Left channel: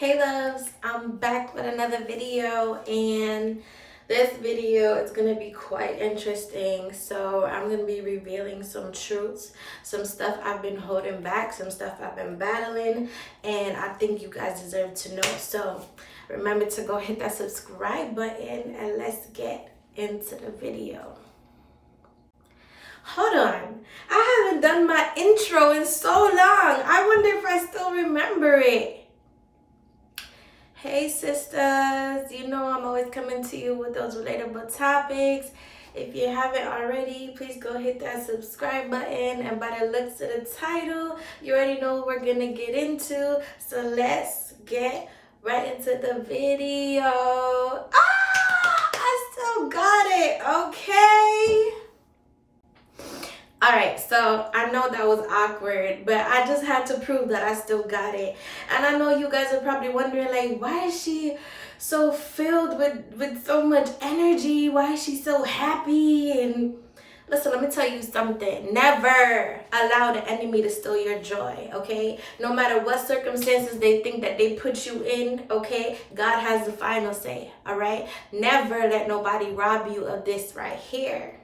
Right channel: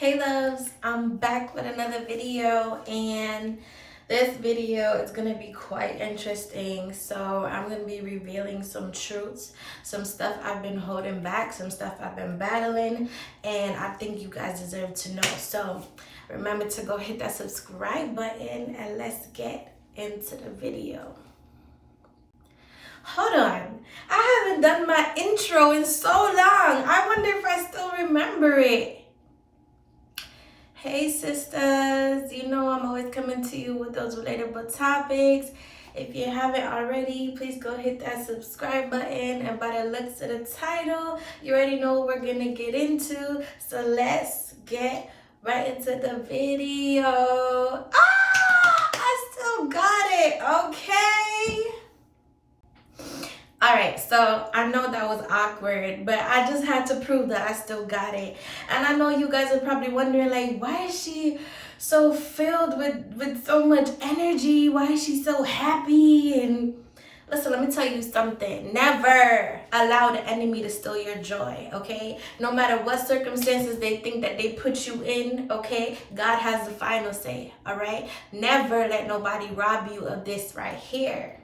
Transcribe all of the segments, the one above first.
Hey loves, I'm back with another video, and this video is going to be quite interesting. So I'm going to be revealing some truths, some stuff I've been holding back, some stuff I've been battling, and I think you guys deserve to know. So remember to go hit that subscribe button and let's get into the video. Hold on, I haven't done my intro in so long. I wonder if I still remember it. Hey sisters, you know I'm always coming to you with those relatable topics. If you haven't already, please go hit that subscribe button. And by the looks of the title, you already know what we're gonna get into. So let's get right into the video. I still got it, okay? All right, so I know that was awkward, but I just had to prove that I still got it. And I know you guys are probably wondering, like, why is she so filled with so much energy? Why is she so happy? And listen, let me tell you something. Never allow the enemy to steal your joy, okay? No matter what circumstances they think that they put you in, okay? God has the final say, all right? Never let nobody rob you of this right here.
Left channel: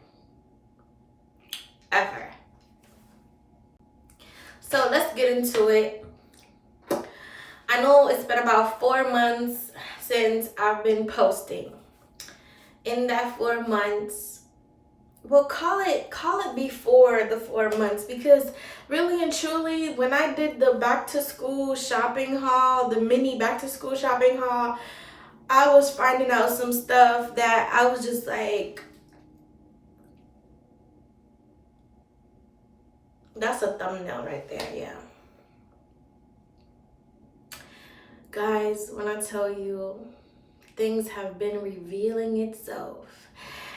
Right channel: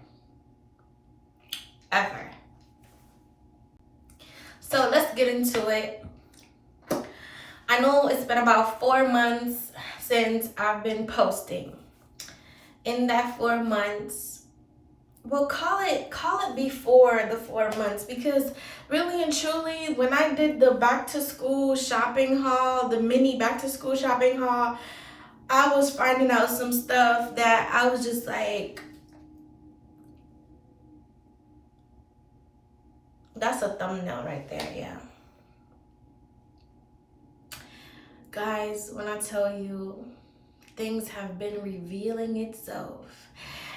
Ever. So let's get into it. I know it's been about 4 months since I've been posting. In that 4 months, we'll call it before the 4 months, because really and truly, when I did the back to school shopping haul, the mini back to school shopping haul, I was finding out some stuff that I was just like, that's a thumbnail right there, yeah. Guys, when I tell you, things have been revealing itself.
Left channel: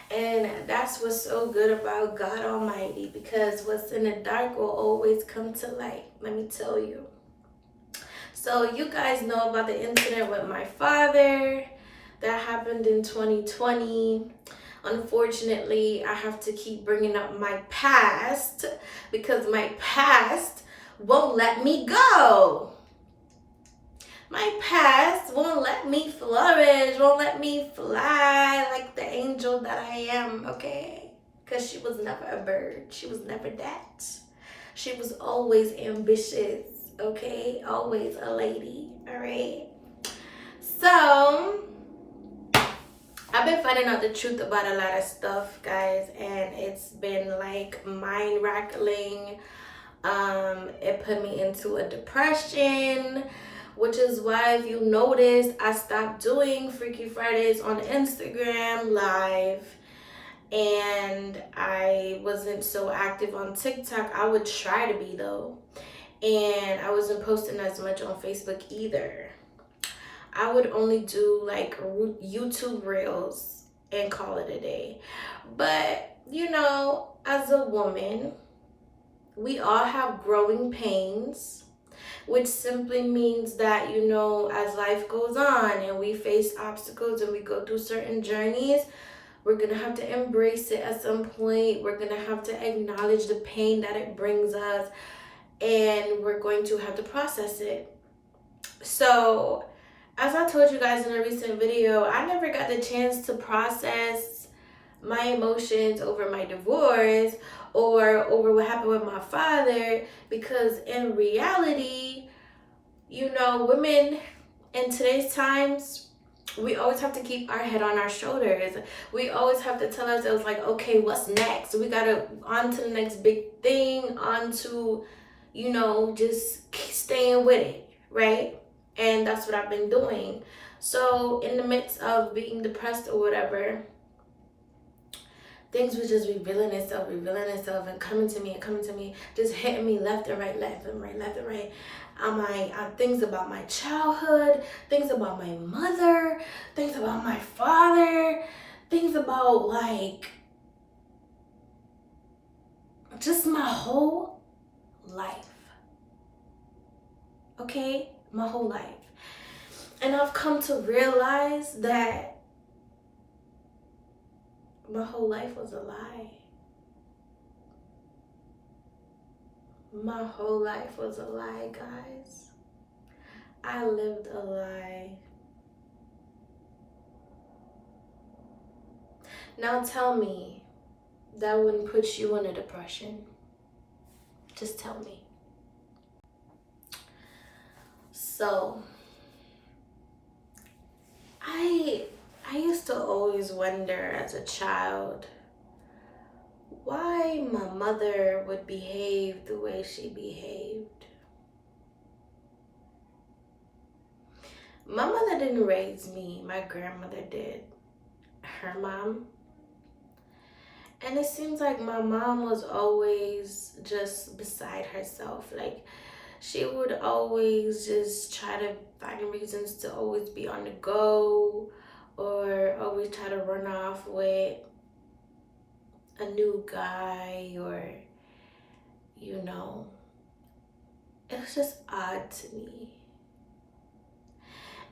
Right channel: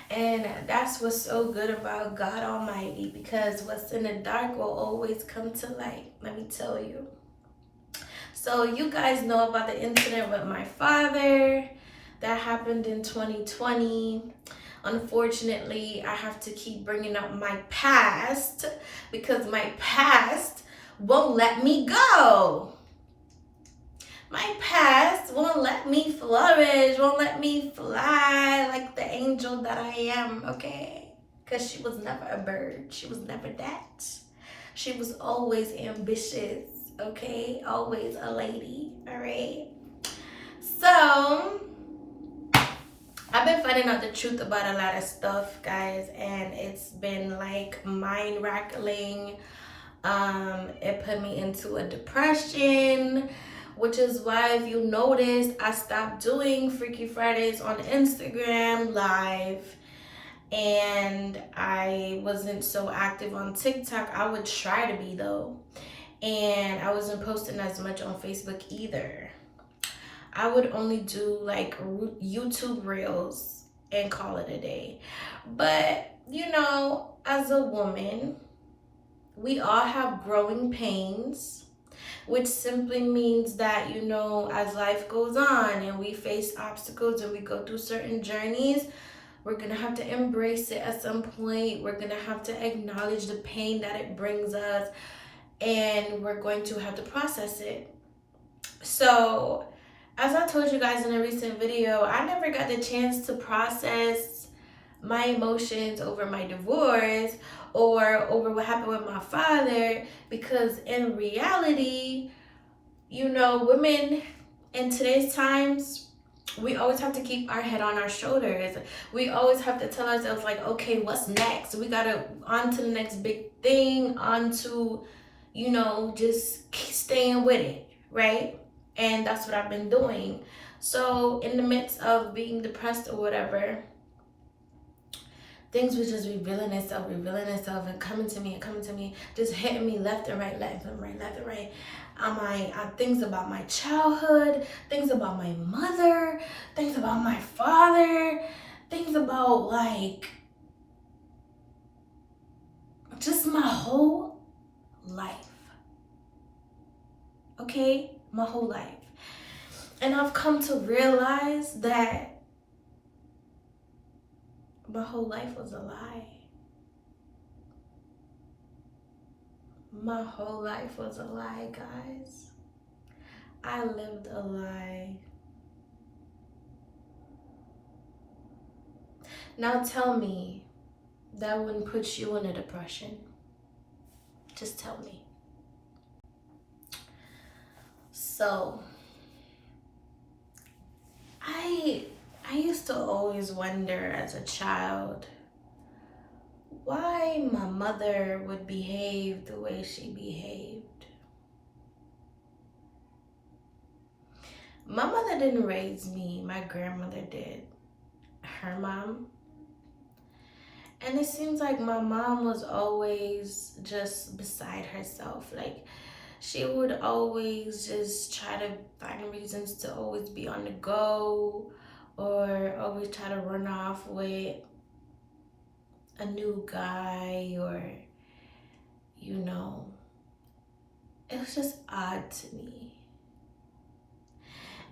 And that's what's so good about God Almighty, because what's in the dark will always come to light, let me tell you. So you guys know about the incident with my father that happened in 2020. Unfortunately, I have to keep bringing up my past because my past won't let me go. My past won't let me flourish, won't let me fly like the angel that I am, okay? Because she was never a bird. She was never that. She was always ambitious, okay? Always a lady, all right? So I've been finding out the truth about a lot of stuff, guys, and it's been like mind-rattling. It put me into a depression, which is why, if you noticed, I stopped doing Freaky Fridays on Instagram live, and I wasn't so active on TikTok. I would try to be though, and I wasn't posting as much on Facebook either. I would only do like YouTube reels and call it a day. But you know, as a woman, we all have growing pains, which simply means that, you know, as life goes on and we face obstacles and we go through certain journeys, we're going to have to embrace it at some point. We're going to have to acknowledge the pain that it brings us, and we're going to have to process it. So, as I told you guys in a recent video, I never got the chance to process my emotions over my divorce or over what happened with my father, because in reality, you know, women in today's times, we always have to keep our head on our shoulders. We always have to tell ourselves, like, okay, what's next? We gotta on to the next big thing, on to, you know, just staying with it, right? And that's what I've been doing. So in the midst of being depressed or whatever, things was just revealing itself, and coming to me, just hitting me left and right. Things about my childhood, things about my mother, things about my father, things about like just my whole life. Okay? My whole life. And I've come to realize that my whole life was a lie. My whole life was a lie, guys. I lived a lie. Now tell me, that wouldn't put you in a depression? Just tell me. So, I I used to always wonder as a child why my mother would behave the way she behaved. My mother didn't raise me, my grandmother did. Her mom. And it seems like my mom was always just beside herself. Like, she would always just try to find reasons to always be on the go, or always try to run off with a new guy, or, you know, it was just odd to me.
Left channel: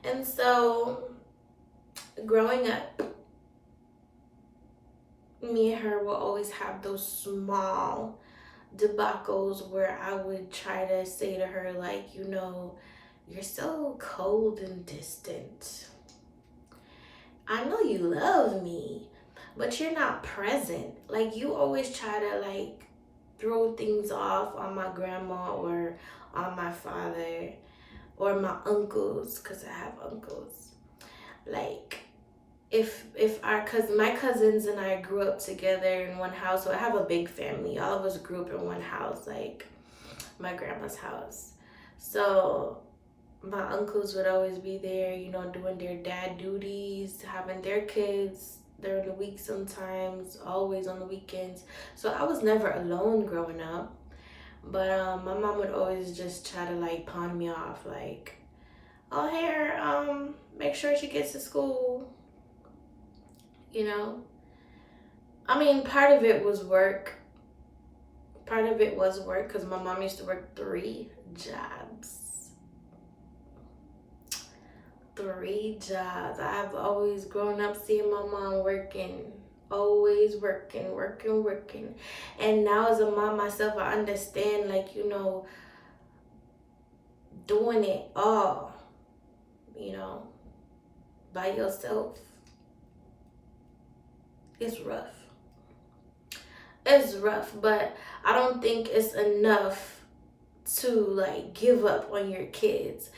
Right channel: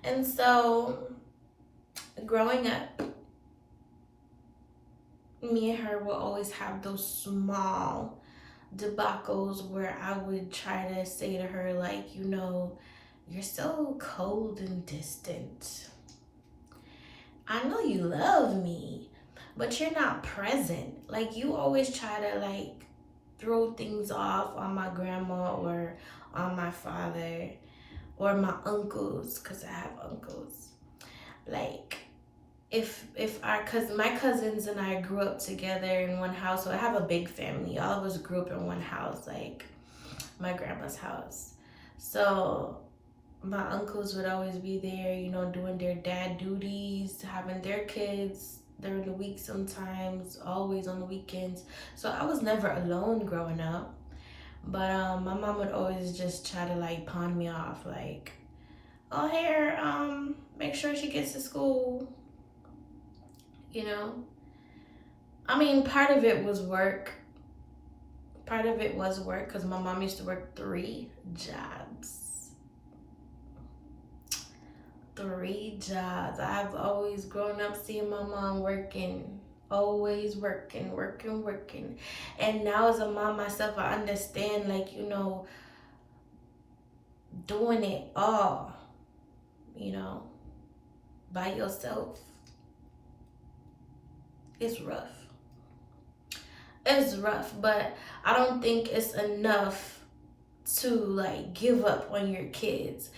And so, growing up, me and her will always have those small debacles where I would try to say to her, like, you know, you're so cold and distant. I know you love me, but you're not present. Like, you always try to, like, throw things off on my grandma or on my father or my uncles, because I have uncles. Like, if our cousin, my cousins and I grew up together in one house, so I have a big family. All of us grew up in one house, like my grandma's house. So my uncles would always be there, you know, doing their dad duties, having their kids during the week sometimes, always on the weekends. So I was never alone growing up. But my mom would always just try to like pawn me off, like, oh, here, make sure she gets to school, you know. I mean, part of it was work. Part of it was work because my mom used to work 3 jobs. 3 jobs. I've always grown up seeing my mom working, always working, working, working. And now as a mom myself, I understand, like, you know, doing it all, you know, by yourself, it's rough. It's rough, but I don't think it's enough to like give up on your kids.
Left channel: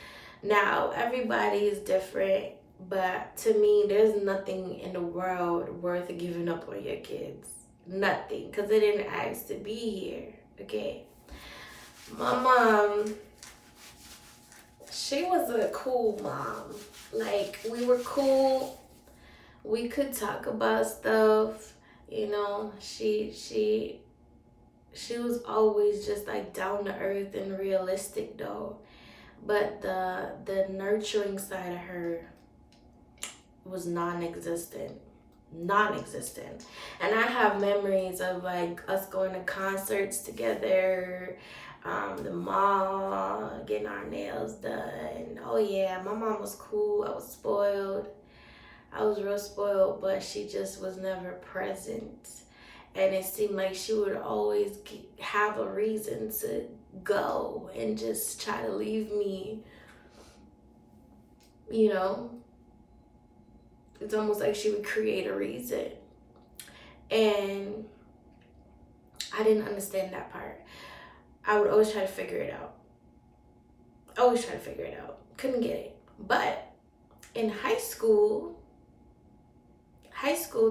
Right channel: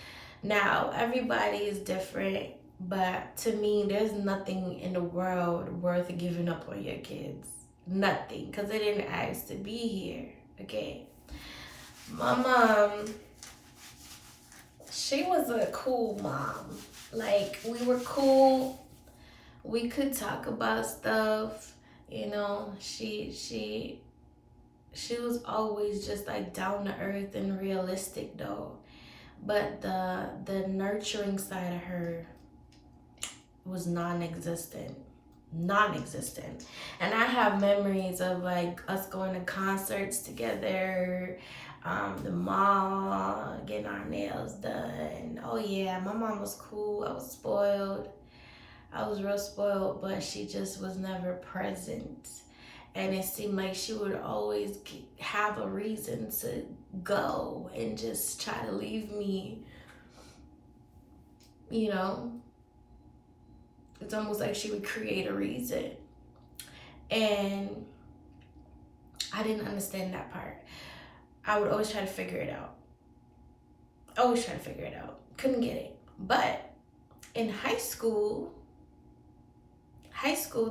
Now, everybody is different, but to me, there's nothing in the world worth giving up on your kids. Nothing, because they didn't ask to be here, okay? My mom, she was a cool mom. Like, we were cool. We could talk about stuff, you know. She was always just like down to earth and realistic though. But the nurturing side of her was non-existent. Non-existent. And I have memories of like us going to concerts together, the mall, getting our nails done. Oh yeah, my mom was cool. I was spoiled. I was real spoiled, but she just was never present. And it seemed like she would always have a reason to go and just try to leave me, you know. It's almost like she would create a reason. And I didn't understand that part. I would always try to figure it out. Always try to figure it out. Couldn't get it. But in high school,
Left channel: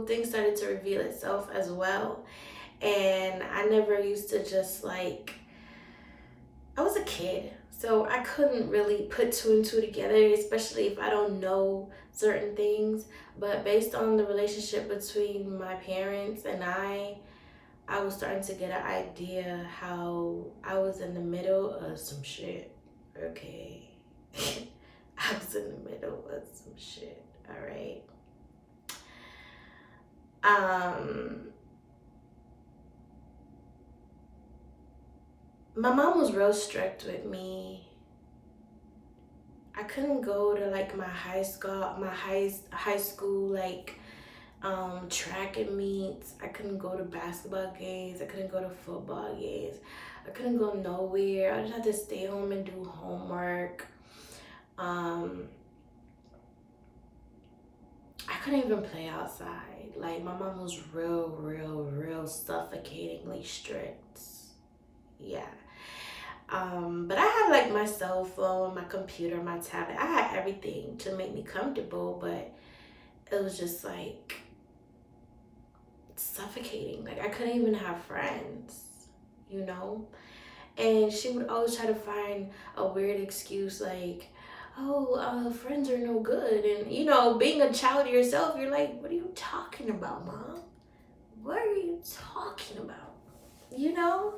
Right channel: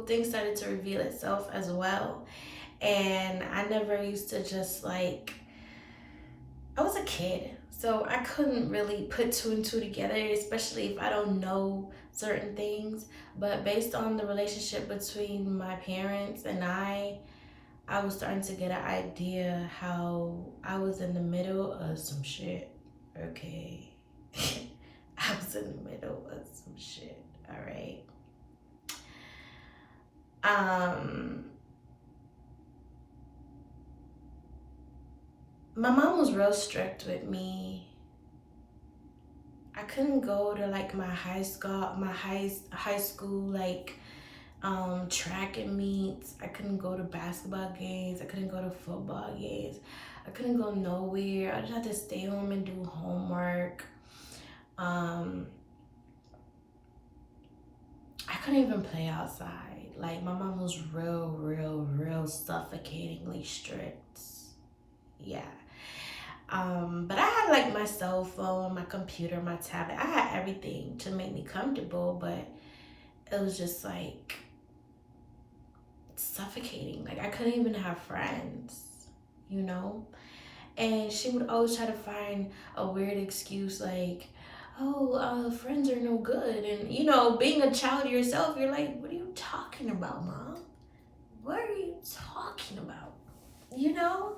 things started to reveal itself as well. And I never used to just like, I was a kid, so I couldn't really put 2 and 2 together, especially if I don't know certain things. But based on the relationship between my parents and I was starting to get an idea how I was in the middle of some shit, okay? I was in the middle of some shit, all right? My mom was real strict with me. I couldn't go to like my high school like track and meets. I couldn't go to basketball games. I couldn't go to football games. I couldn't go nowhere. I just had to stay home and do homework. Um, I couldn't even play outside. Like, my mom was real suffocatingly strict. Yeah. But I had like my cell phone, my computer, my tablet. I had everything to make me comfortable, but it was just like suffocating. Like, I couldn't even have friends, you know? And she would always try to find a weird excuse like, oh, friends are no good. And, you know, being a child yourself, you're like, what are you talking about, Mom? What are you talking about? You know?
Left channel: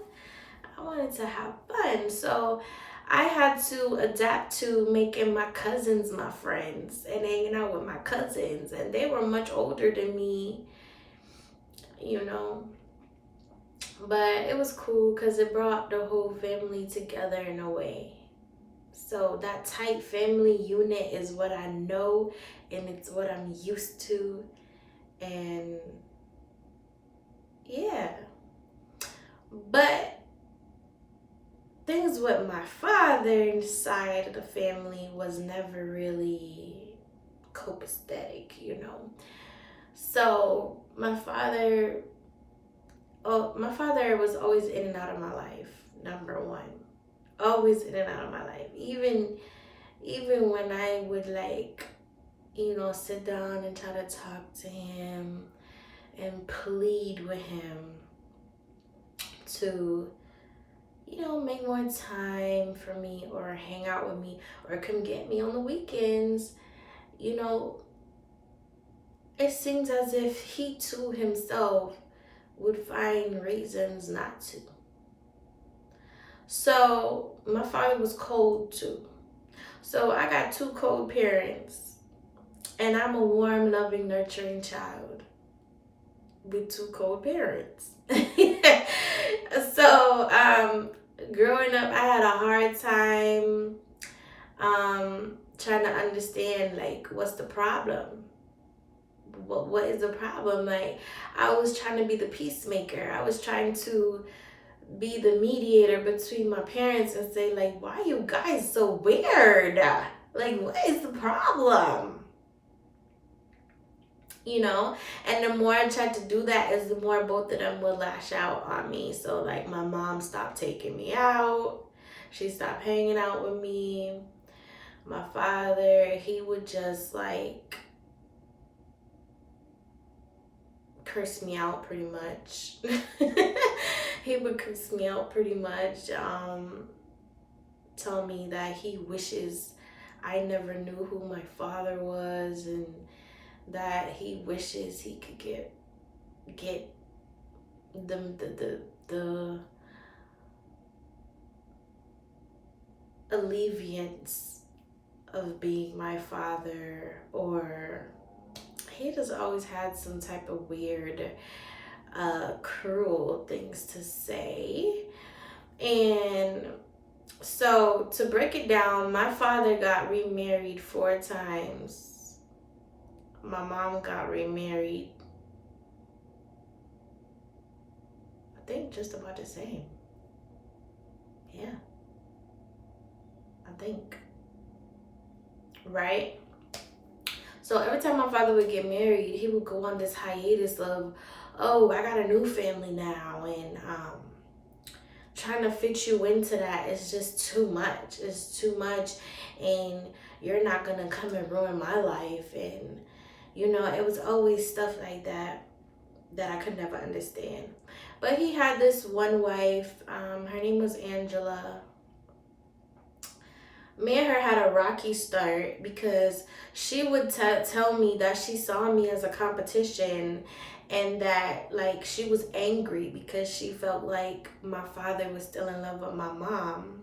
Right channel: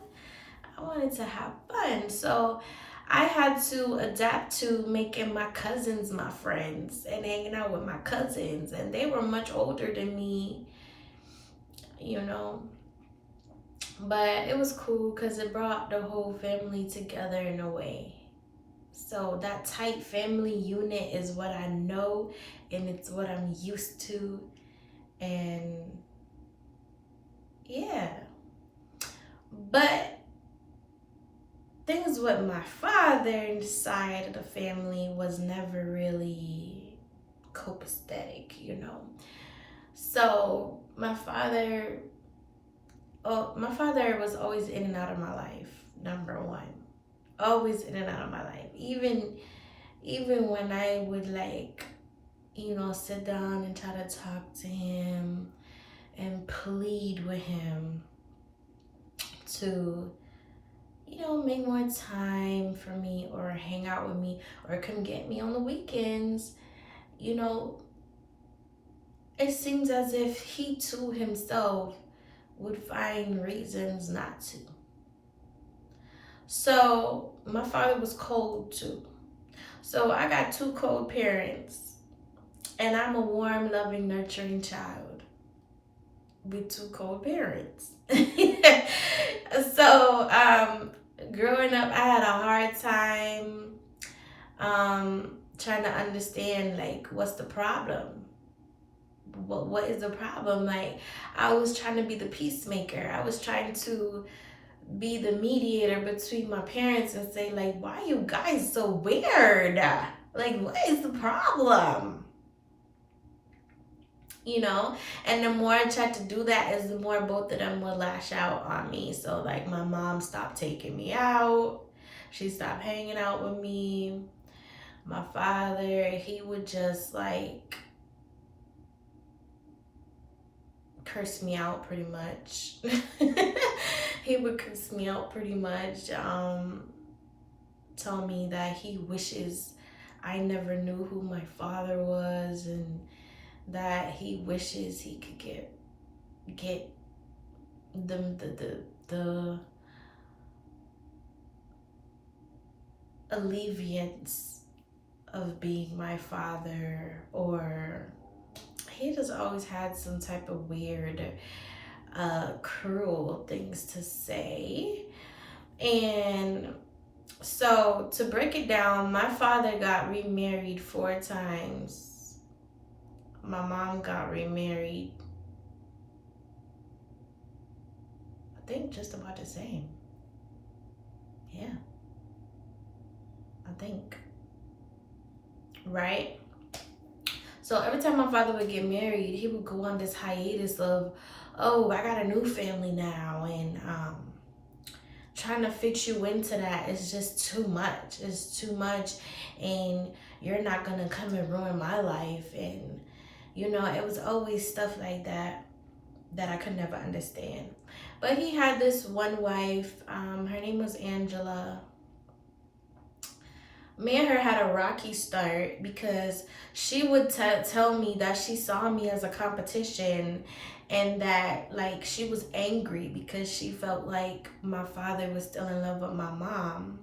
I wanted to have fun. So I had to adapt to making my cousins my friends and hanging out with my cousins. And they were much older than me, you know. But it was cool because it brought the whole family together in a way. So that tight family unit is what I know and it's what I'm used to. And yeah. But things with my father's side of the family was never really copacetic, you know. So my father was always in and out of my life, number one. Always in and out of my life. Even when I would like, you know, sit down and try to talk to him and plead with him to, you know, make more time for me or hang out with me or come get me on the weekends, you know, it seems as if he too himself would find reasons not to. So my father was cold too. So I got two cold parents, and I'm a warm, loving, nurturing child with two cold parents. So growing up, I had a hard time trying to understand like what's the problem. What is the problem? Like, I was trying to be the peacemaker. I was trying to be the mediator between my parents and say like, why are you guys so weird? Like, what is the problem? You know. And the more I tried to do that is the more both of them would lash out on me. So like, my mom stopped taking me out, she stopped hanging out with me. My father, he would just like curse me out pretty much. He would curse me out pretty much. Tell me that he wishes I never knew who my father was, and that he wishes he could get the alleviance of being my father. Or he just always had some type of weird cruel things to say. And so to break it down, my father got remarried 4 times. My mom got remarried, I think, just about the same. Yeah, I think. Right? So every time my father would get married, he would go on this hiatus of, oh, I got a new family now, and trying to fix you into that is just too much. It's too much, and you're not gonna come and ruin my life. And you know, it was always stuff like that that I could never understand. But he had this one wife, her name was Angela. Me and her had a rocky start because she would tell me that she saw me as a competition, and that like she was angry because she felt like my father was still in love with my mom.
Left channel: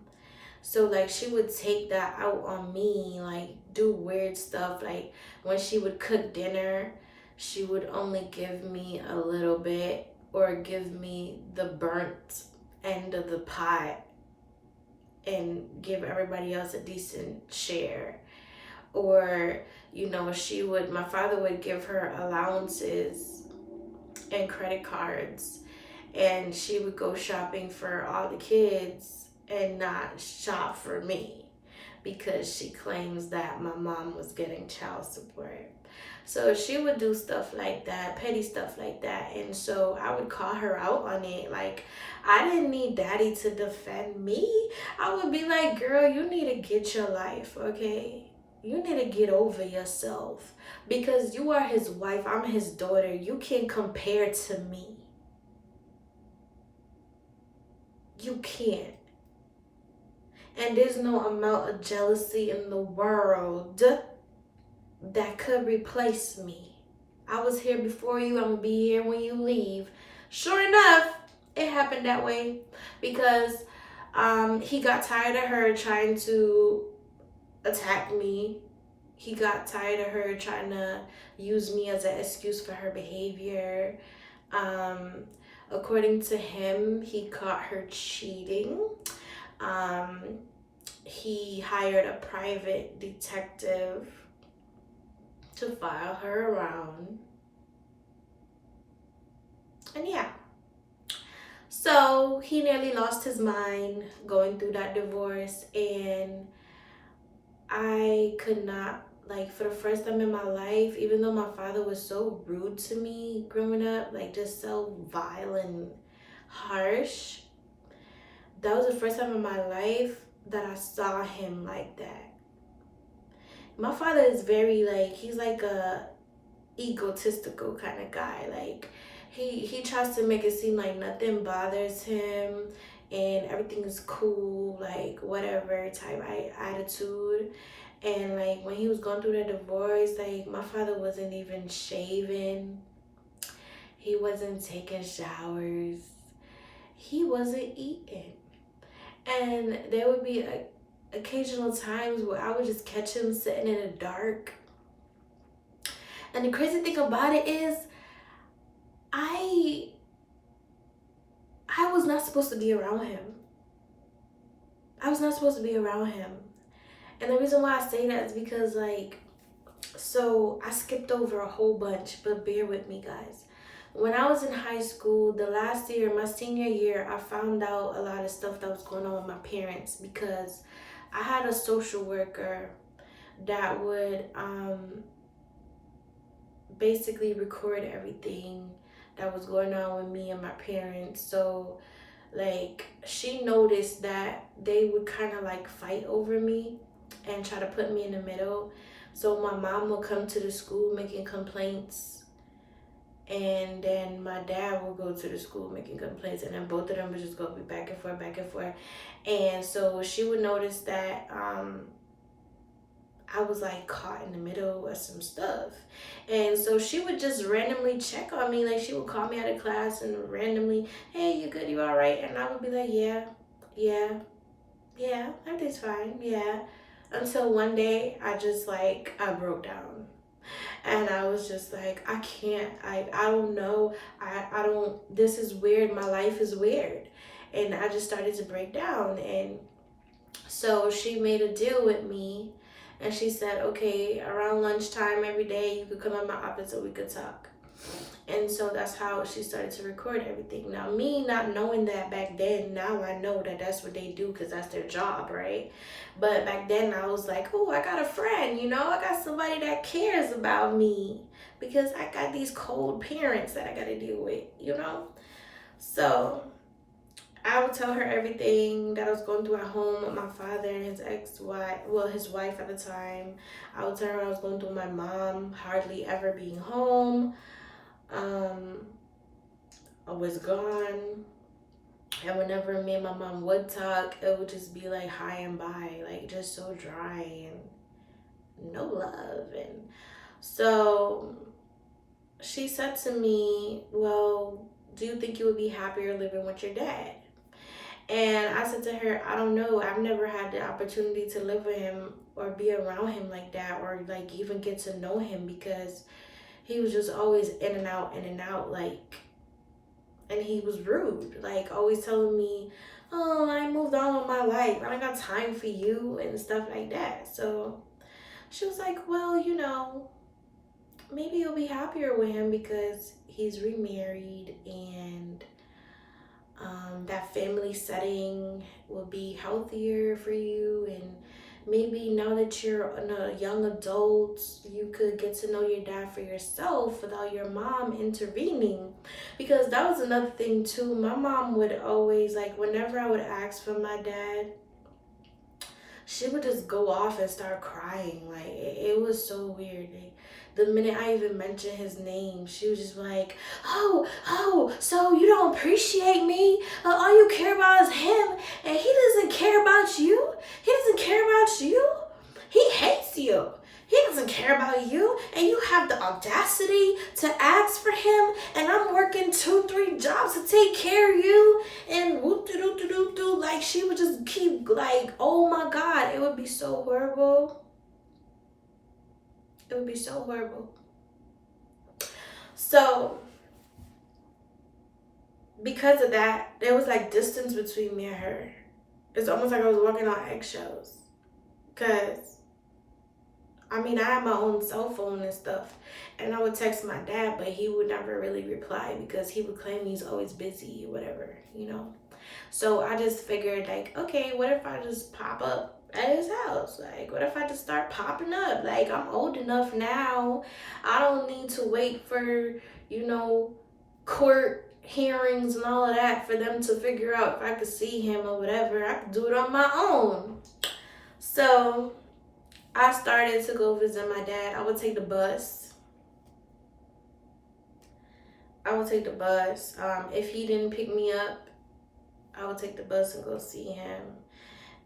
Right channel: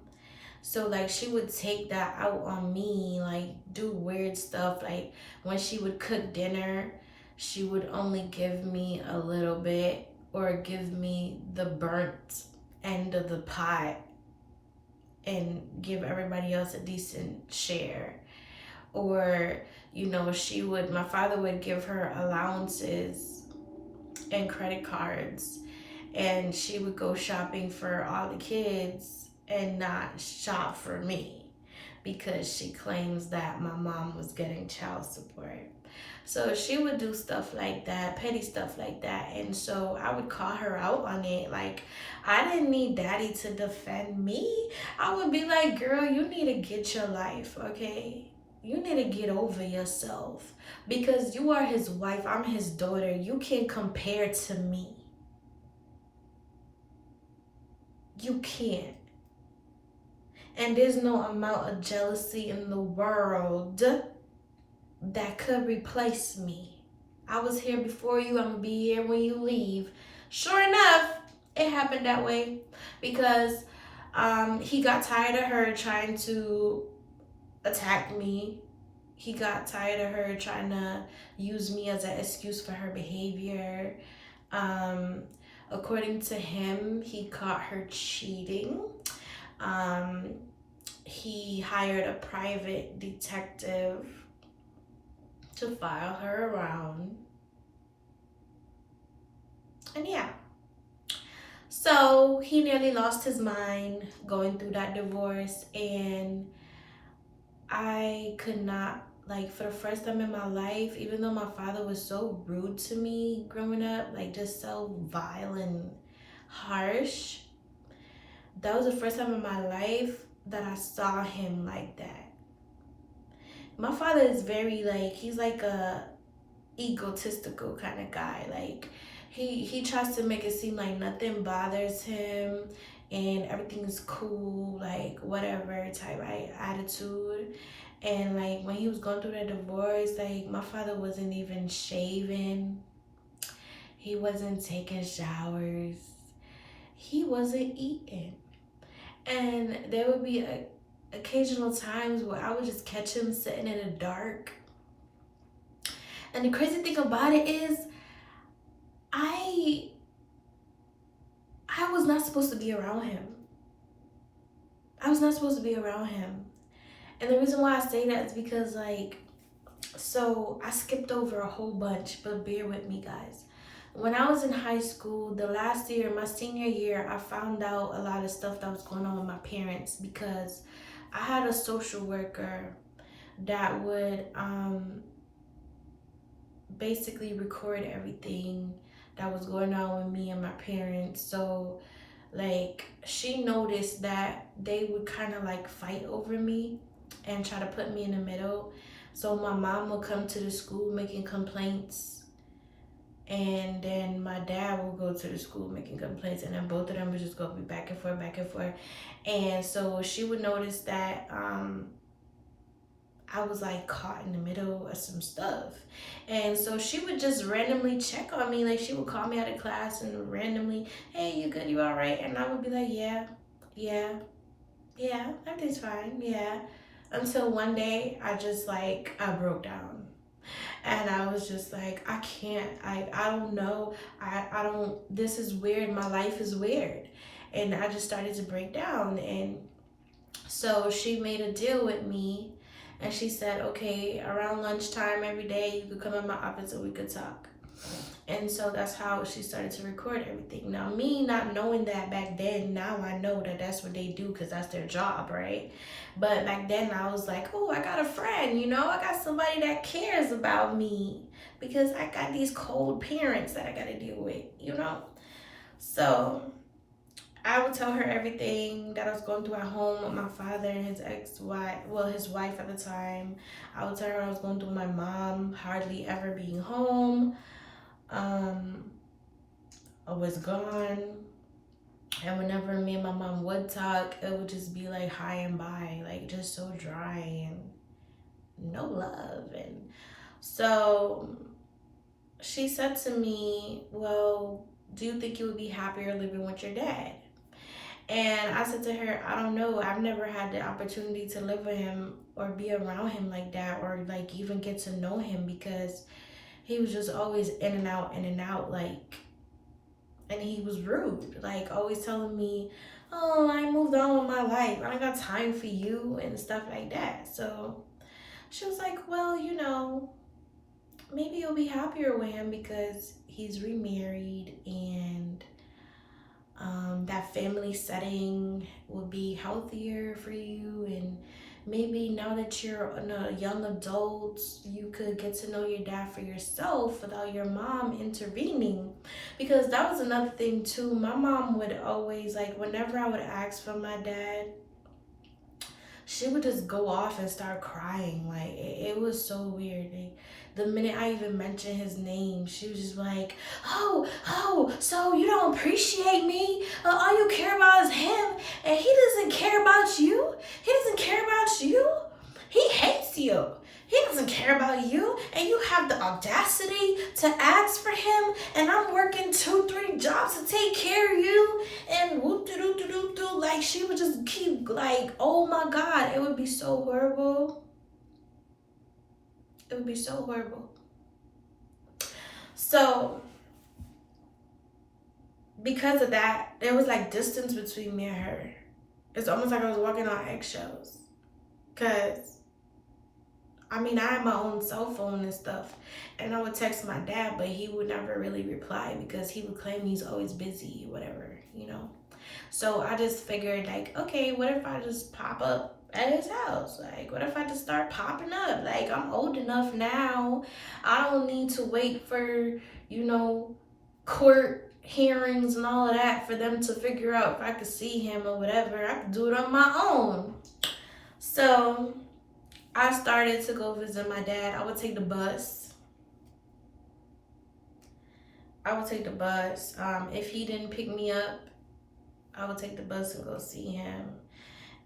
So like she would take that out on me, like do weird stuff. Like when she would cook dinner, she would only give me a little bit, or give me the burnt end of the pot and give everybody else a decent share. Or, you know, my father would give her allowances and credit cards, and she would go shopping for all the kids and not shop for me. because she claims that my mom was getting child support. So she would do stuff like that, petty stuff like that. And so I would call her out on it. Like, I didn't need daddy to defend me. I would be like, girl, you need to get your life, okay? You need to get over yourself because you are his wife. I'm his daughter. You can't compare to me. You can't. And there's no amount of jealousy in the world that could replace me. I was here before you. I'm going to be here when you leave. Sure enough, it happened that way because he got tired of her trying to attack me. He got tired of her trying to use me as an excuse for her behavior. Um, According to him, he caught her cheating. Um, he hired a private detective to follow her around. And yeah. So he nearly lost his mind going through that divorce. And I could not, like, for the first time in my life, even though my father was so rude to me growing up, like just so vile and harsh, that was the first time in my life that I saw him like that. My father is very, like, he's like a egotistical kind of guy. Like, he tries to make it seem like nothing bothers him and everything is cool, like whatever type attitude. And like when he was going through the divorce, like my father wasn't even shaving, he wasn't taking showers, he wasn't eating. And there would be occasional times where I would just catch him sitting in the dark. And the crazy thing about it is I was not supposed to be around him. I was not supposed to be around him. And the reason why I say that is because, like, so I skipped over a whole bunch, but bear with me, guys. When I was in high school, the last year, my senior year, I found out a lot of stuff that was going on with my parents because I had a social worker that would basically record everything that was going on with me and my parents. So like she noticed that they would kind of like fight over me and try to put me in the middle. So my mom would come to the school making complaints, and then my dad will go to the school making complaints, and then both of them would just go be back and forth, back and forth. And so she would notice that I was like caught in the middle of some stuff. And so she would just randomly check on me. Like she would call me out of class and randomly, hey, you good? You all right? And I would be like, yeah, everything's fine. Yeah. Until one day I just like, I broke down. And I was just like, I can't, I don't know. I don't, this is weird. My life is weird. And I just started to break down. And so she made a deal with me. And she said, okay, around lunchtime every day, you could come in my office and we could talk. And so that's how she started to record everything. Now, me not knowing that back then, now I know that that's what they do because that's their job, right? But back then, I was like, oh, I got a friend, you know? I got somebody that cares about me because I got these cold parents that I got to deal with, you know? So I would tell her everything that I was going through at home with my father and his ex-wife, well, his wife at the time. I would tell her I was going through with my mom hardly ever being home. I was gone. And whenever me and my mom would talk, it would just be like high and by, like just so dry and no love. And so she said to me, well, do you think you would be happier living with your dad? And I said to her, I don't know. I've never had the opportunity to live with him or be around him like that or like even get to know him because he was just always in and out, like, and he was rude, like always telling me, oh, I moved on with my life. I don't got time for you and stuff like that. So she was like, well, you know, maybe you'll be happier with him because he's remarried and that family setting will be healthier for you and maybe now that you're a young adult, you could get to know your dad for yourself without your mom intervening. Because that was another thing too. My mom would always, like, whenever I would ask for my dad, she would just go off and start crying. Like, it was so weird. Like, the minute I even mentioned his name, she was just like, oh, so you don't appreciate me? All you care about is him, and he doesn't care about you? He doesn't care about you? He hates you. He doesn't care about you, and you have the audacity to ask for him, and I'm working 2-3 jobs to take care of you, and whoop de doo doo doo doo. Like, she would just keep, like, oh my God, it would be so horrible. It would be so horrible. So because of that, there was like distance between me and her. It's almost like I was walking on eggshells. Cause I mean, I had my own cell phone and stuff, and I would text my dad, but he would never really reply because he would claim he's always busy or whatever, you know. So I just figured, like, okay, what if I just pop up at his house? Like, what if I just start popping up? Like, I'm old enough now. I don't need to wait for, you know, court hearings and all of that for them to figure out if I could see him or whatever. I could do it on my own. So I started to go visit my dad. I would take the bus. If he didn't pick me up, I would take the bus and go see him.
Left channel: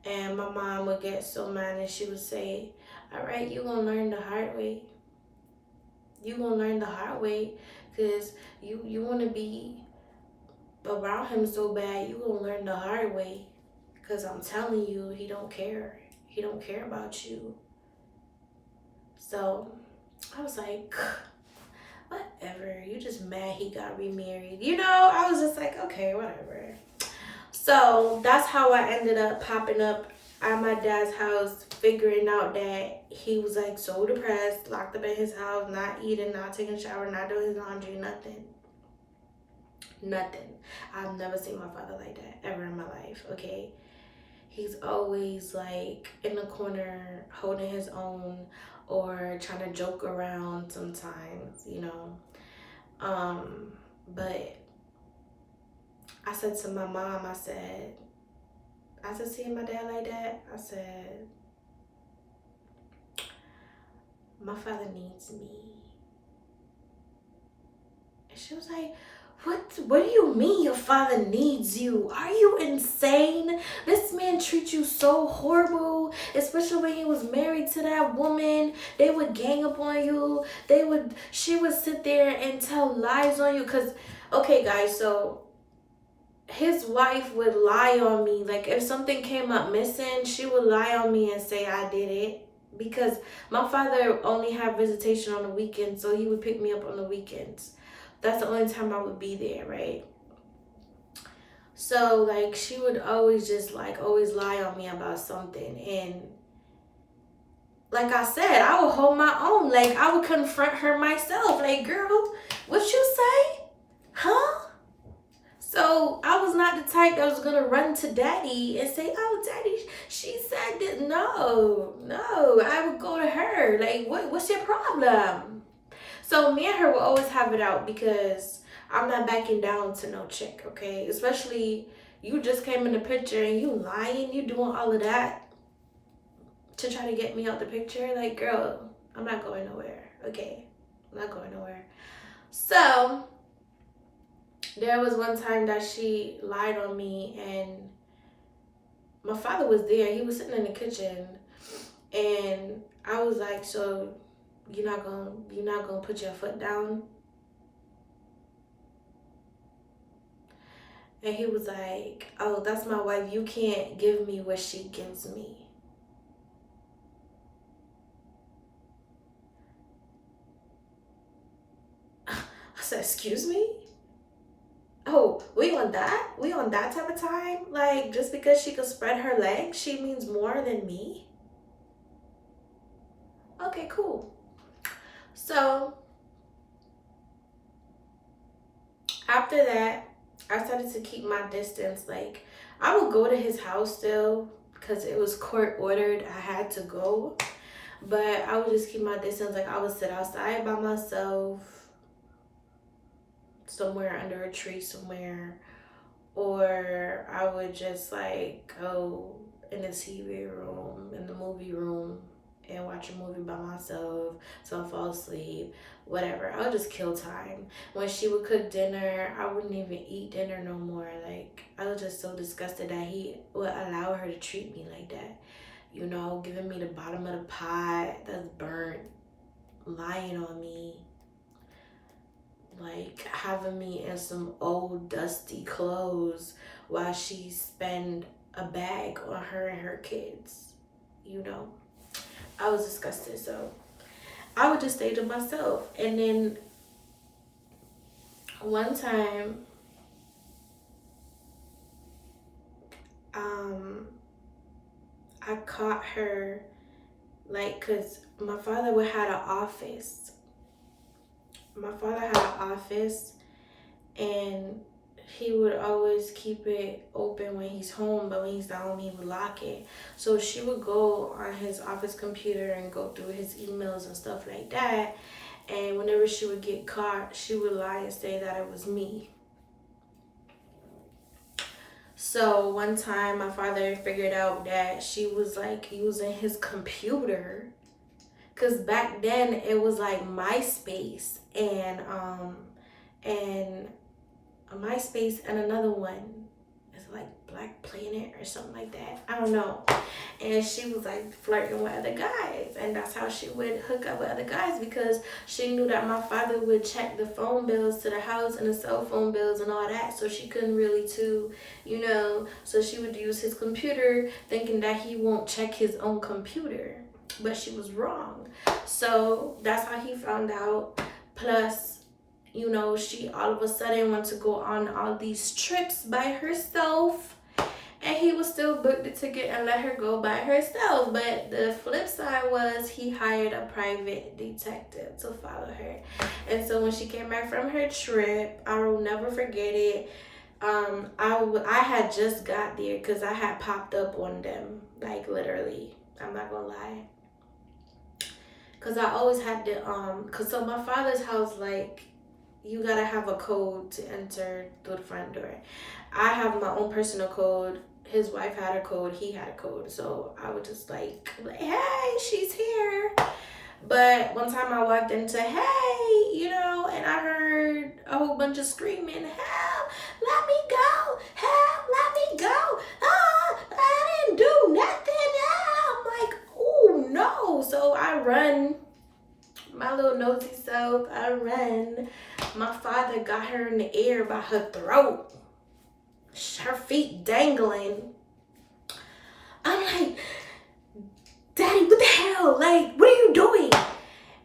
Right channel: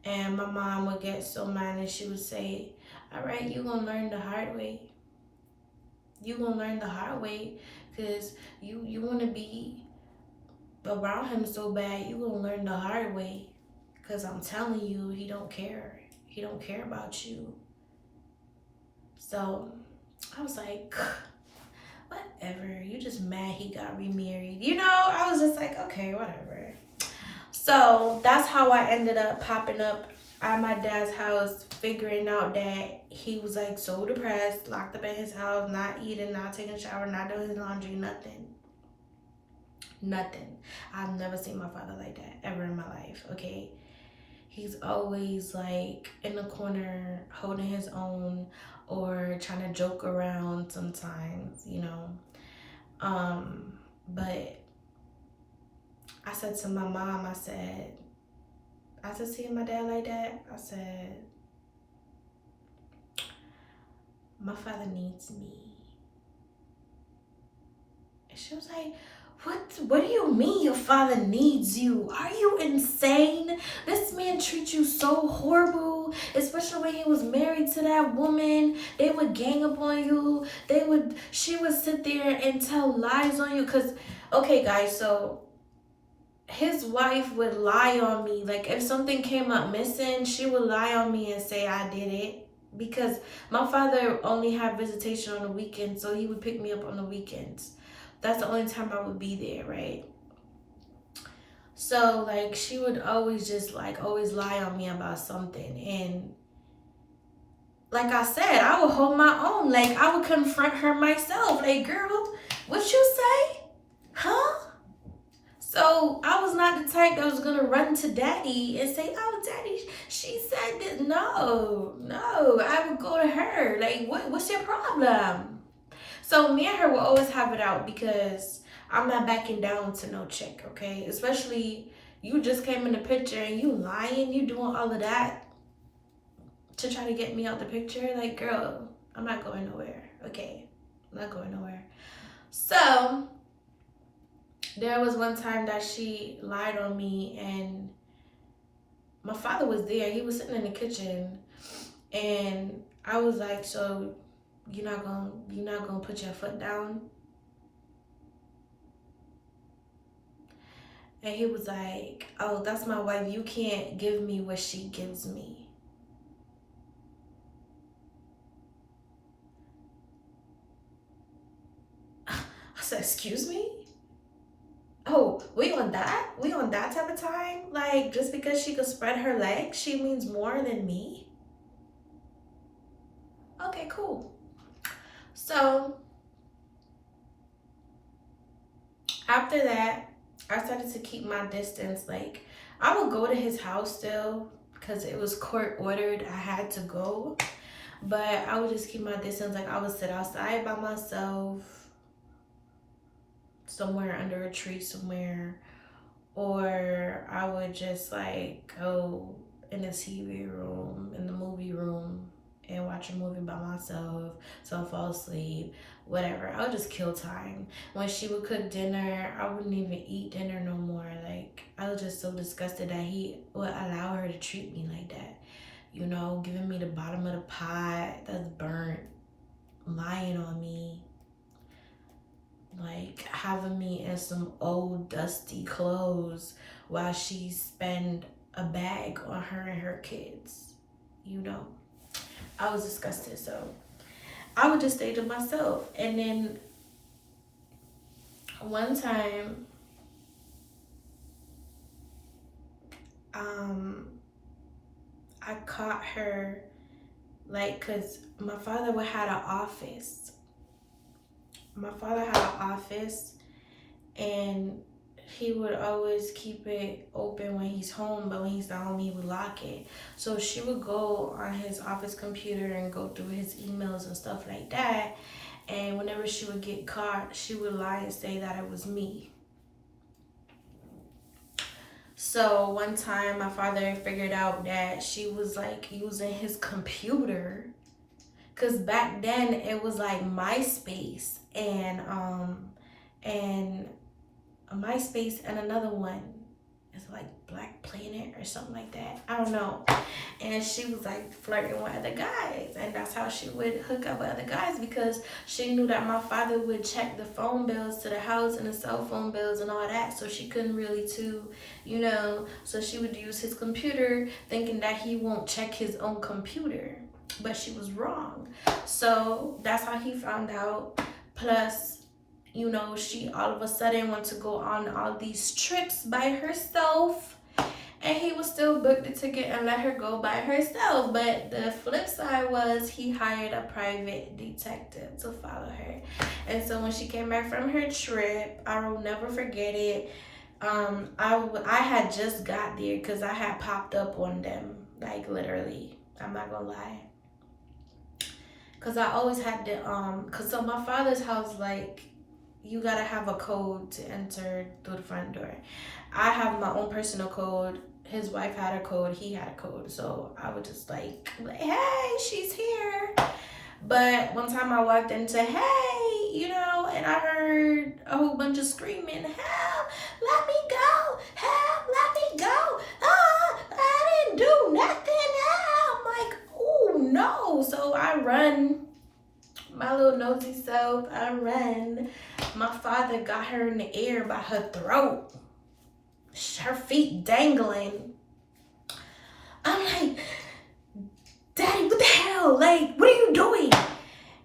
And my mom would get so mad and she would say, all right, you're going to learn the hard way. You're going to learn the hard way because you want to be around him so bad. You're going to learn the hard way because I'm telling you, he don't care. He don't care about you. So I was like, whatever. You just mad he got remarried. You know, I was just like, okay, whatever. So that's how I ended up popping up at my dad's house, figuring out that he was like so depressed, locked up in his house, not eating, not taking a shower, not doing his laundry, nothing. Nothing. I've never seen my father like that ever in my life, okay? He's always like in the corner holding his own or trying to joke around sometimes, you know. But I said to my mom, I said, seeing my dad like that, I said, my father needs me. And she was like, what do you mean your father needs you? Are you insane? This man treats you so horrible, especially when he was married to that woman. They would gang up on you. She would sit there and tell lies on you. Cause, okay guys, so his wife would lie on me. Like, if something came up missing, she would lie on me and say I did it. Because my father only had visitation on the weekends, so he would pick me up on the weekends. That's the only time I would be there, right? So, like, she would always just, like, always lie on me about something. And like I said, I would hold my own. Like, I would confront her myself. Like, girl, what you say? Huh? So I was not the type that was going to run to daddy and say, oh, daddy, she said that. No, I would go to her. Like, what's your problem? So me and her will always have it out because I'm not backing down to no chick, okay? Especially you just came in the picture and you lying, you doing all of that to try to get me out the picture. Like, girl, I'm not going nowhere, okay? I'm not going nowhere. So there was one time that she lied on me and my father was there. He was sitting in the kitchen and I was like, so you're not gonna put your foot down? And he was like, oh, that's my wife. You can't give me what she gives me. I said, excuse me? Oh, we on that? We on that type of time? Like, just because she could spread her legs, she means more than me? Okay, cool. So after that, I started to keep my distance. Like, I would go to his house still because it was court ordered. I had to go, but I would just keep my distance. Like I would sit outside by myself, somewhere under a tree somewhere, or I would just like go in the TV room, in the movie room, and watch a movie by myself, so I fall asleep, whatever. I would just kill time. When she would cook dinner, I wouldn't even eat dinner no more. Like, I was just so disgusted that he would allow her to treat me like that. You know, giving me the bottom of the pot that's burnt, lying on me, like having me in some old dusty clothes while she spend a bag on her and her kids. You know, I was disgusted. So I would just stay to myself. And then one time, I caught her, like, cause my father would have an office. My father had an office, and he would always keep it open when he's home, but when he's not home, he would lock it. So she would go on his office computer and go through his emails and stuff like that. And whenever she would get caught, she would lie and say that it was me. So one time my father figured out that she was like using his computer, because back then it was like MySpace and MySpace and another one. It's like Black Planet or something like that. I don't know. And she was like flirting with other guys. And that's how she would hook up with other guys, because she knew that my father would check the phone bills to the house and the cell phone bills and all that. So she couldn't really you know. So she would use his computer thinking that he won't check his own computer. But she was wrong. So that's how he found out. Plus, you know, she all of a sudden went to go on all these trips by herself, and he was still booked the ticket and let her go by herself. But the flip side was he hired a private detective to follow her. And so when she came back from her trip, I will never forget it. I had just got there because I had popped up on them, like literally. I'm not gonna lie. Cause I always had to cause so my father's house, like, you gotta have a code to enter through the front door. I have my own personal code. His wife had a code, he had a code. So I would just like, hey, she's here. But one time I walked into, hey, you know, and I heard a whole bunch of screaming, help, let me go, help, let me go. Ah, I didn't do nothing. Ah. I'm like, oh no. So I run. My little nosy self, I ran. My father got her in the air by her throat, her feet dangling. I'm like, Daddy, what the hell? Like, what are you doing?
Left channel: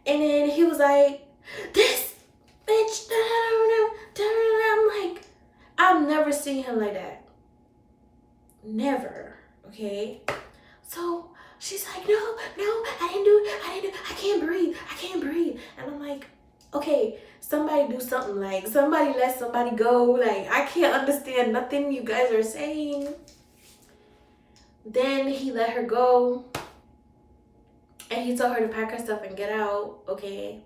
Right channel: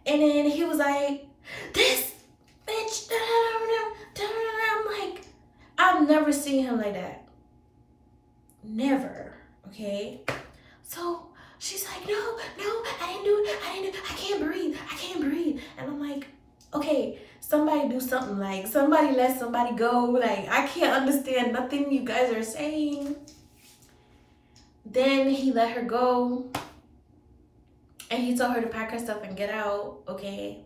And then he was like, this bitch. I'm like, I've never seen him like that. Never. Okay? So she's like, no, I didn't do it. I can't breathe. And I'm like, okay, somebody do something. Like, somebody let somebody go. Like, I can't understand nothing you guys are saying. Then he let her go. And he told her to pack her stuff and get out. Okay.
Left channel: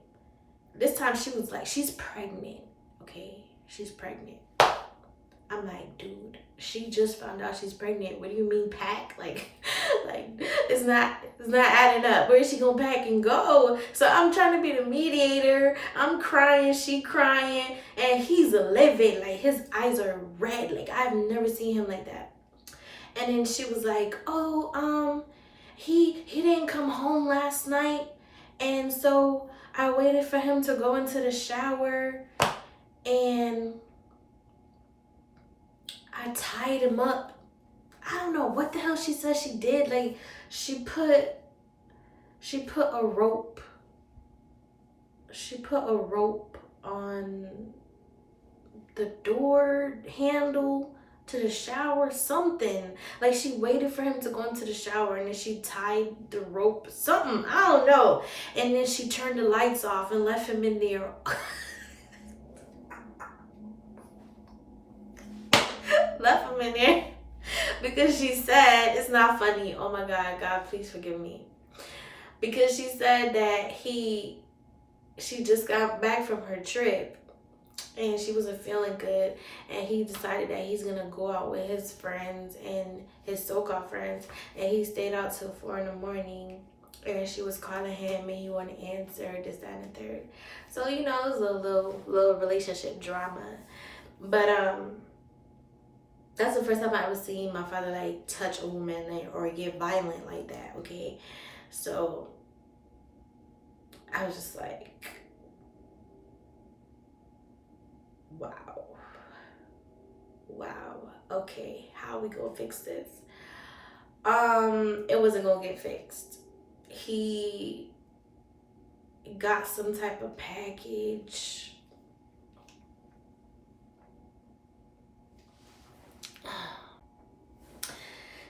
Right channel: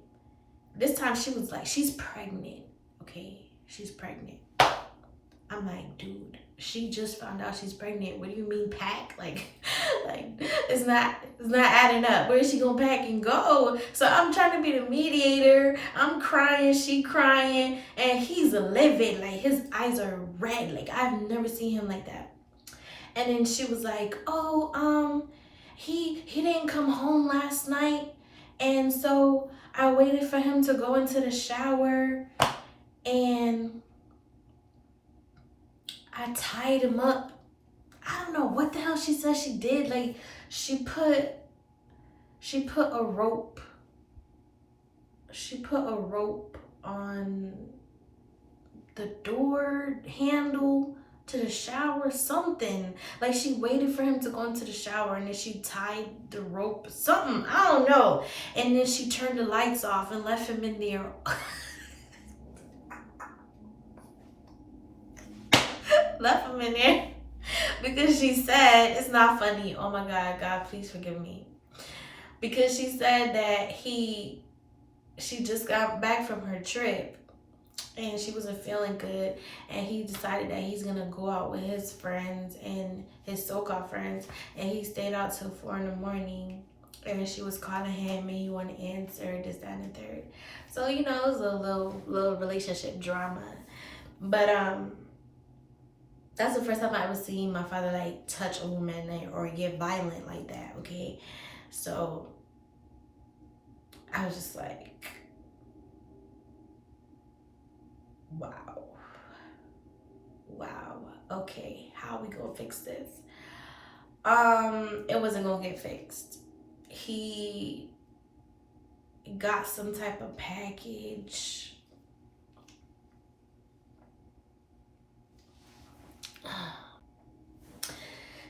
This time she was like, she's pregnant. Okay. She's pregnant. I'm like, dude, she just found out she's pregnant. What do you mean pack? Like it's not adding up. Where is she gonna pack and go? So I'm trying to be the mediator. I'm crying, she crying, and he's livid. Like, his eyes are red. Like, I've never seen him like that. And then she was like, oh, he didn't come home last night, and so I waited for him to go into the shower, and I tied him up. I don't know what the hell she said she did. Like, she put a rope. She put a rope on the door handle to the shower, something. Like, she waited for him to go into the shower, and then she tied the rope, something, I don't know. And then she turned the lights off and left him in there. Left him in there Because she said, it's not funny. Oh my God, God, please forgive me. Because she said that she just got back from her trip and she wasn't feeling good, and he decided that he's gonna go out with his friends and his so-called friends, and he stayed out till 4 in the morning, and she was calling him and he wouldn't answer, this, that, and the third. So it was a little relationship drama. But that's the first time I ever seen my father like touch a woman, like, or get violent like that. Okay, so I was just like, wow, wow. Okay, how we gonna fix this? It wasn't gonna get fixed. He got some type of package.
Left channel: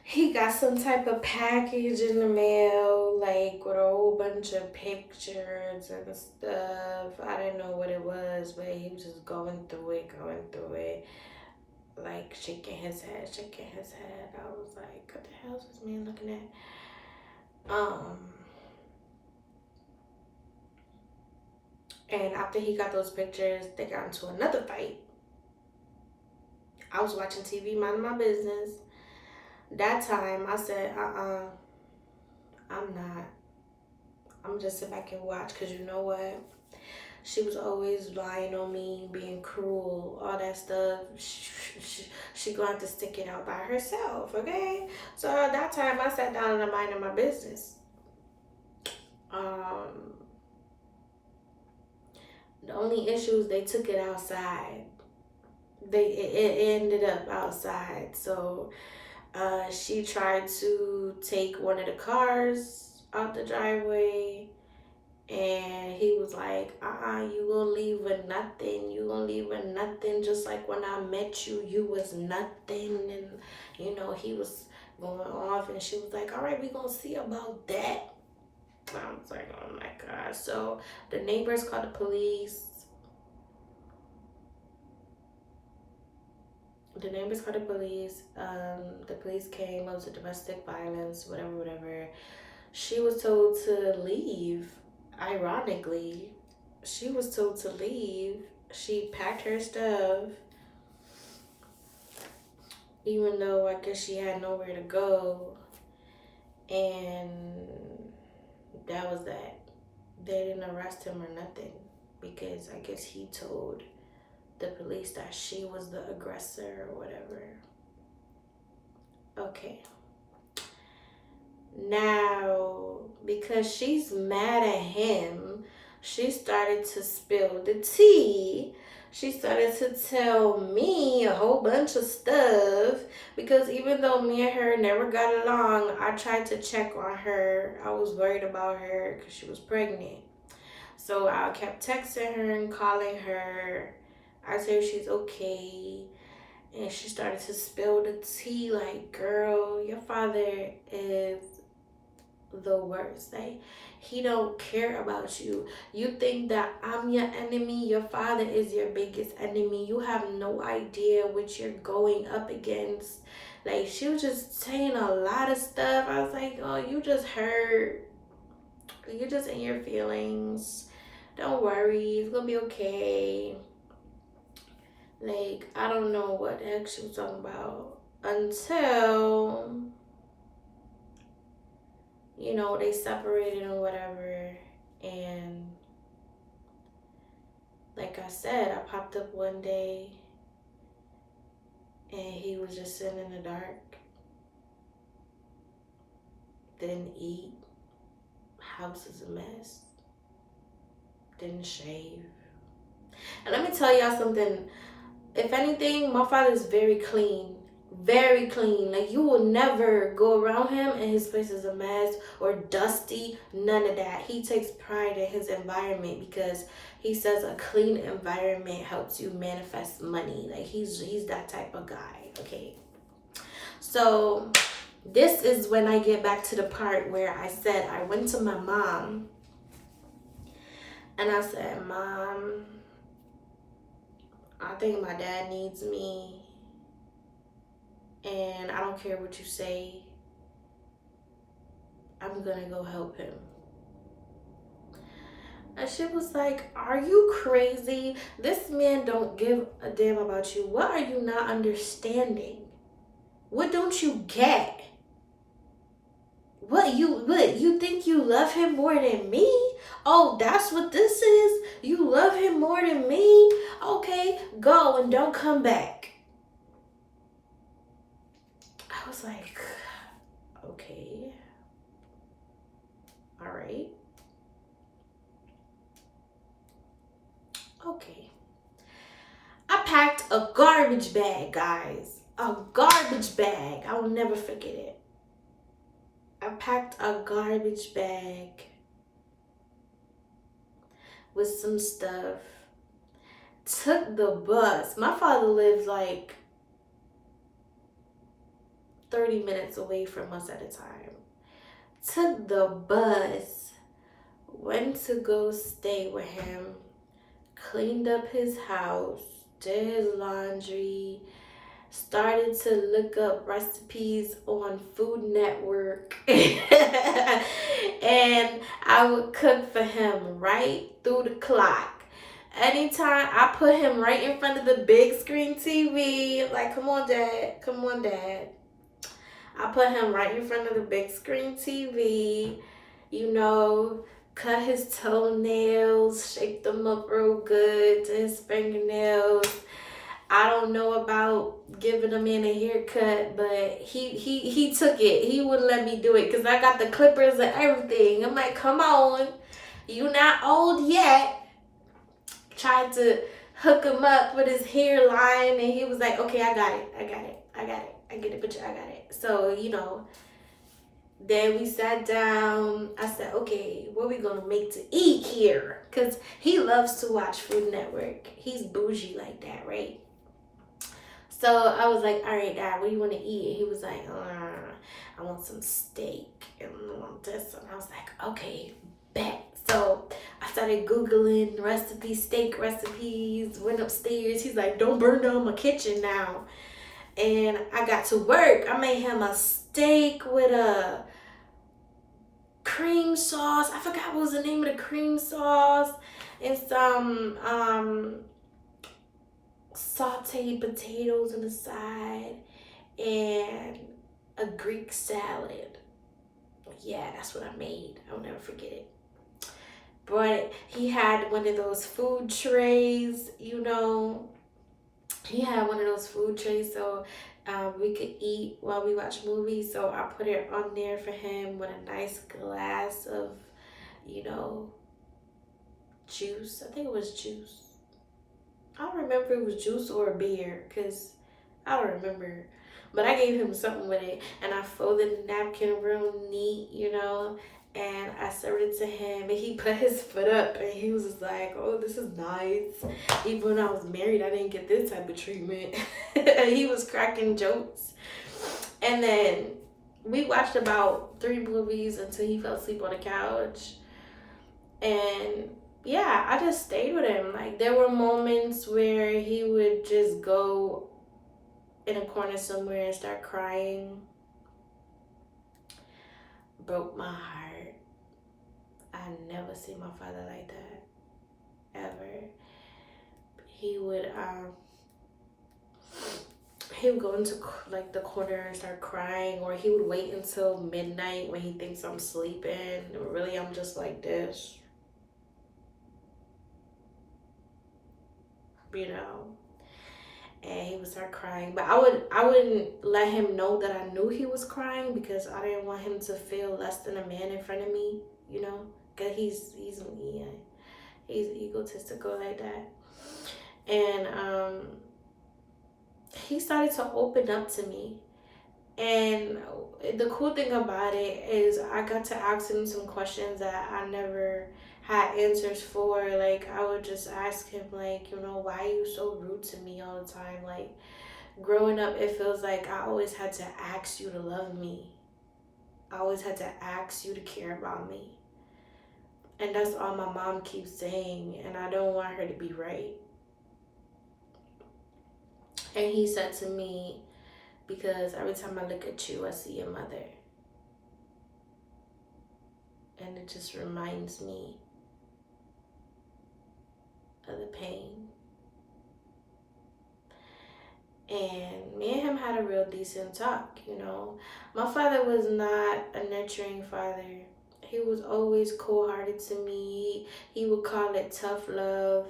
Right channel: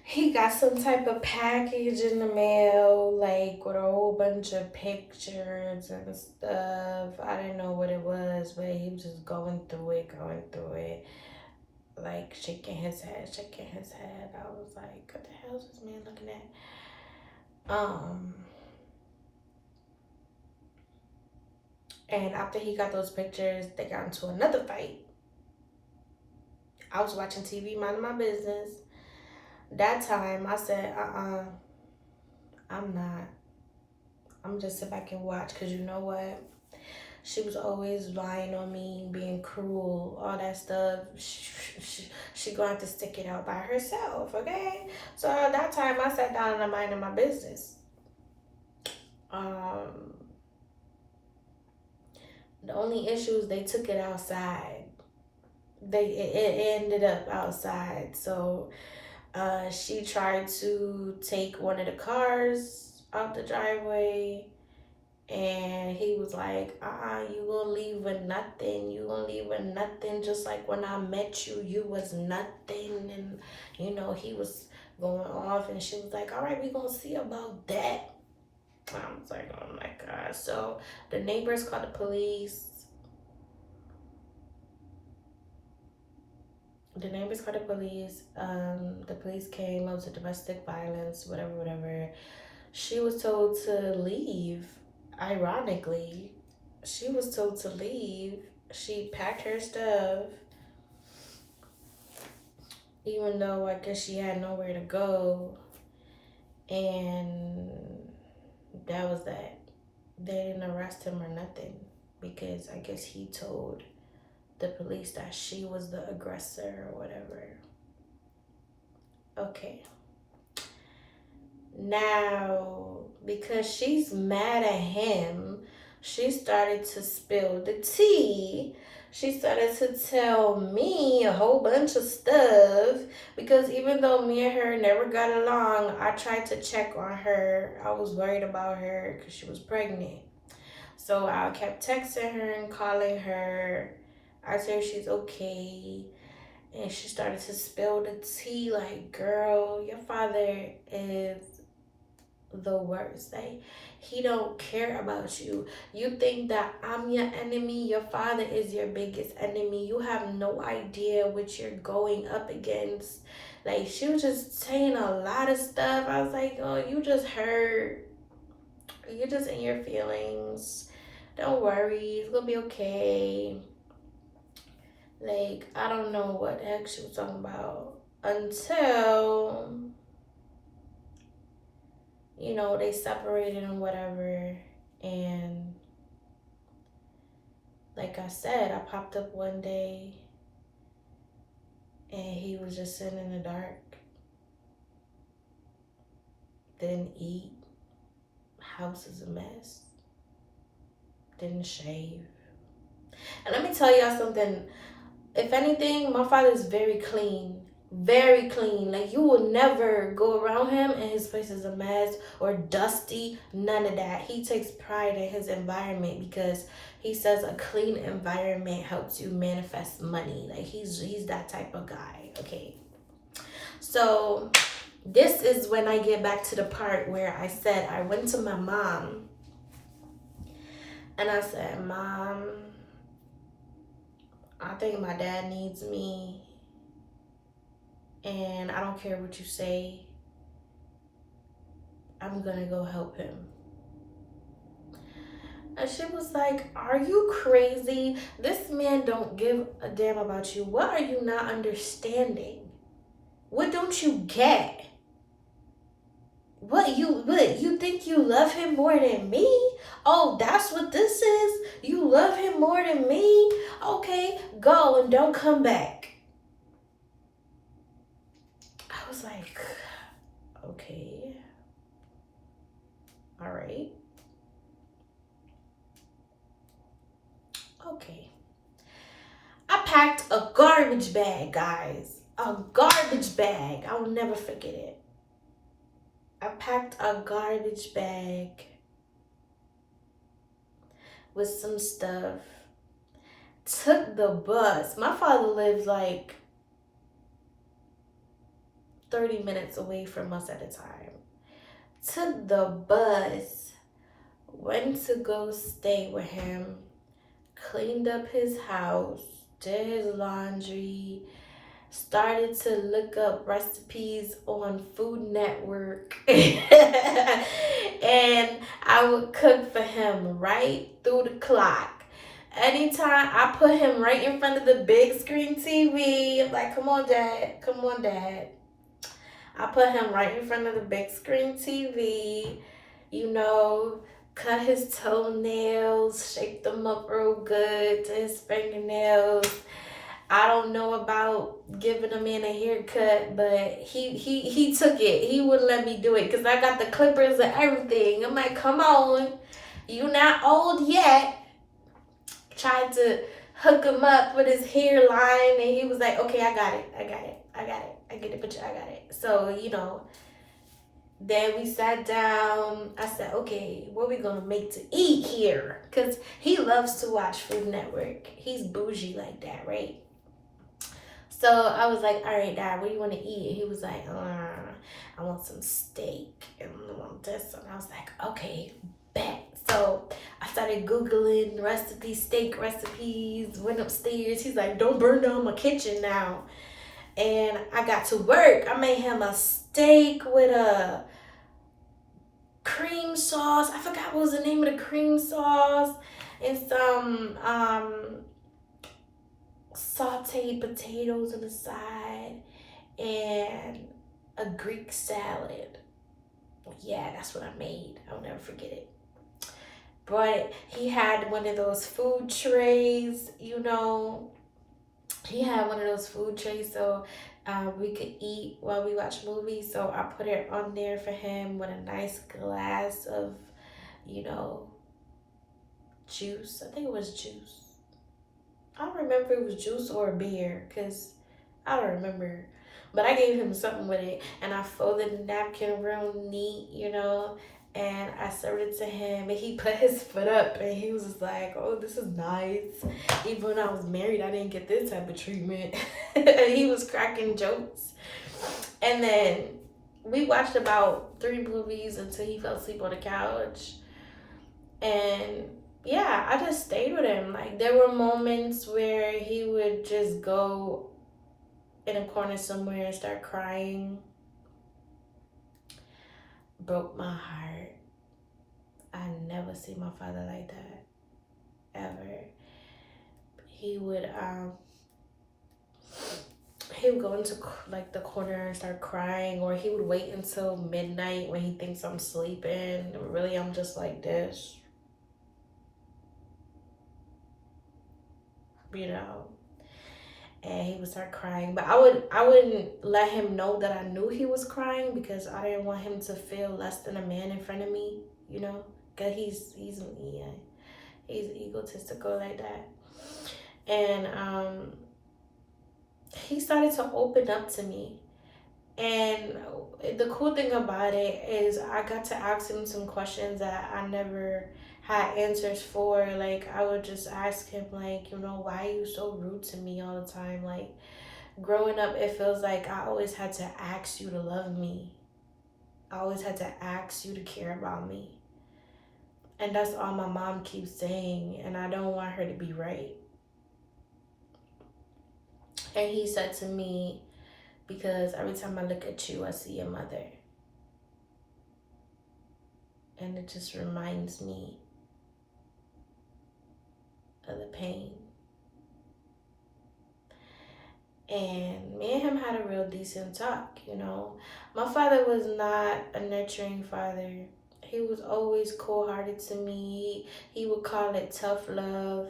He got some type of package in the mail, like with a whole bunch of pictures and stuff. I didn't know what it was, but he was just going through it, like shaking his head, shaking his head. I was like, what the hell is this man looking at? And after he got those pictures, they got into another fight. I was watching TV, minding my business. That time, I said, I'm not. I'm just sit back and watch, because you know what? She was always lying on me, being cruel, all that stuff. She going to have to stick it out by herself, okay? So at that time, I sat down and I minded my business. The only issue is they took it outside. It ended up outside. So she tried to take one of the cars out the driveway, and he was like, you gonna leave with nothing. You gonna leave with nothing. Just like when I met you, you was nothing. And, he was going off, and she was like, all right, we gonna see about that. I was like, oh my God. So the neighbors called the police. The police came. It was a domestic violence, whatever. She was told to leave. Ironically, she was told to leave. She packed her stuff, even though I guess she had nowhere to go. And that was that. They didn't arrest him or nothing, because I guess he told the police that she was the aggressor or whatever. Okay. Now, because she's mad at him, she started to spill the tea. She started to tell me a whole bunch of stuff, because even though me and her never got along, I tried to check on her. I was worried about her because she was pregnant. So I kept texting her and calling her. I said she's okay. And she started to spill the tea like, girl, your father is the worst. Like, he don't care about you. You think that I'm your enemy? Your father is your biggest enemy. You have no idea what you're going up against. Like, she was just saying a lot of stuff. I was like, oh, you just hurt. You're just in your feelings. Don't worry, it's gonna be okay. Like, I don't know what the heck she was talking about until, they separated and whatever. And like I said, I popped up one day and he was just sitting in the dark. Didn't eat. House is a mess. Didn't shave. And let me tell y'all something. If anything, my father is very clean. Very clean. Like, you will never go around him and his place is a mess or dusty. None of that. He takes pride in his environment, because he says a clean environment helps you manifest money. Like, he's that type of guy. Okay. So this is when I get back to the part where I said I went to my mom and I said, Mom, I think my dad needs me. and I don't care what you say, I'm gonna go help him. And she was like, are you crazy? This man don't give a damn about you. What are you not understanding? What don't you get? What you think you love him more than me? Oh, that's what this is? You love him more than me? Okay, go and don't come back. I was like, okay, all right, okay. I packed a garbage bag, guys. A garbage bag. I will never forget it. I packed a garbage bag with some stuff. Took the bus. My father lives like 30 minutes away from us at a time. Took the bus. Went to go stay with him. Cleaned up his house. Did his laundry. Started to look up recipes on Food Network. And I would cook for him right through the clock. Anytime I put him right in front of the big screen TV, like, come on, Dad, come on, Dad. I put him right in front of the big screen TV, you know, cut his toenails, shape them up real good to his fingernails. I don't know about giving a man a haircut, but he took it. He wouldn't let me do it because I got the clippers and everything. I'm like, come on, you not old yet. Tried to hook him up with his hairline, and he was like, okay, I got it. I get the picture, I got it. So, then we sat down. I said, okay, what we gonna make to eat here? Because he loves to watch Food Network. He's bougie like that, right? So I was like, all right, Dad, what do you want to eat? And he was like, I want some steak and I want this. And I was like, okay, bet. So I started Googling steak recipes, went upstairs. He's like, don't burn down my kitchen now. And I got to work. I made him a steak with a cream sauce. I forgot what was the name of the cream sauce. And some sauteed potatoes on the side and a Greek salad. Yeah, that's what I made. I'll never forget it. But he had one of those food trays, He had one of those food trays so we could eat while we watch movies. So I put it on there for him with a nice glass of, juice. I think it was juice. I don't remember if it was juice or a beer because I don't remember. But I gave him something with it and I folded the napkin real neat, and I served it to him and he put his foot up and he was just like, oh, this is nice. Even when I was married, I didn't get this type of treatment. He was cracking jokes. And then we watched about 3 movies until he fell asleep on the couch. And yeah, I just stayed with him. Like, there were moments where he would just go in a corner somewhere and start crying. Broke my heart. I never see my father like that, ever. He would go into like the corner and start crying, or he would wait until midnight when he thinks I'm sleeping. Really, I'm just like this. And he would start crying, but I wouldn't let him know that I knew he was crying because I didn't want him to feel less than a man in front of me, because he's egotistical like that. And he started to open up to me, and the cool thing about it is I got to ask him some questions that I never had answers for. Like, I would just ask him, like, why are you so rude to me all the time? Like, growing up, it feels like I always had to ask you to love me. I always had to ask you to care about me. And that's all my mom keeps saying, and I don't want her to be right. And he said to me, because every time I look at you, I see your mother. And it just reminds me of the pain. And me and him had a real decent talk, you know. My father was not a nurturing father. He was always cold-hearted to me. He would call it tough love.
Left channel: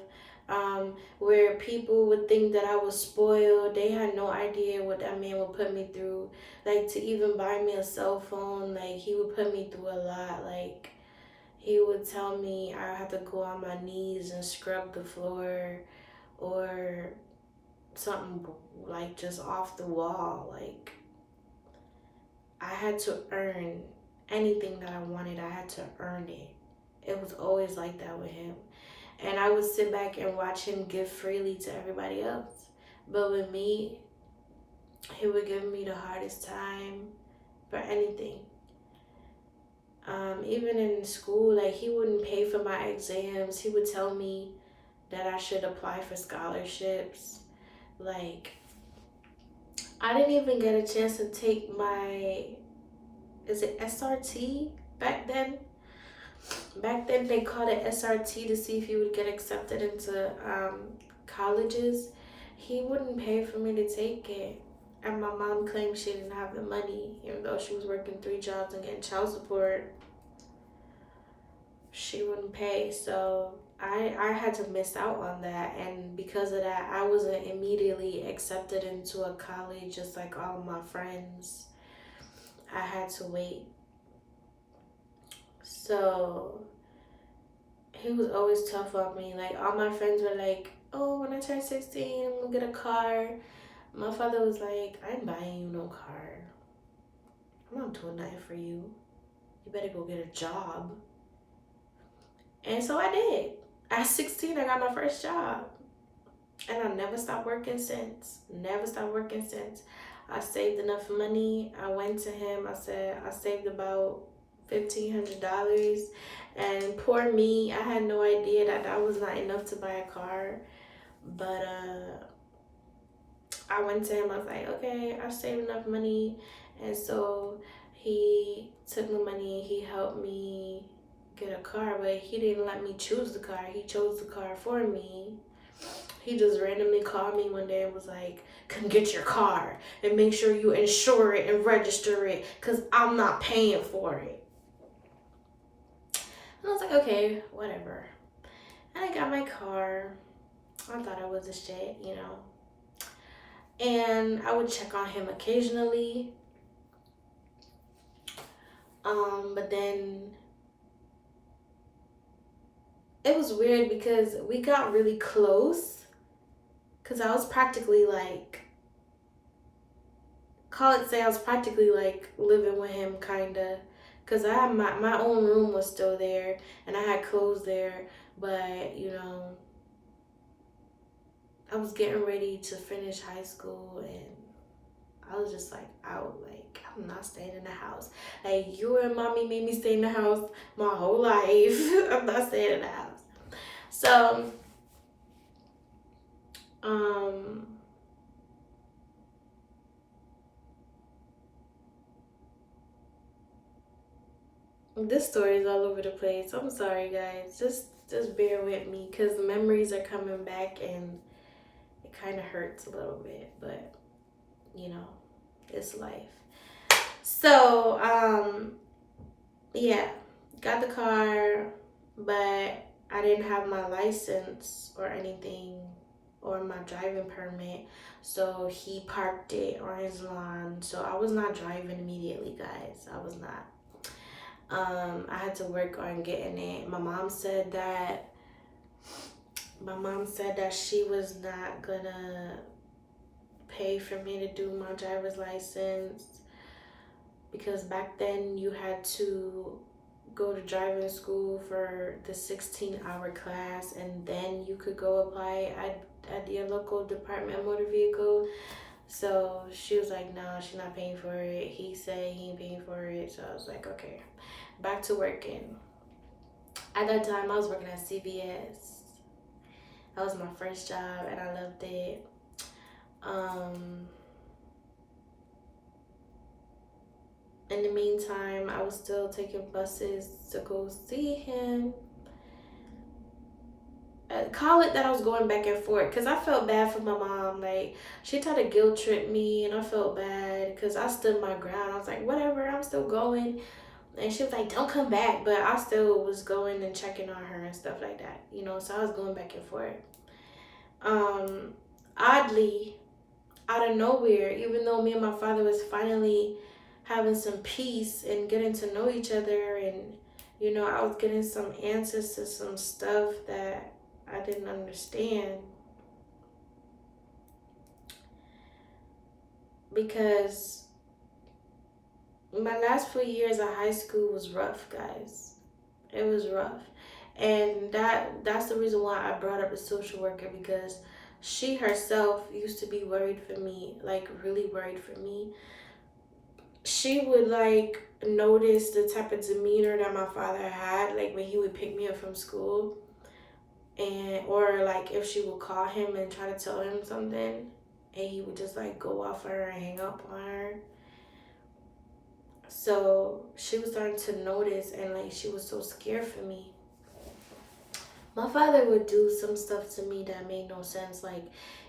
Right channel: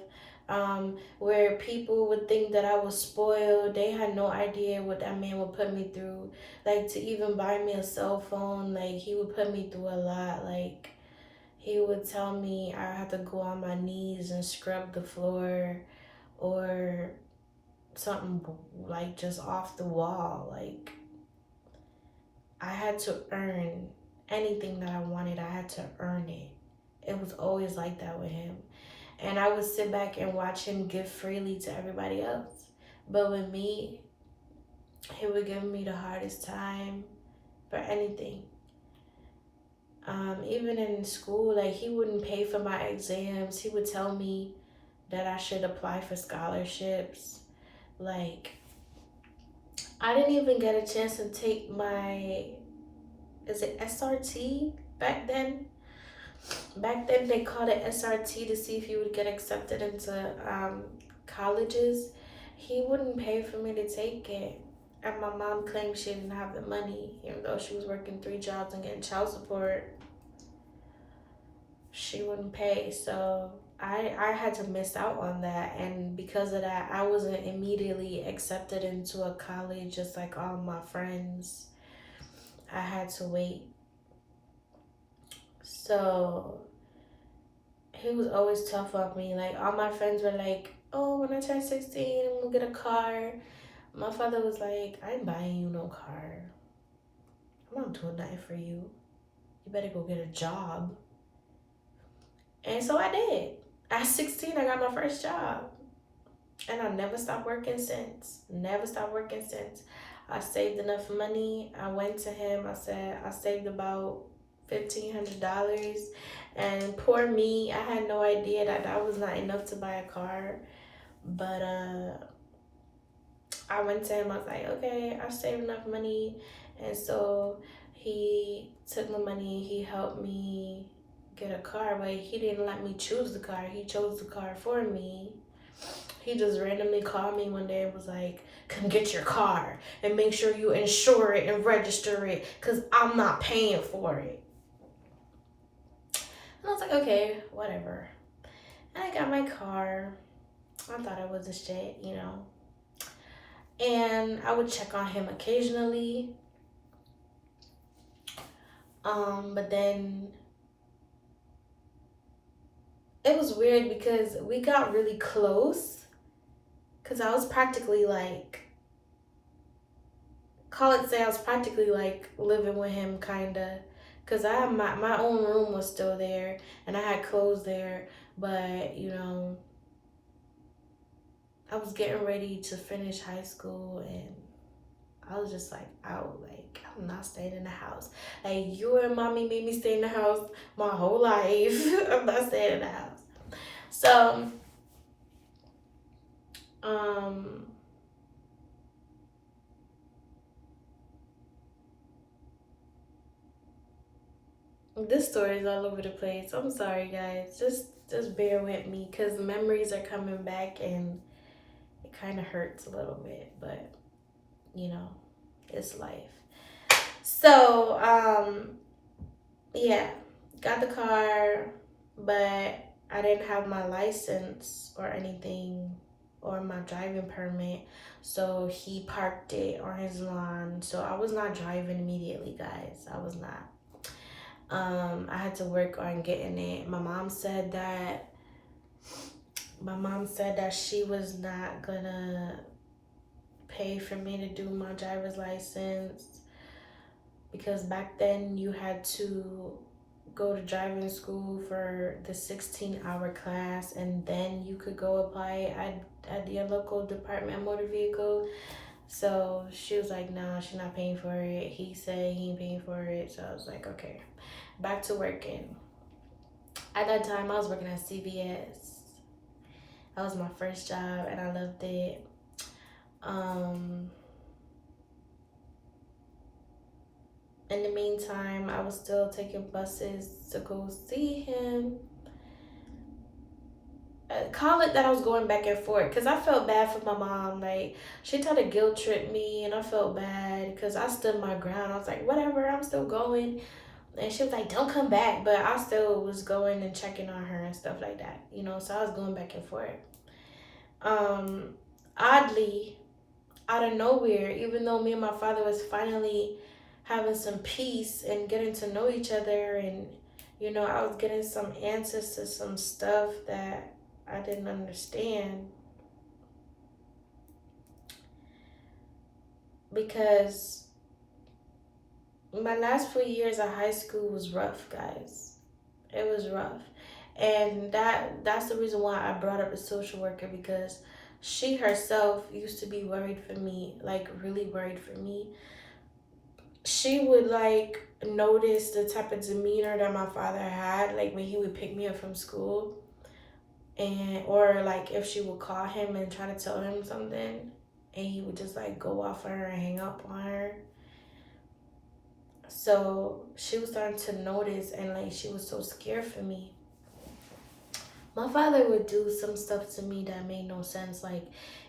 Where people would think that I was spoiled. They had no idea what that man would put me through. Like, to even buy me a cell phone, like, he would put me through a lot. Like, he would tell me I had to go on my knees and scrub the floor, or something like just off the wall. Like, I had to earn anything that I wanted. I had to earn it. It was always like that with him. And I would sit back and watch him give freely to everybody else. But with me, he would give me the hardest time for anything. Even in school, like, he wouldn't pay for my exams. He would tell me that I should apply for scholarships. Like, I didn't even get a chance to take my, is it SRT back then? Back then they called it SRT to see if you would get accepted into colleges. He wouldn't pay for me to take it. And my mom claimed she didn't have the money, even though she was working 3 jobs and getting child support. She wouldn't pay. So I had to miss out on that. And because of that, I wasn't immediately accepted into a college just like all my friends. I had to wait. So he was always tough on me. Like, all my friends were like, oh, when I turn 16, I'm gonna get a car. My father was like, I ain't buying you no car. I'm not doing nothing for you. You better go get a job. And so I did. At 16, I got my first job. And I never stopped working since. Never stopped working since. I saved enough money. I went to him. I said, I saved about $1,500. And poor me, I had no idea that that was not enough to buy a car. But I went to him. I was like, okay, I saved enough money. And so he took the money. He helped me get a car, but he didn't let me choose the car. He chose the car for me. He just randomly called me one day and was like, come get your car and make sure you insure it and register it, because I'm not paying for it. And I was like, okay, whatever. And I got my car. I thought I was a shit, you know. And I would check on him occasionally. But then it was weird because we got really close. Because I was practically like, I was practically like living with him, kind of. Because I had my own room was still there. And I had clothes there. But, you know, I was getting ready to finish high school. And I was just like, out. Like, I'm not staying in the house. Like, you and mommy made me stay in the house my whole life. I'm not staying in the house. So, this story is all over the place. I'm sorry, guys. Just bear with me, because the memories are coming back and it kind of hurts a little bit, but you know, it's life. So, yeah, got the car, but I didn't have my license or anything, or my driving permit. So he parked it on his lawn. So I was not driving immediately, guys. I was not. I had to work on getting it. My mom said that she was not gonna pay for me to do my driver's license, because back then you had to go to driving school for the 16-hour class, and then you could go apply at your local Department of Motor Vehicle. So she was like, no, she's not paying for it. He said he ain't paying for it. So I was like, okay, back to working. At that time, I was working at CVS. That was my first job, and I loved it. In the meantime, I was still taking buses to go see him. Call it that I was going back and forth because I felt bad for my mom. Like, she tried to guilt trip me, and I felt bad because I stood my ground. I was like, whatever, I'm still going. And she was like, don't come back. But I still was going and checking on her and stuff like that, you know. So I was going back and forth. Oddly, out of nowhere, even though me and my father was finally having some peace and getting to know each other, and you know, I was getting some answers to some stuff that I didn't understand, because my last few years of high school was rough, guys. It was rough. And that's the reason why I brought up the social worker, because she herself used to be worried for me, like really worried for me. She would like notice the type of demeanor that my father had, like when he would pick me up from school, and or like if she would call him and try to tell him something, and he would just like go off on her and hang up on her. So she was starting to notice, and like she was so scared for me. My father would do some stuff to me that made no sense. Like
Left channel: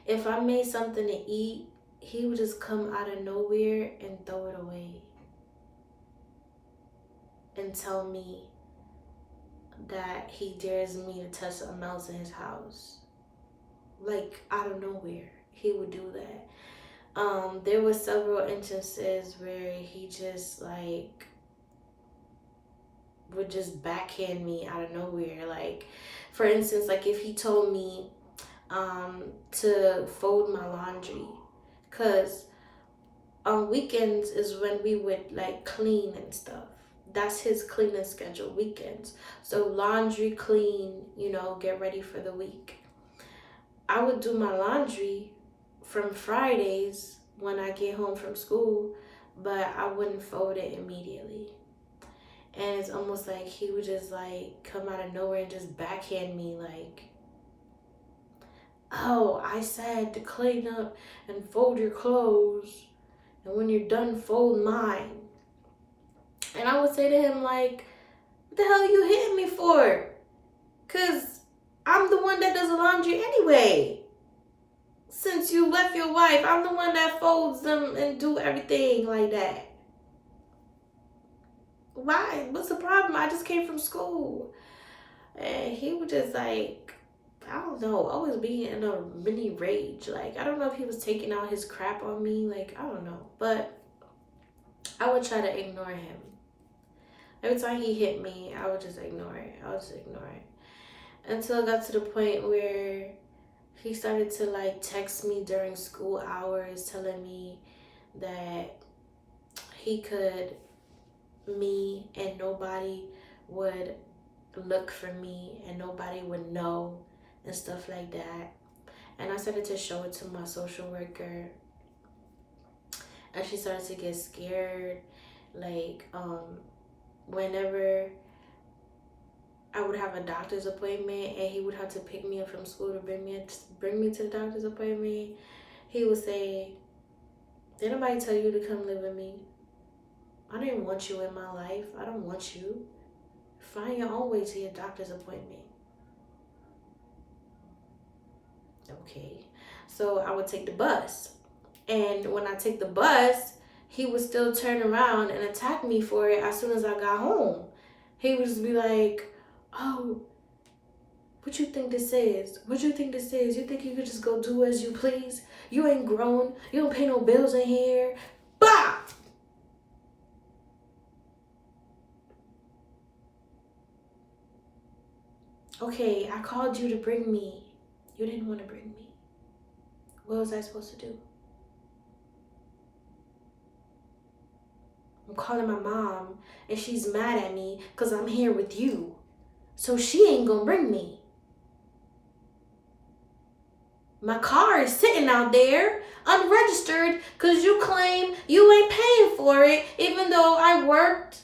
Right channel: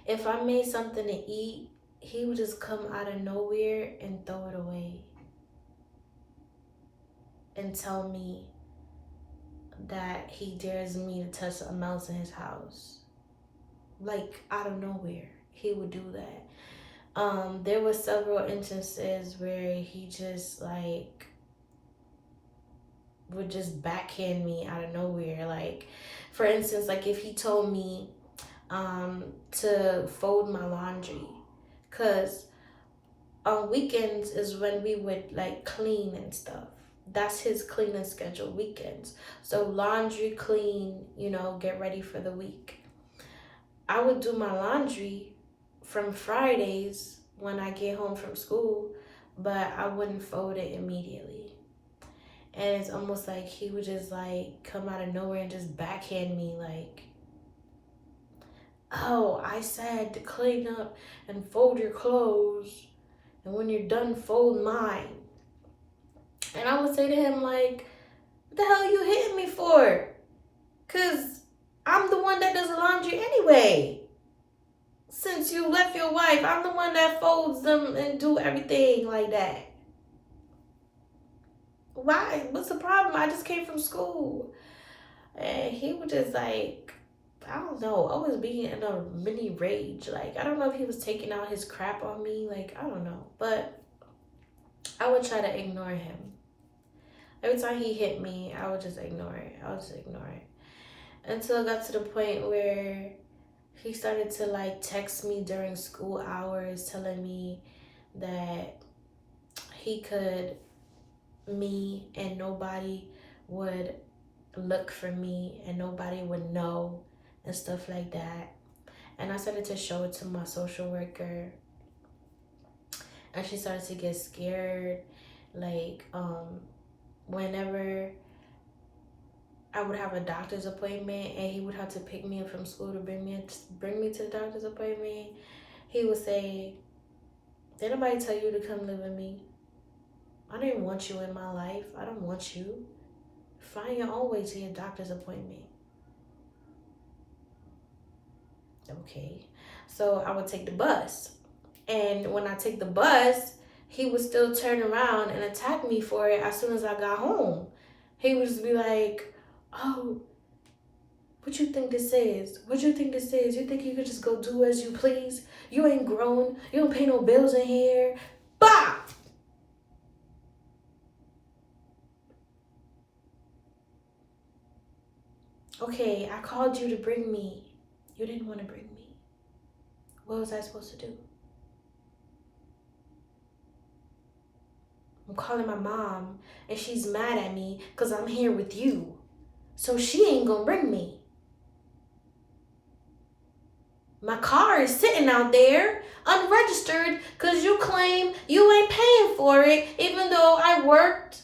if I made something to eat, he would just come out of nowhere and throw it away and tell me that he dares me to touch something else in his house. Like out of nowhere, he would do that. There were several instances where he just like would just backhand me out of nowhere. Like, for instance, like if he told me to fold my laundry, cause on weekends is when we would like clean and stuff. That's his cleaning schedule, weekends. So laundry, clean, you know, get ready for the week. I would do my laundry from Fridays when I get home from school, but I wouldn't fold it immediately. And it's almost like he would just like come out of nowhere and just backhand me like, oh, I said to clean up and fold your clothes, and when you're done, fold mine. And I would say to him like, what the hell are you hitting me for? Cause I'm the one that does the laundry anyway. Since you left your wife, I'm the one that folds them and do everything like that. Why? What's the problem? I just came from school. And he would just like, I don't know, always be in a mini rage. Like, I don't know if he was taking out his crap on me. Like, I don't know. But I would try to ignore him. Every time he hit me, I would just ignore it. I would just ignore it. Until it got to the point where he started to like text me during school hours telling me that he could me and nobody would look for me and nobody would know and stuff like that. And I started to show it to my social worker, and she started to get scared. Like whenever I would have a doctor's appointment and he would have to pick me up from school to bring me to the doctor's appointment, he would say, did nobody tell you to come live with me? I don't even want you in my life. I don't want you. Find your own way to your doctor's appointment. Okay. So I would take the bus. And when I take the bus, he would still turn around and attack me for it as soon as I got home. He would just be like, oh, what you think this is? What you think this is? You think you could just go do as you please? You ain't grown. You don't pay no bills in here. Bah! Okay, I called you to bring me. You didn't want to bring me. What was I supposed to do? I'm calling my mom and she's mad at me because I'm here with you. So she ain't gonna bring me. My car is sitting out there unregistered because you claim you ain't paying for it, even though I worked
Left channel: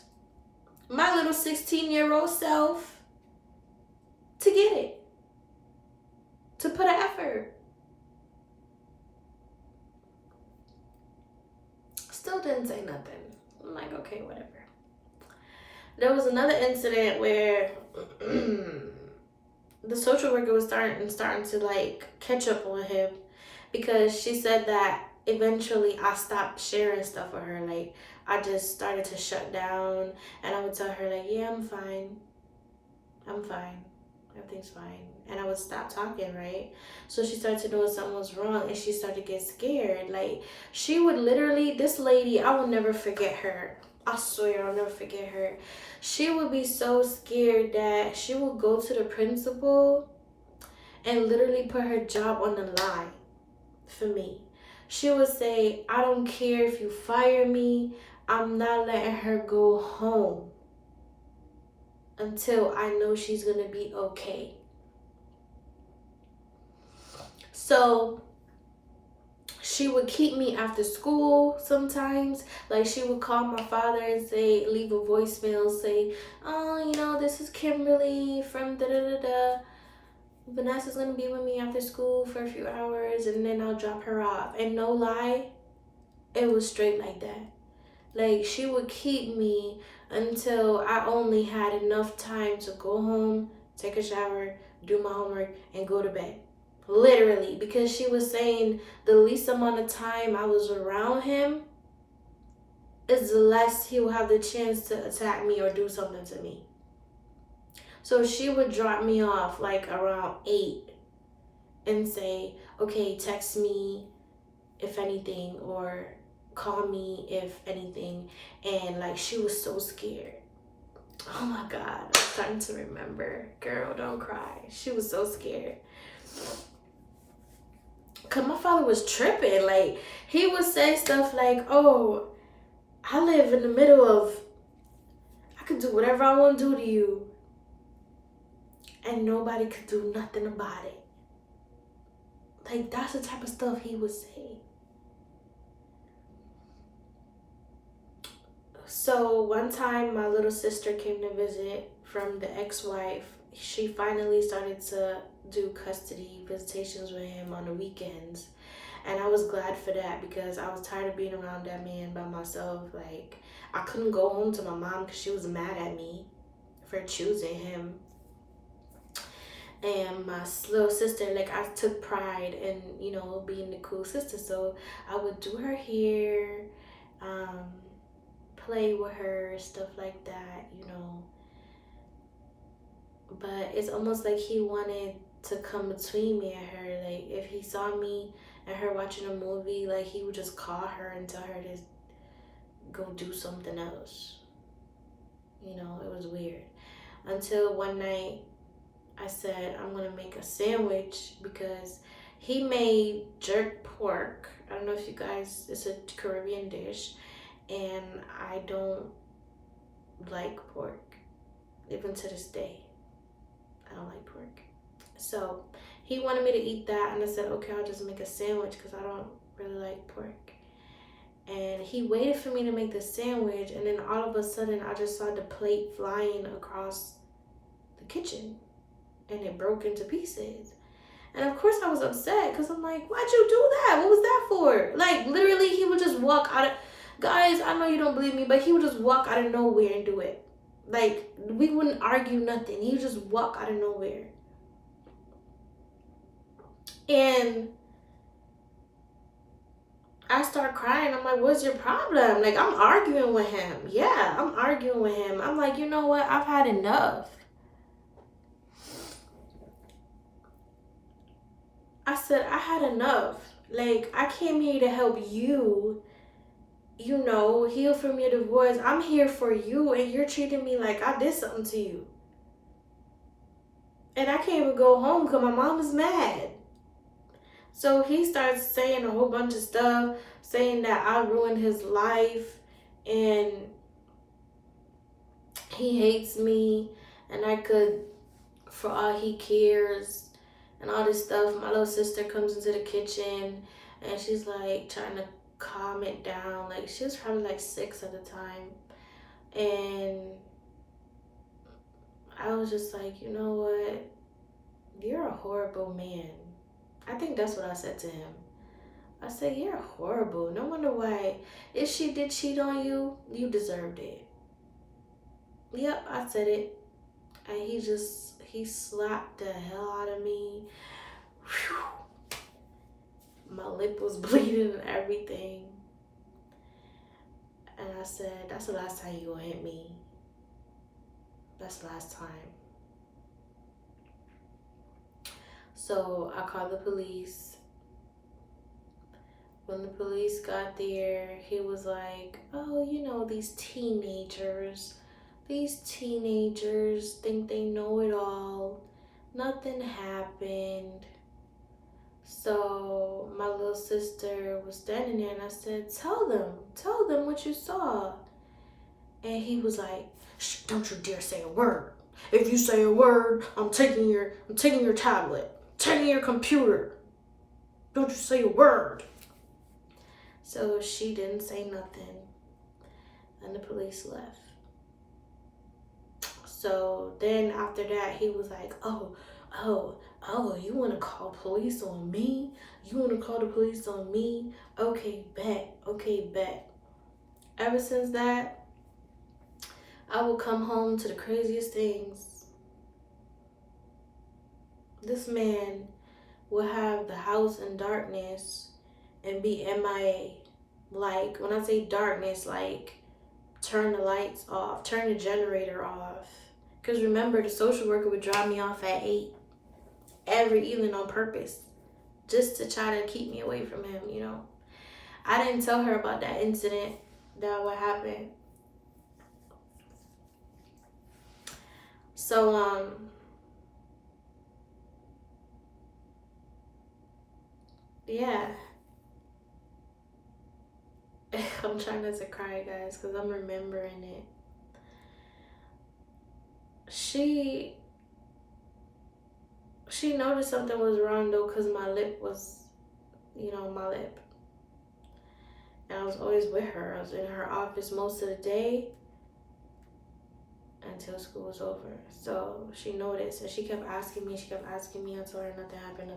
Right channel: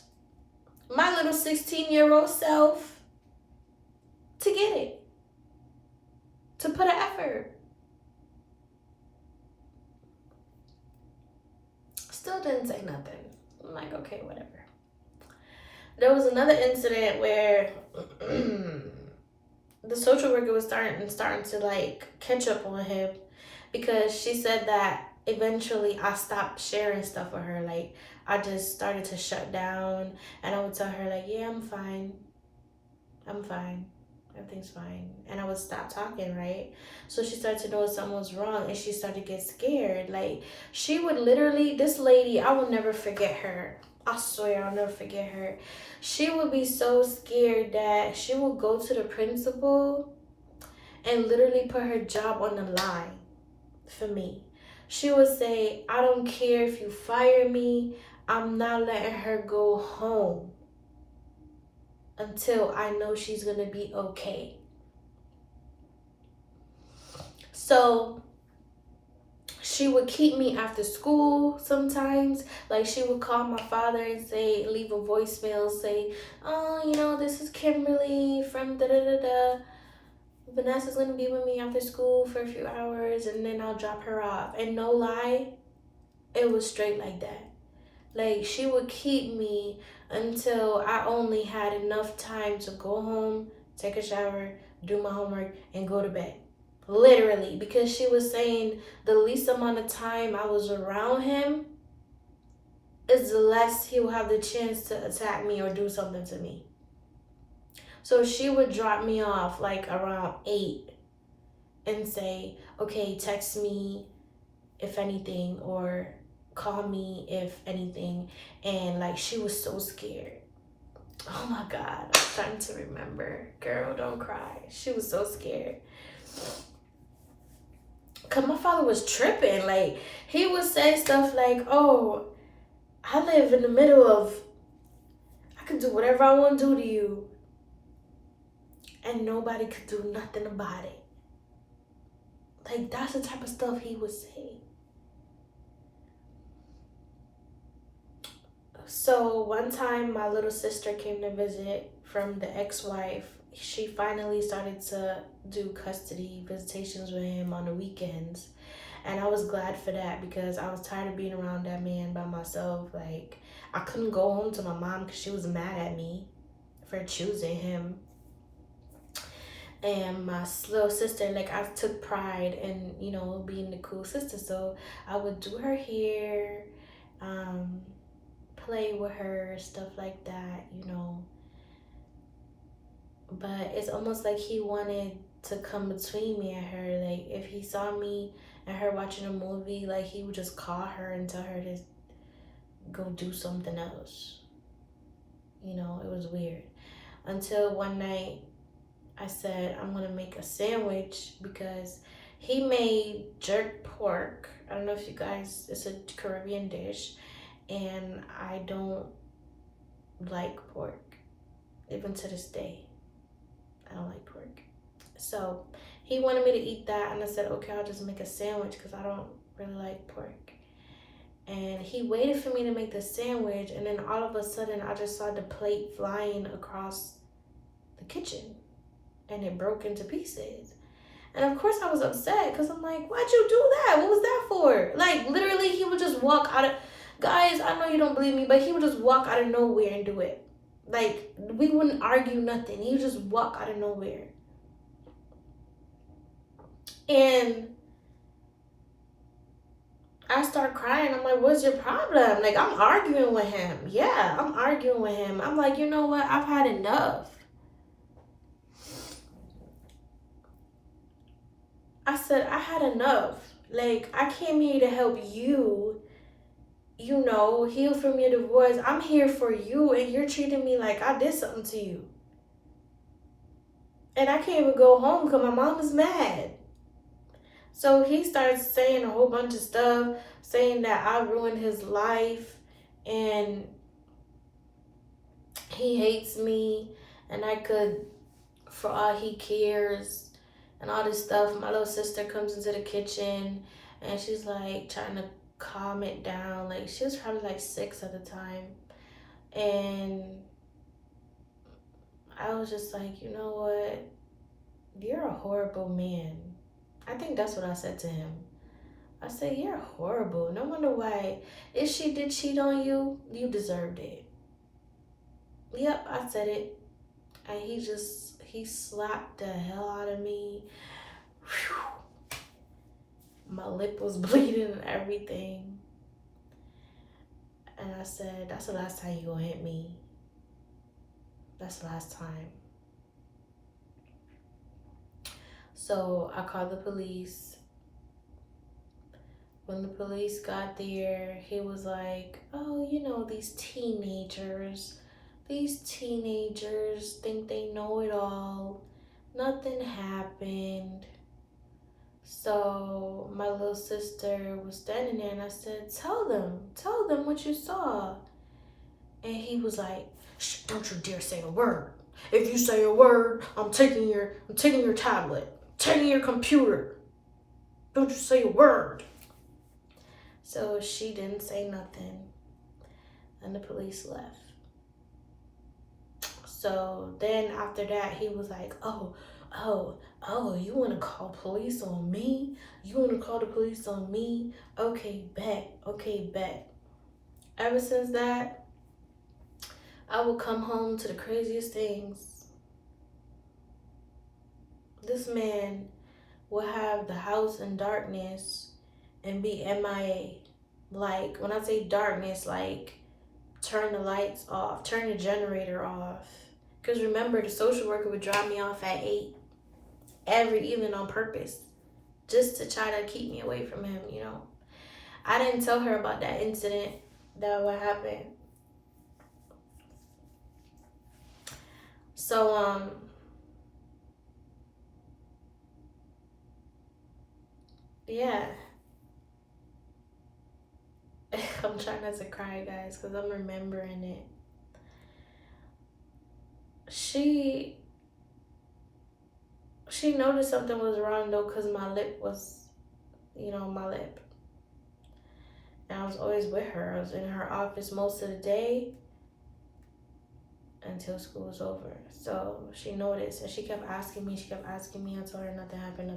my little 16-year-old self to get it, to put an effort. Still didn't say nothing. I'm like, okay, whatever. There was another incident where the social worker was starting to like catch up on him, because she said that eventually I stopped sharing stuff with her. Like, I just started to shut down, and I would tell her like, yeah, I'm fine, everything's fine, and I would stop talking, right? So she started to know something was wrong, and she started to get scared. Like, she would literally, this lady, I will never forget her. I swear I'll never forget her. She would be so scared that she would go to the principal and literally put her job on the line for me. She would say, I don't care if you fire me, I'm not letting her go home until I know she's gonna be okay. So she would keep me after school sometimes. Like, she would call my father and say, leave a voicemail, say, oh, you know, this is Kimberly from da da da da. Vanessa's gonna be with me after school for a few hours, and then I'll drop her off. And no lie, it was straight like that. Like, she would keep me until I only had enough time to go home, take a shower, do my homework, and go to bed. Literally, because she was saying the least amount of time I was around him is the less he will have the chance to attack me or do something to me. So she would drop me off like around 8 and say, okay, text me if anything, or call me if anything. And like, she was so scared. Oh my God, I'm starting to remember. Girl, don't cry. She was so scared. Cause my father was tripping. Like, he would say stuff like, oh, I live in the middle of, I could do whatever I want to do to you, and nobody could do nothing about it. Like, that's the type of stuff he would say. So one time my little sister came to visit from the ex-wife. She finally started to do custody visitations with him on the weekends. And I was glad for that, because I was tired of being around that man by myself. Like, I couldn't go home to my mom because she was mad at me for choosing him. And my little sister, like, I took pride in, you know, being the cool sister. So I would do her hair, play with her, stuff like that, you know. But it's almost like he wanted to come between me and her. Like, if he saw me and her watching a movie, like, he would just call her and tell her to go do something else. You know, it was weird. Until one night I said, I'm gonna make a sandwich, because he made jerk pork. I don't know if you guys, it's a Caribbean dish, and I don't like pork, even to this day. I don't like pork. So he wanted me to eat that, and I said, okay, I'll just make a sandwich, because I don't really like pork. And he waited for me to make the sandwich, and then all of a sudden I just saw the plate flying across the kitchen, and it broke into pieces. And of course I was upset, because I'm like, why'd you do that? What was that for? Like, literally, he would just walk out of, guys, I know you don't believe me, but he would just walk out of nowhere and do it. Like, we wouldn't argue nothing. He would just walk out of nowhere. And I start crying. I'm like, what's your problem? Like, I'm arguing with him. Yeah, I'm arguing with him. I'm like, you know what? I've had enough. I said, I had enough. Like, I came here to help you, you know, heal from your divorce. I'm here for you, and you're treating me like I did something to you. And I can't even go home because my mom is mad. So he starts saying a whole bunch of stuff, saying that I ruined his life, and he hates me, and I could, for all he cares, and all this stuff. My little sister comes into the kitchen, and she's like trying to calm it down. Like, she was probably like 6 at the time. And I was just like, you know what? You're a horrible man. I think that's what I said to him. I said, you're horrible. No wonder why. If she did cheat on you, you deserved it. Yep, I said it. And he slapped the hell out of me. Whew. My lip was bleeding and everything. And I said, that's the last time you gonna hit me. That's the last time. So I called the police. When the police got there, he was like, oh, you know, these teenagers think they know it all. Nothing happened. So my little sister was standing there and I said, tell them what you saw. And he was like, shh, don't you dare say a word. If you say a word, I'm taking your tablet, taking your computer. Don't you say a word. So she didn't say nothing, and the police left. So then after that, he was like, oh, you want to call police on me? You want to call the police on me? Okay, bet. Ever since that, I will come home to the craziest things. This man will have the house in darkness and be MIA. Like, when I say darkness, like, turn the lights off, turn the generator off. Because remember, the social worker would drop me off at 8 every evening on purpose, just to try to keep me away from him, you know. I didn't tell her about that incident, that what happened. So, yeah. I'm trying not to cry, guys, because I'm remembering it. She noticed something was wrong, though, because my lip was, my lip. And I was always with her. I was in her office most of the day until school was over. So she noticed, and she kept asking me. I told her nothing happened.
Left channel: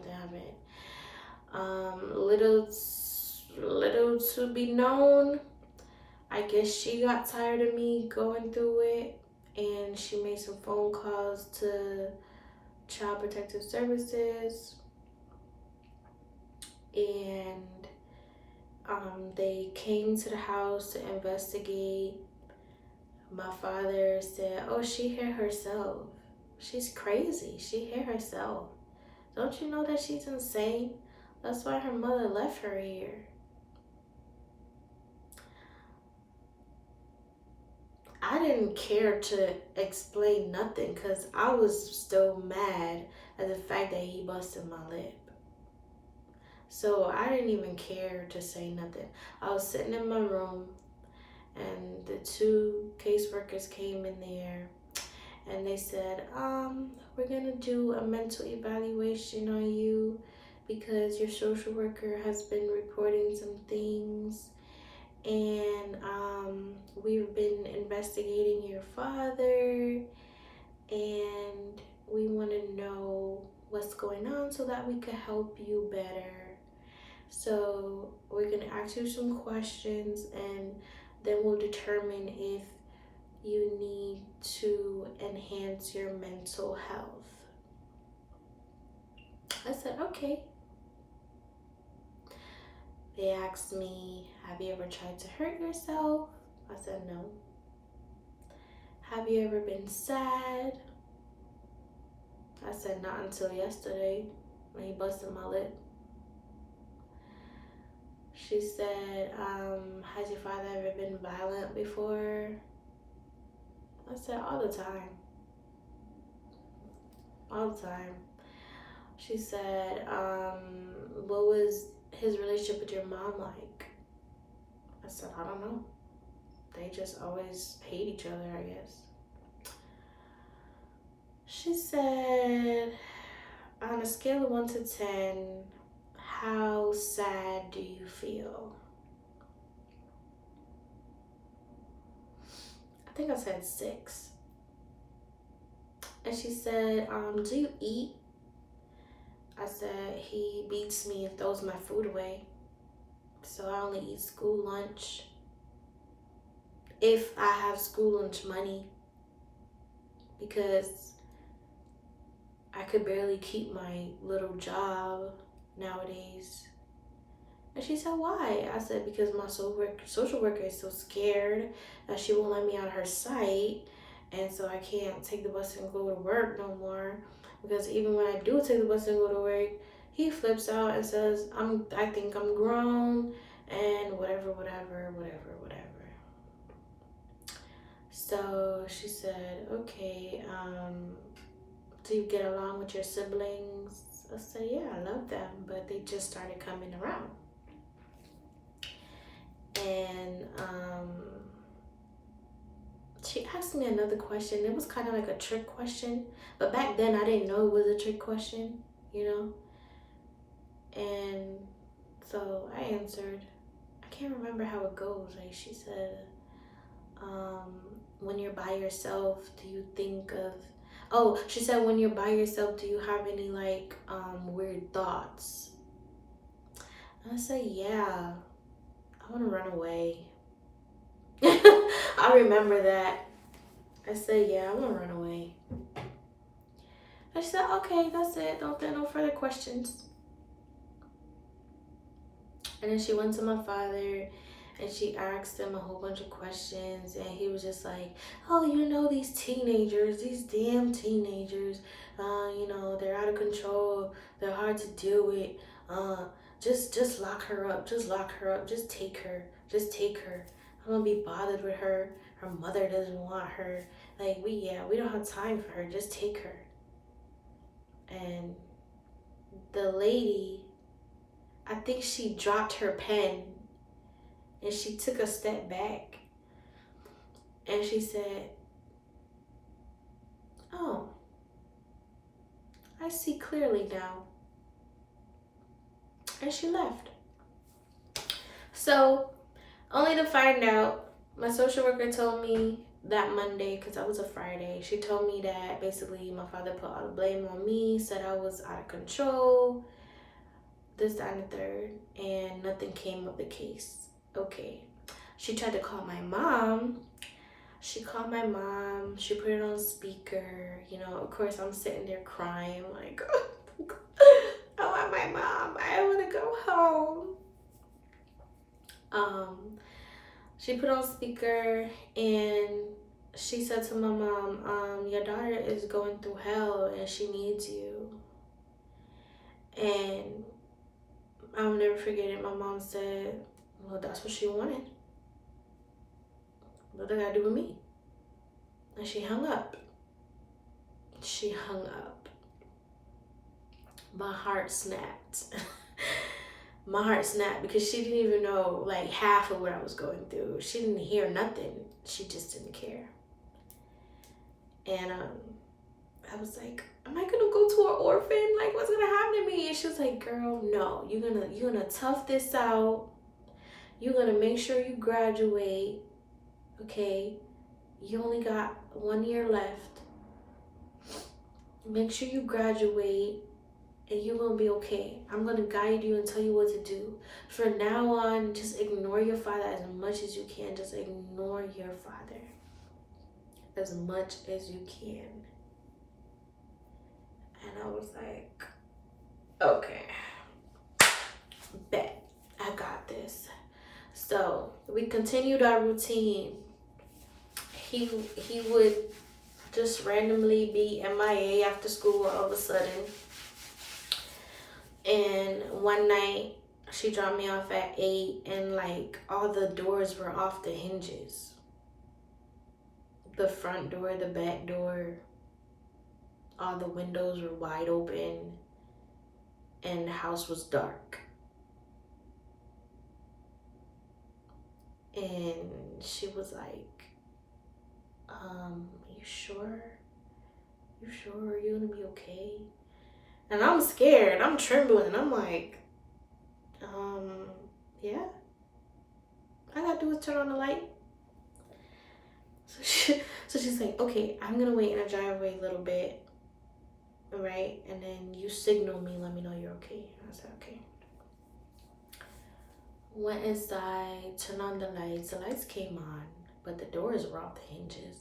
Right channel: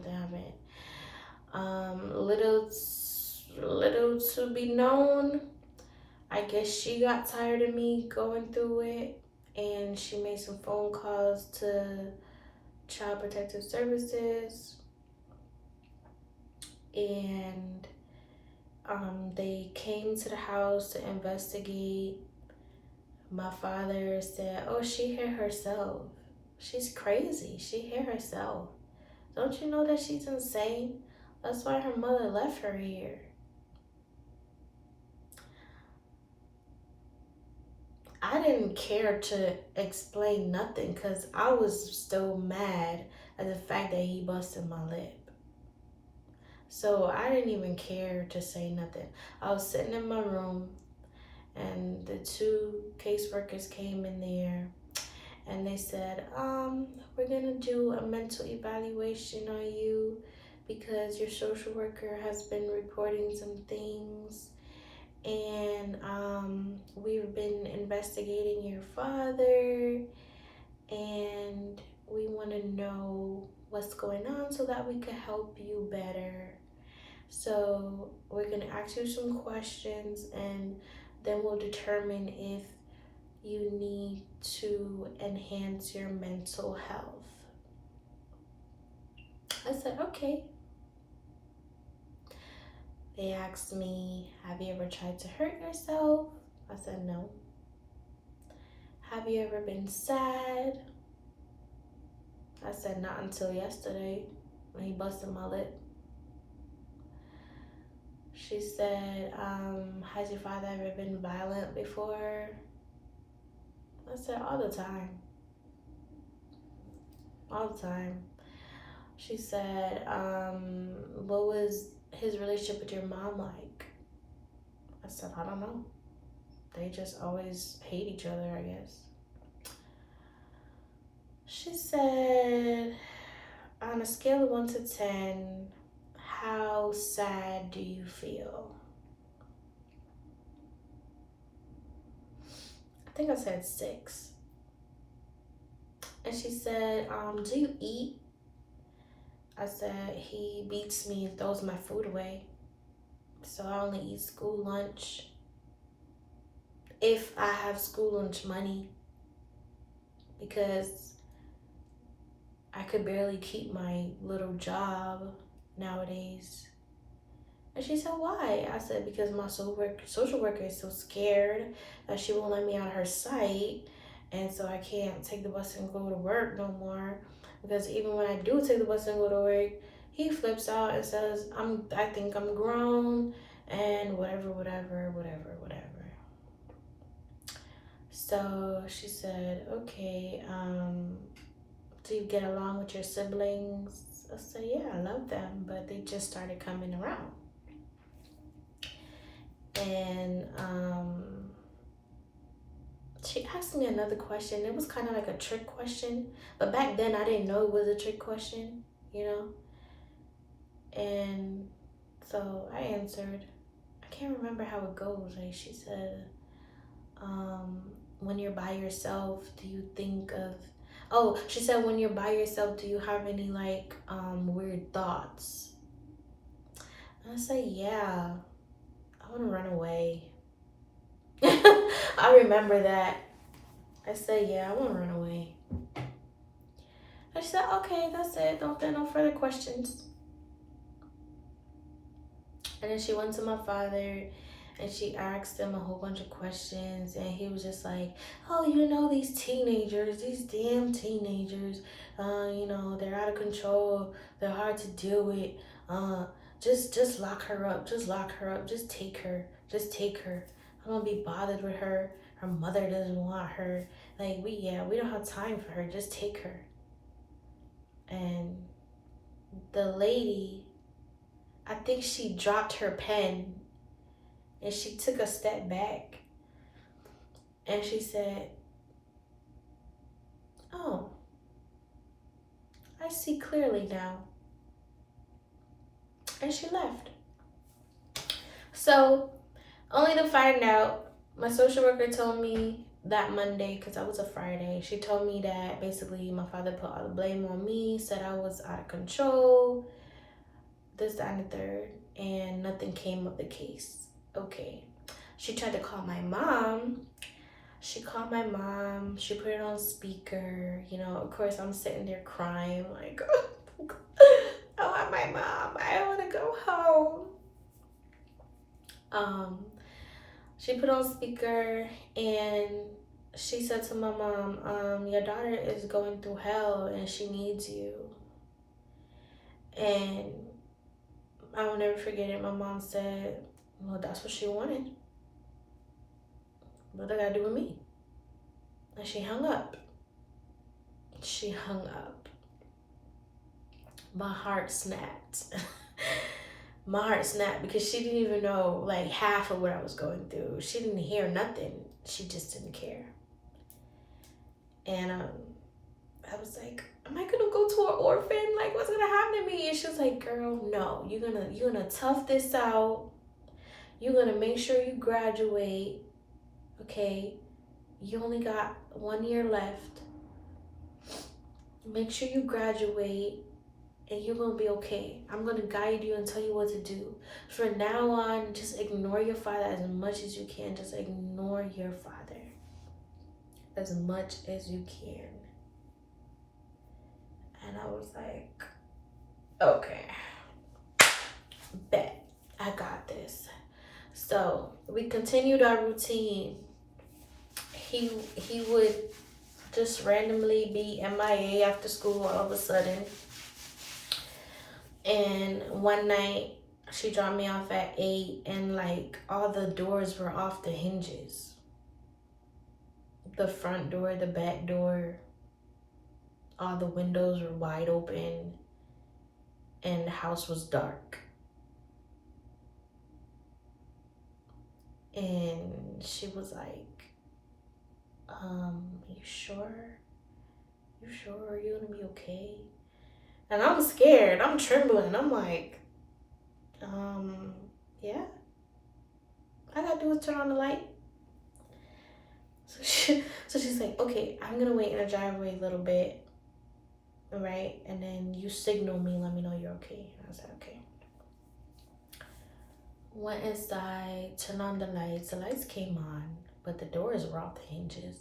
Little to be known, I guess she got tired of me going through it, and she made some phone calls to Child Protective Services, and they came to the house to investigate. My father said, oh, she hit herself. She's crazy. She hit herself. Don't you know that she's insane? That's why her mother left her here. I didn't care to explain nothing because I was still mad at the fact that he busted my lip. So I didn't even care to say nothing. I was sitting in my room and the 2 caseworkers came in there and they said, we're gonna do a mental evaluation on you because your social worker has been reporting some things, and we've been investigating your father, and we want to know what's going on so that we can help you better. So we're gonna ask you some questions, and then we'll determine if you need to enhance your mental health. I said, okay. They asked me, have you ever tried to hurt yourself? I said, no. Have you ever been sad? I said, not until yesterday when he busted my lip. She said, has your father ever been violent before? I said, all the time. All the time. She said, what was his relationship with your mom like? I said, I don't know. They just always hate each other, I guess. She said, on a scale of 1 to 10, how sad do you feel? I think I said 6. And she said, do you eat? I said, he beats me and throws my food away. So I only eat school lunch if I have school lunch money, because I could barely keep my little job nowadays. And she said, why? I said, because my social worker is so scared that she won't let me out of her sight. And so I can't take the bus and go to work no more. Because even when I do take the bus and go to work, he flips out and says, I think I'm grown and whatever. So she said, okay, do you get along with your siblings? I said, yeah, I love them, but they just started coming around. And she asked me another question. It was kind of like a trick question, but back then I didn't know it was a trick question, you know. And so I answered. I can't remember how it goes. Like she said, when you're by yourself, do you think of, oh, she said, when you're by yourself, do you have any like weird thoughts? And I said, yeah, I want to run away. I remember that. I said, yeah, I want to run away. And she said, okay, that's it. Don't there no further questions. And then she went to my father and she asked him a whole bunch of questions. And he was just like, oh, you know, these teenagers, these damn teenagers, you know, they're out of control. They're hard to deal with. Just lock her up. Just lock her up. Just take her. Just take her. I'm gonna be bothered with her. Her mother doesn't want her. Like, we don't have time for her. Just take her. And the lady, I think she dropped her pen and she took a step back and she said, oh, I see clearly now. And she left. So, only to find out, my social worker told me that Monday, because that was a Friday, she told me that basically my father put all the blame on me, said I was out of control, this, that, and the third, and nothing came of the case. Okay. She tried to call my mom. She called my mom. She put it on speaker. You know, of course, I'm sitting there crying, like, I want my mom. I want to go home. She put on speaker and she said to my mom, your daughter is going through hell and she needs you. And I will never forget it. My mom said, well, that's what she wanted. What do I gotta do with me? And she hung up. She hung up. My heart snapped. My heart snapped because she didn't even know like half of what I was going through. She didn't hear nothing. She just didn't care. And I was like, am I gonna go to an orphan? Like, what's gonna happen to me? And she was like, girl, no, you're gonna tough this out. You're gonna make sure you graduate. Okay, you only got 1 year left. Make sure you graduate and you're gonna be okay. I'm gonna guide you and tell you what to do. From now on, just ignore your father as much as you can. Just ignore your father as much as you can. And I was like, okay, bet, I got this. So we continued our routine. He would just randomly be MIA after school all of a sudden. And one night she dropped me off at 8 and like all the doors were off the hinges. The front door, the back door, all the windows were wide open and the house was dark. And she was like, you sure? You sure you're gonna be okay? And I'm scared, I'm trembling. I'm like, yeah. All I gotta do is turn on the light. So she's like, okay, I'm gonna wait in the driveway a little bit, all right? And then you signal me, let me know you're okay. I said, okay. Went inside, turned on the lights. The lights came on, but the doors were off the hinges.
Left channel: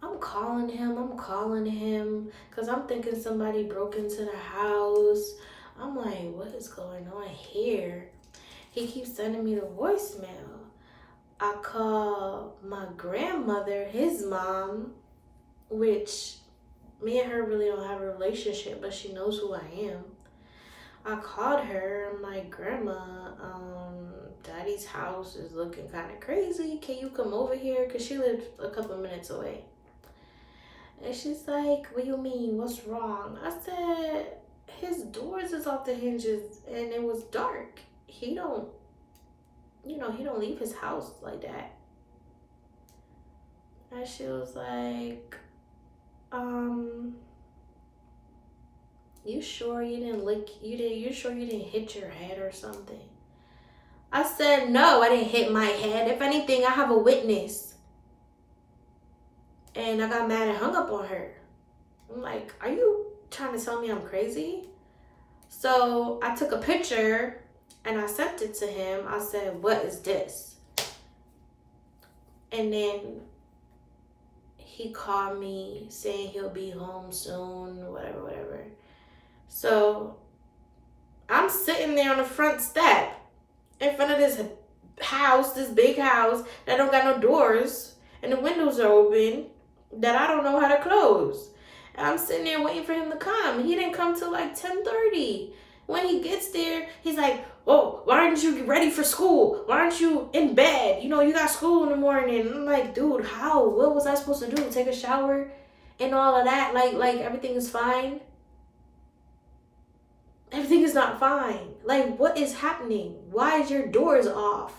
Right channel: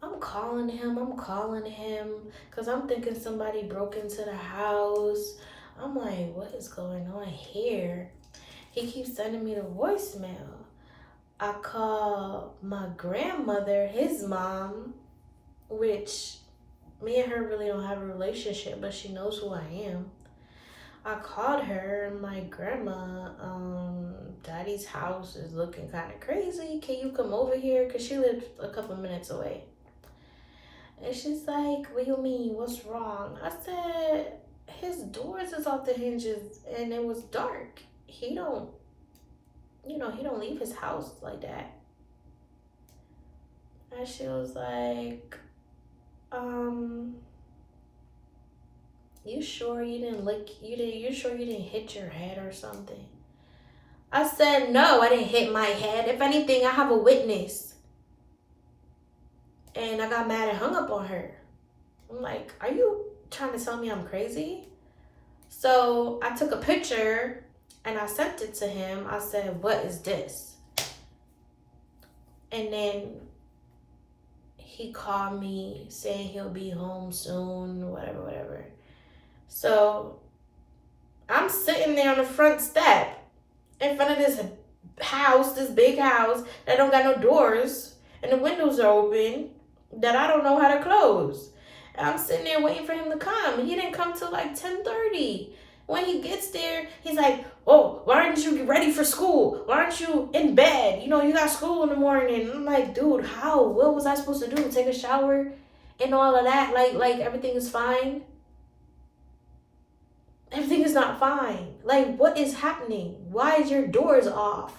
I'm calling him, because I'm thinking somebody broke into the house. I'm like, what is going on here? He keeps sending me the voicemail. I call my grandmother, his mom, which me and her really don't have a relationship, but she knows who I am. I called her. I'm like, Grandma, Daddy's house is looking kind of crazy. Can you come over here? Because she lived a couple minutes away. And she's like, what do you mean? What's wrong? I said, his doors is off the hinges and it was dark. He don't, he don't leave his house like that. And she was like, um, you sure you didn't you sure you didn't hit your head or something? I said, no, I didn't hit my head. If anything, I have a witness. And I got mad and hung up on her. I'm like, are you trying to tell me I'm crazy? So I took a picture and I sent it to him. I said, what is this? And then he called me saying he'll be home soon, whatever. So I'm sitting there on the front step in front of this house, this big house that don't got no doors and the windows are open that I don't know how to close. And I'm sitting there waiting for him to come. He didn't come till like 10:30. When he gets there, he's like, oh, why aren't you ready for school? Why aren't you in bed? You got school in the morning. And I'm like, dude, how? What was I supposed to do? Take a shower and all of that? Like everything is fine? Everything is not fine. Like, what is happening? Why is your doors off?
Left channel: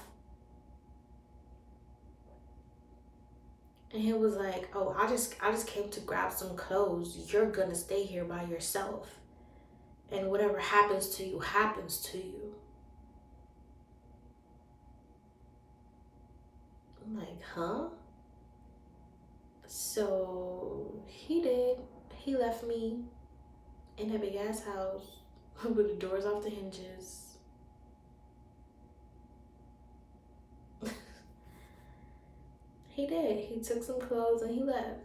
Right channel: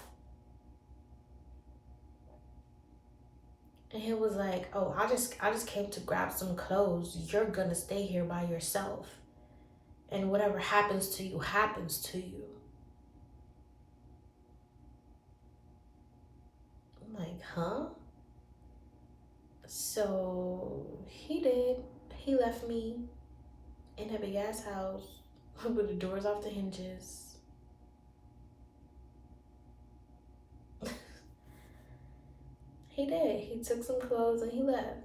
And he was like, oh, I just came to grab some clothes. You're gonna stay here by yourself. And whatever happens to you, happens to you. I'm like, huh? So he did. He left me in a big ass house with the doors off the hinges. He did. He took some clothes and he left.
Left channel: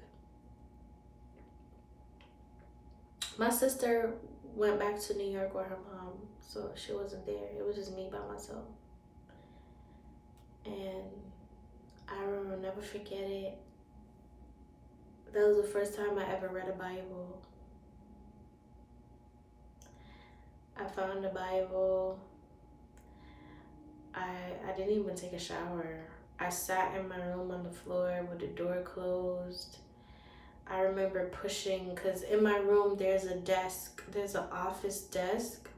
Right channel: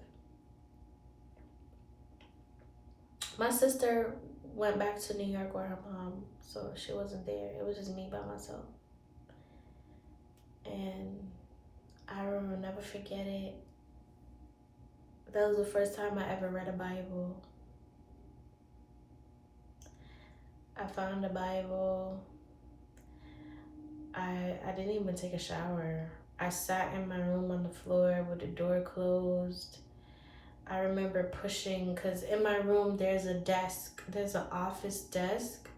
My sister went back to New York with her mom, so she wasn't there. It was just me by myself. And I will never forget it. That was the first time I ever read a Bible. I found the Bible. I didn't even take a shower. I sat in my room on the floor with the door closed. I remember pushing, because in my room there's a desk. There's an office desk.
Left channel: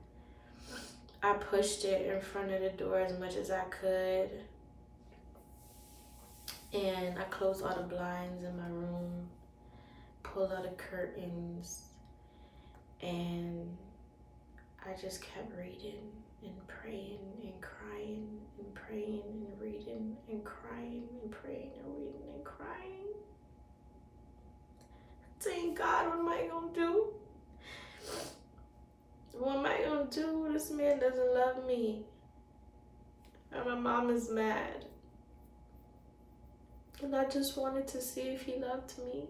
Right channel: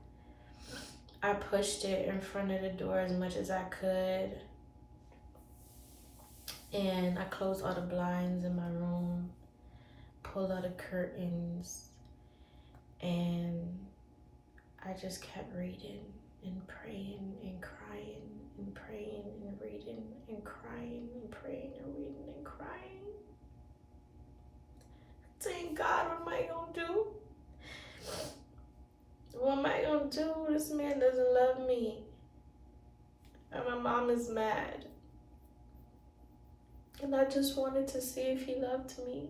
I pushed it in front of the door as much as I could. And I closed all the blinds in my room. Pulled out the curtains. And I just kept reading and praying and crying and praying and reading and crying and praying and reading and crying. Saying, God, what am I gonna do? What am I gonna do? This man doesn't love me. And my mom is mad. And I just wanted to see if he loved me.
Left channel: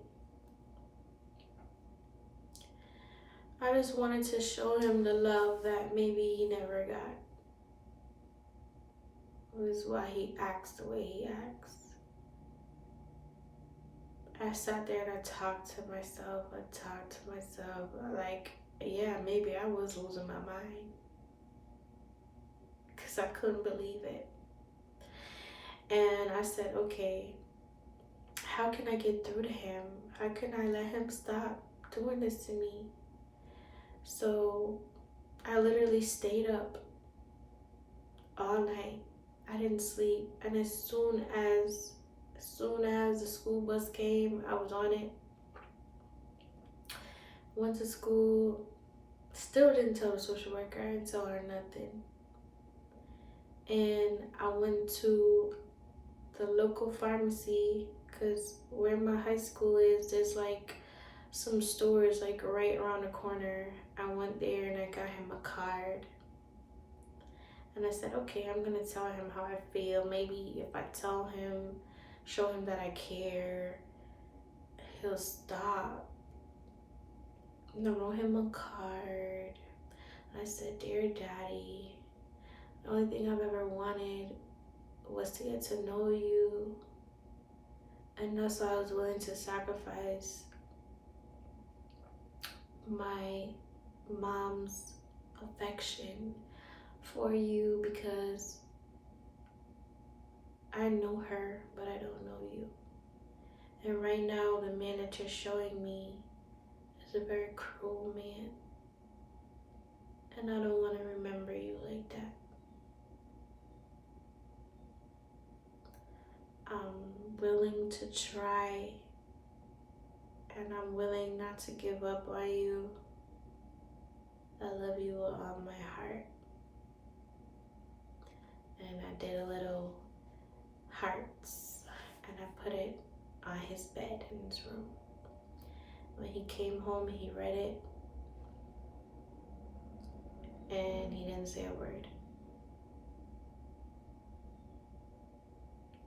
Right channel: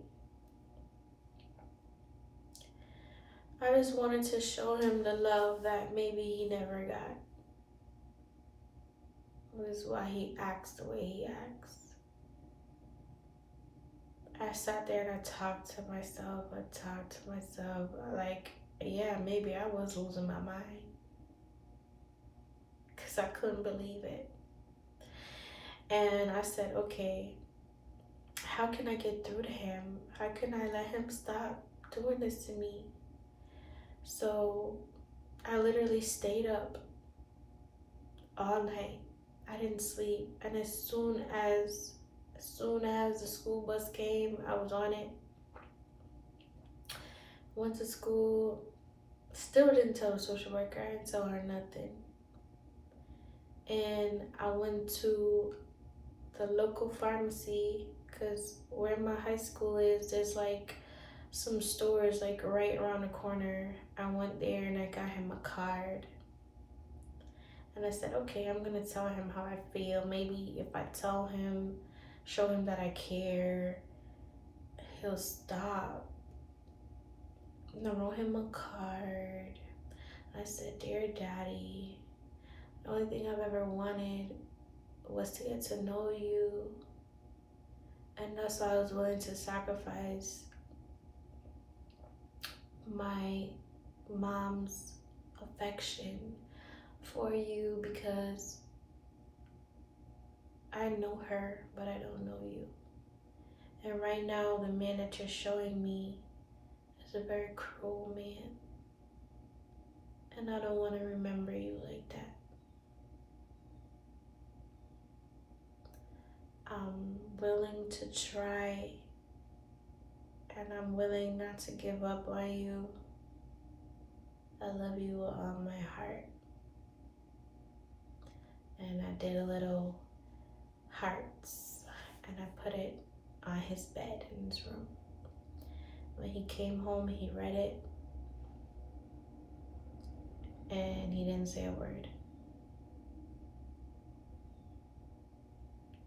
I just wanted to show him the love that maybe he never got. This is why he acts the way he acts. I sat there and I talked to myself. Like, yeah, maybe I was losing my mind. Because I couldn't believe it. And I said, okay, how can I get through to him? How can I let him stop doing this to me? So I literally stayed up all night. I didn't sleep. And as soon as the school bus came, I was on it. Went to school. Still didn't tell the social worker. I didn't tell her nothing. And I went to the local pharmacy, because where my high school is, there's like some stores like right around the corner. I went there and I got him a card. And I said, okay, I'm going to tell him how I feel. Maybe if I tell him, show him that I care, he'll stop. And I wrote him a card. I said, dear daddy, the only thing I've ever wanted was to get to know you. And that's why I was willing to sacrifice my mom's affection for you, because I know her, but I don't know you. And right now, the man that you're showing me is a very cruel man. And I don't want to remember you like that. I'm willing to try, and I'm willing not to give up on you. I love you with all my heart. And I did a little hearts, and I put it on his bed in his room. When he came home, he read it, and he didn't say a word.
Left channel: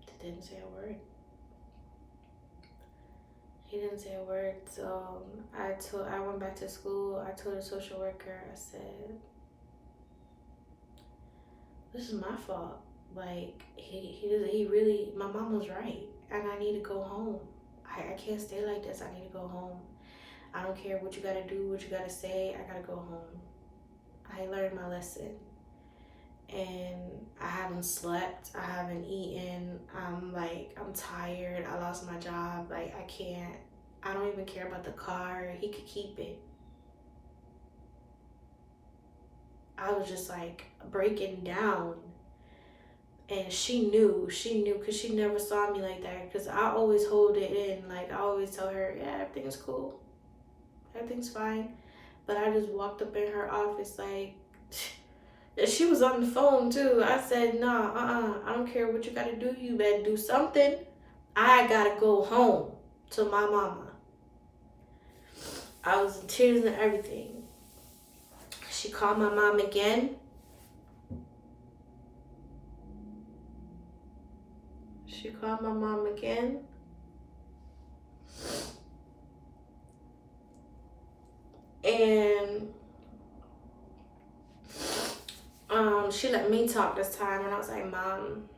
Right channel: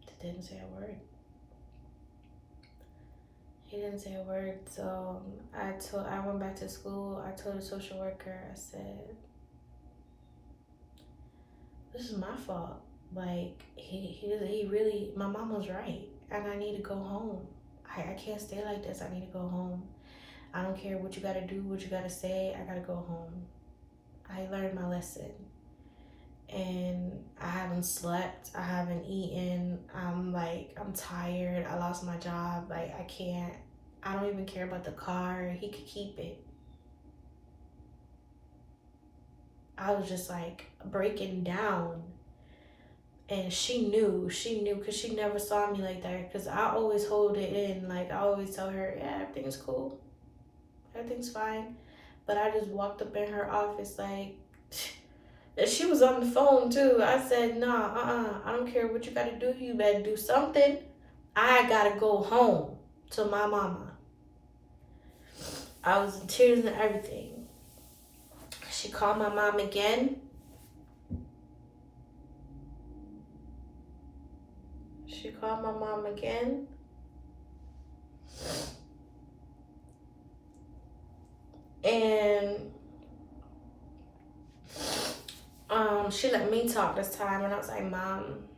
He didn't say a word. He didn't say a word. So I went back to school. I told the social worker, I said, this is my fault. Like, he really, my mom was right, and I need to go home. I can't stay like this. I need to go home. I don't care what you gotta do, what you gotta say. I gotta go home. I learned my lesson. And I haven't slept. I haven't eaten. I'm tired. I lost my job. Like, I can't. I don't even care about the car. He could keep it. I was just like breaking down. And she knew, because she never saw me like that. Because I always hold it in. Like, I always tell her, yeah, everything's cool. Everything's fine. But I just walked up in her office like, and she was on the phone too. I said, nah, I don't care what you gotta do. You better do something. I gotta go home to my mama. I was in tears and everything. She called my mom again. And she let me talk this time, and I was like, Mom,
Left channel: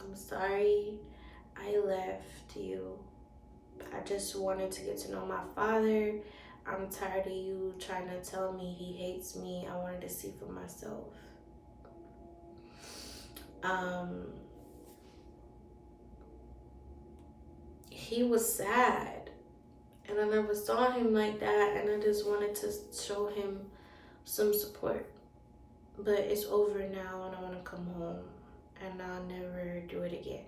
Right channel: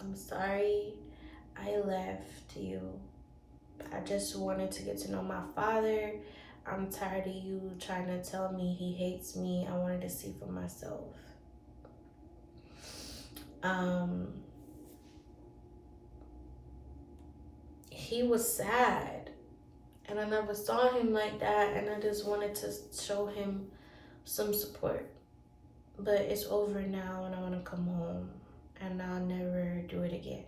I'm sorry I left you. I just wanted to get to know my father. I'm tired of you trying to tell me he hates me. I wanted to see for myself. He was sad, and I never saw him like that, and I just wanted to show him some support. But it's over now, and I want to come home, and I'll never do it again.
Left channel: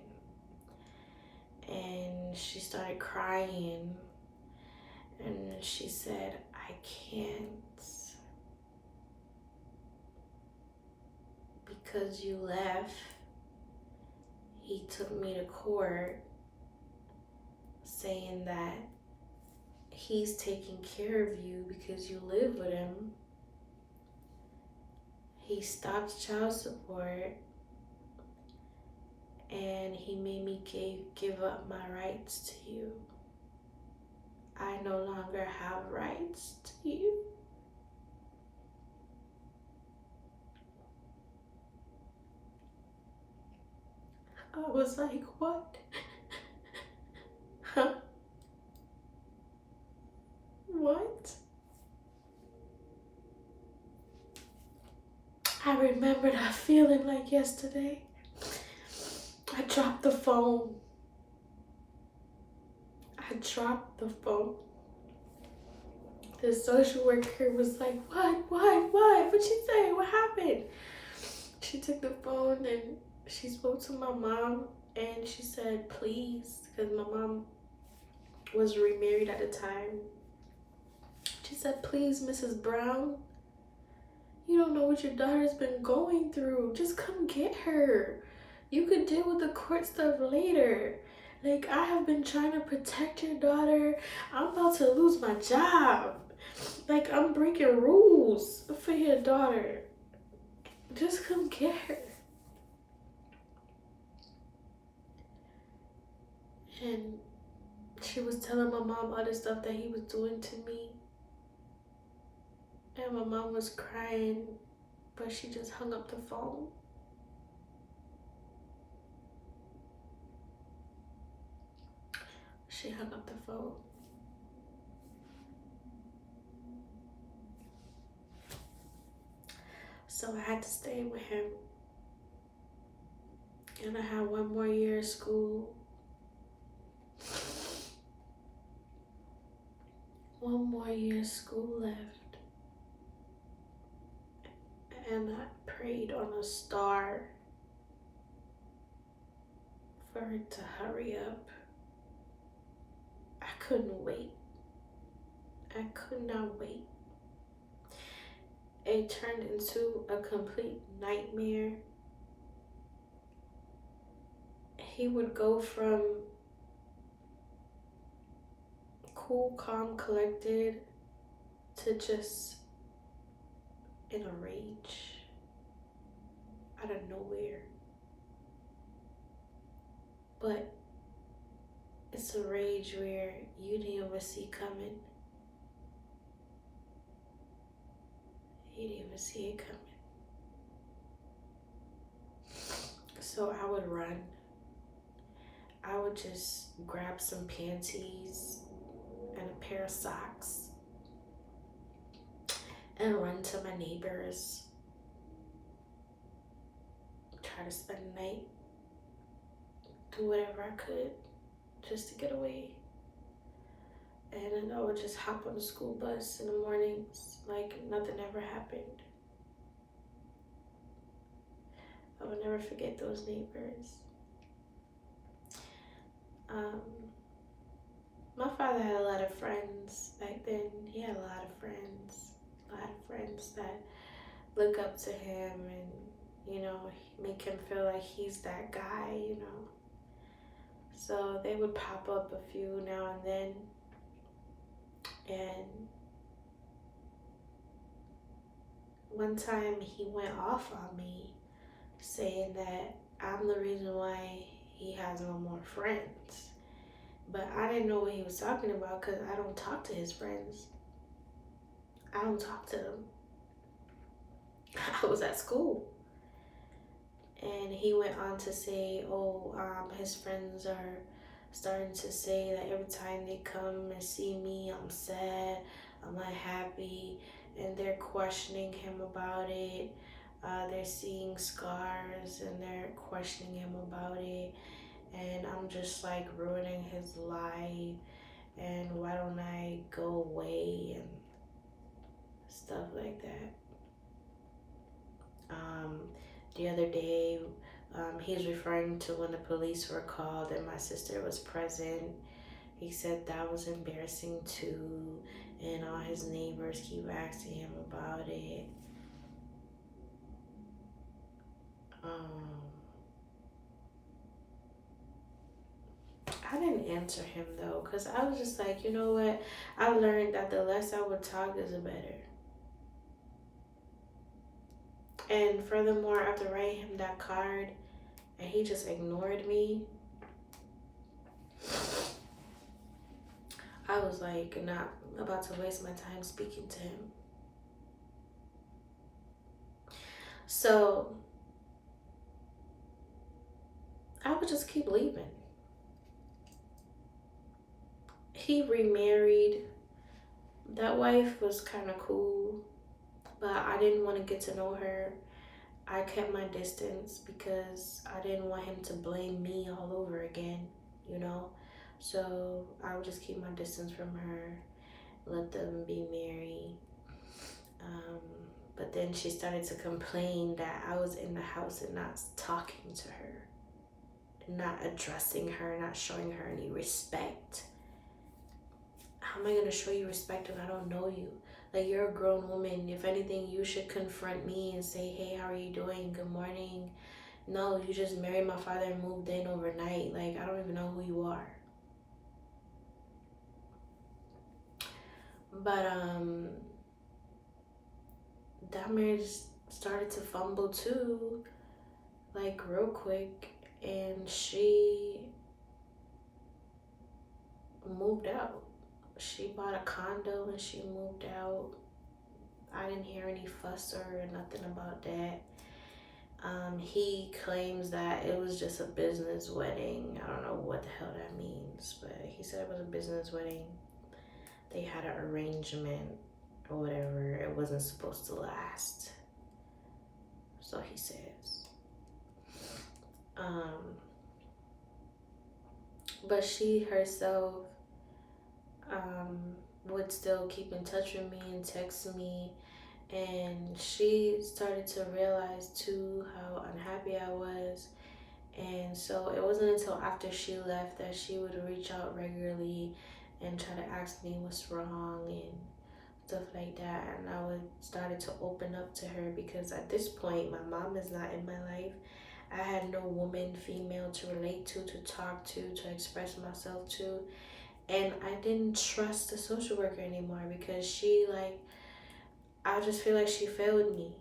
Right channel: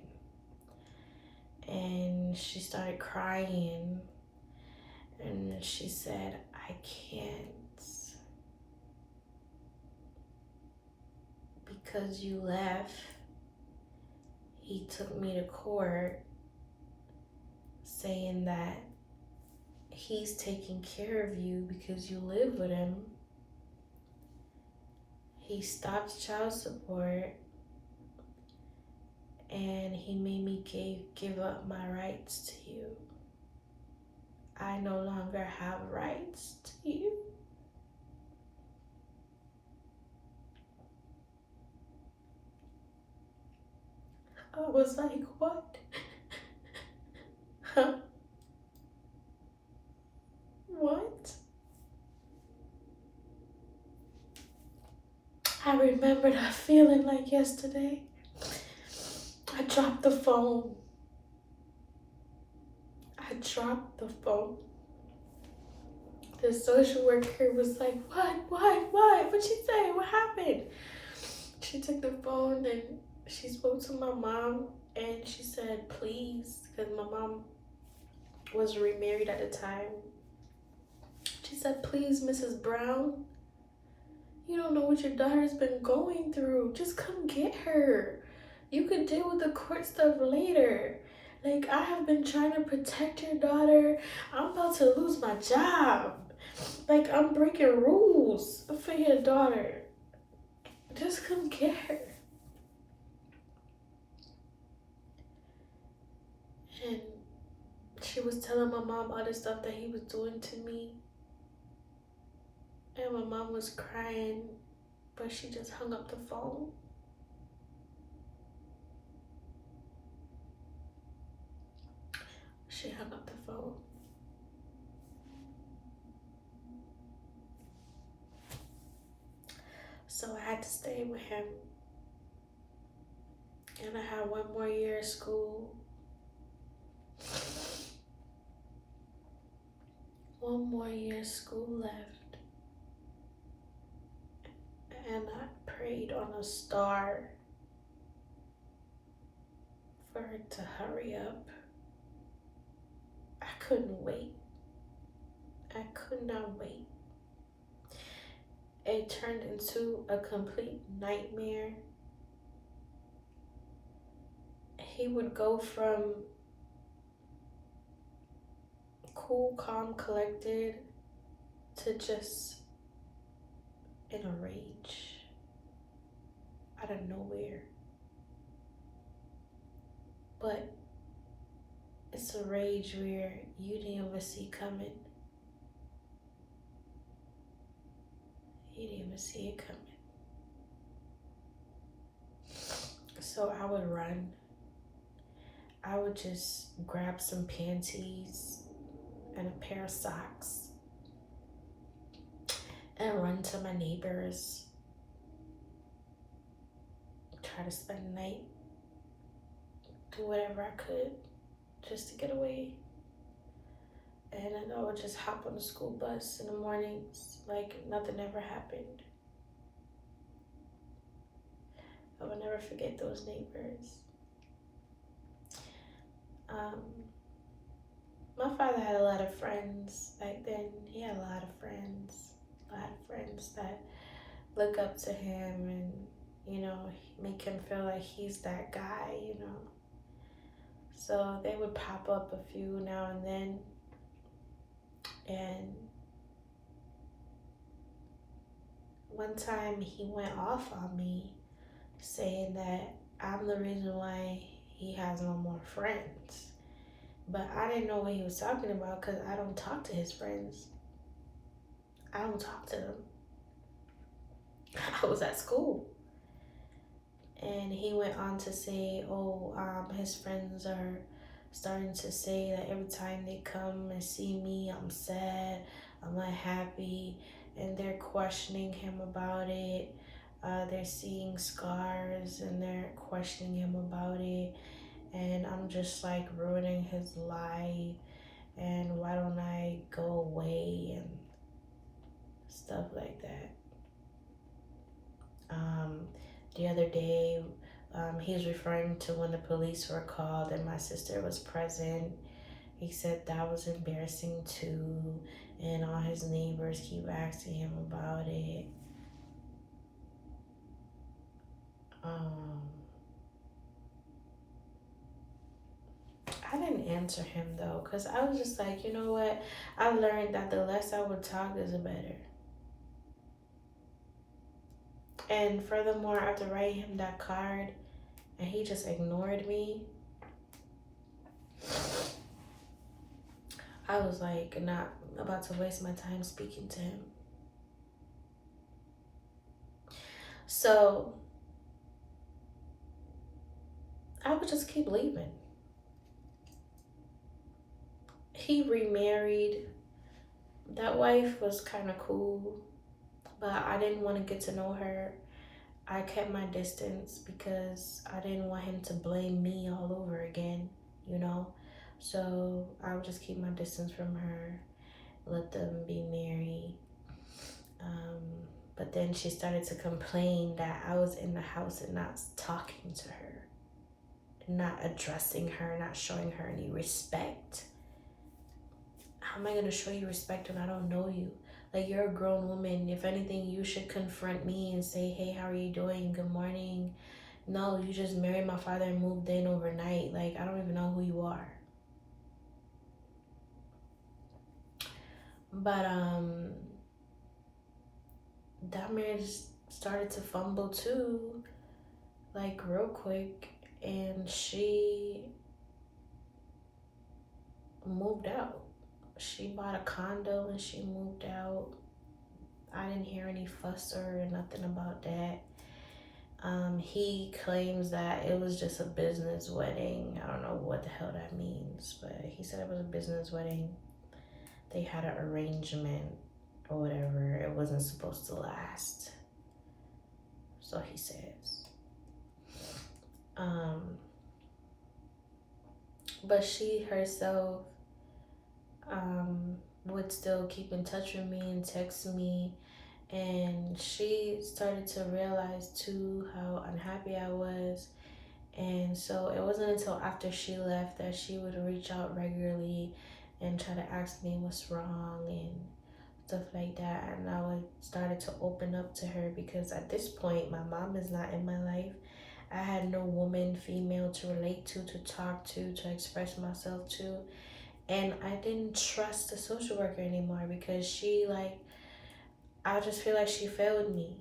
And she started crying, and she said, I can't, because you left. He took me to court saying that he's taking care of you because you live with him. He stopped child support, and he made me give up my rights to you. I no longer have rights to you. I was like, what? Huh? What? I remember that feeling like yesterday. I dropped the phone. The social worker was like, what? What'd she say? What happened? She took the phone and she spoke to my mom, and she said, please, because my mom was remarried at the time. She said, please, Mrs. Brown, you don't know what your daughter's been going through. Just come get her. You could deal with the court stuff later. Like, I have been trying to protect your daughter. I'm about to lose my job. Like, I'm breaking rules for your daughter. just couldn't get her. And she was telling my mom all the stuff that he was doing to me. And my mom was crying, but she just hung up the phone. She hung up the phone. So I had to stay with him. And I had one more year of school. One more year of school left. And I prayed on a star for it to hurry up. I couldn't wait. I could not wait. It turned into a complete nightmare. He would go from cool, calm, collected to just in a rage out of nowhere. But it's a rage where you didn't even see coming. You didn't even see it coming. So I would run. I would just grab some panties and a pair of socks and run to my neighbors. Try to spend the night. Do whatever I could just to get away. And then I would just hop on the school bus in the mornings like nothing ever happened. I will never forget those neighbors. My father had a lot of friends back then. He had a lot of friends that look up to him and, you know, make him feel like he's that guy, you know. So they would pop up a few now and then. And one time he went off on me saying that I'm the reason why he has no more friends. But I didn't know what he was talking about because I don't talk to his friends. I don't talk to them. I was at school. And he went on to say, his friends are starting to say that every time they come and see me, I'm sad, I'm unhappy, and they're questioning him about it. They're seeing scars and they're questioning him about it. And I'm just like ruining his life. And why don't I go away and stuff like that. The other day, he's referring to when the police were called and my sister was present. He said that was embarrassing too, and all his neighbors keep asking him about it. I didn't answer him though, because I was just like, you know what? I learned that the less I would talk is the better. And furthermore, after writing him that card and he just ignored me, I was like not about to waste my time speaking to him. So I would just keep leaving. He remarried. That wife was kind of cool, but I didn't want to get to know her. I kept my distance because I didn't want him to blame me all over again, you know? So I would just keep my distance from her, let them be married. But then she started to complain that I was in the house and not talking to her, not addressing her, not showing her any respect. How am I going to show you respect when I don't know you? Like, you're a grown woman. If anything, you should confront me and say, hey, how are you doing? Good morning. No, you just married my father and moved in overnight. Like, I don't even know who you are. But that marriage started to fumble too, like real quick, and she moved out. She bought a condo and she moved out. I didn't hear any fuss or nothing about that. He claims that it was just a business wedding. I don't know what the hell that means, but he said it was a business wedding. They had an arrangement or whatever. It wasn't supposed to last. So he says. But she herself would still keep in touch with me and text me, and she started to realize too how unhappy I was. And so it wasn't until after she left that she would reach out regularly and try to ask me what's wrong and stuff like that. And I would started to open up to her, because at this point my mom is not in my life. I had no woman, female to relate to talk to express myself to. And I didn't trust the social worker anymore, because she, like, I just feel like she failed me.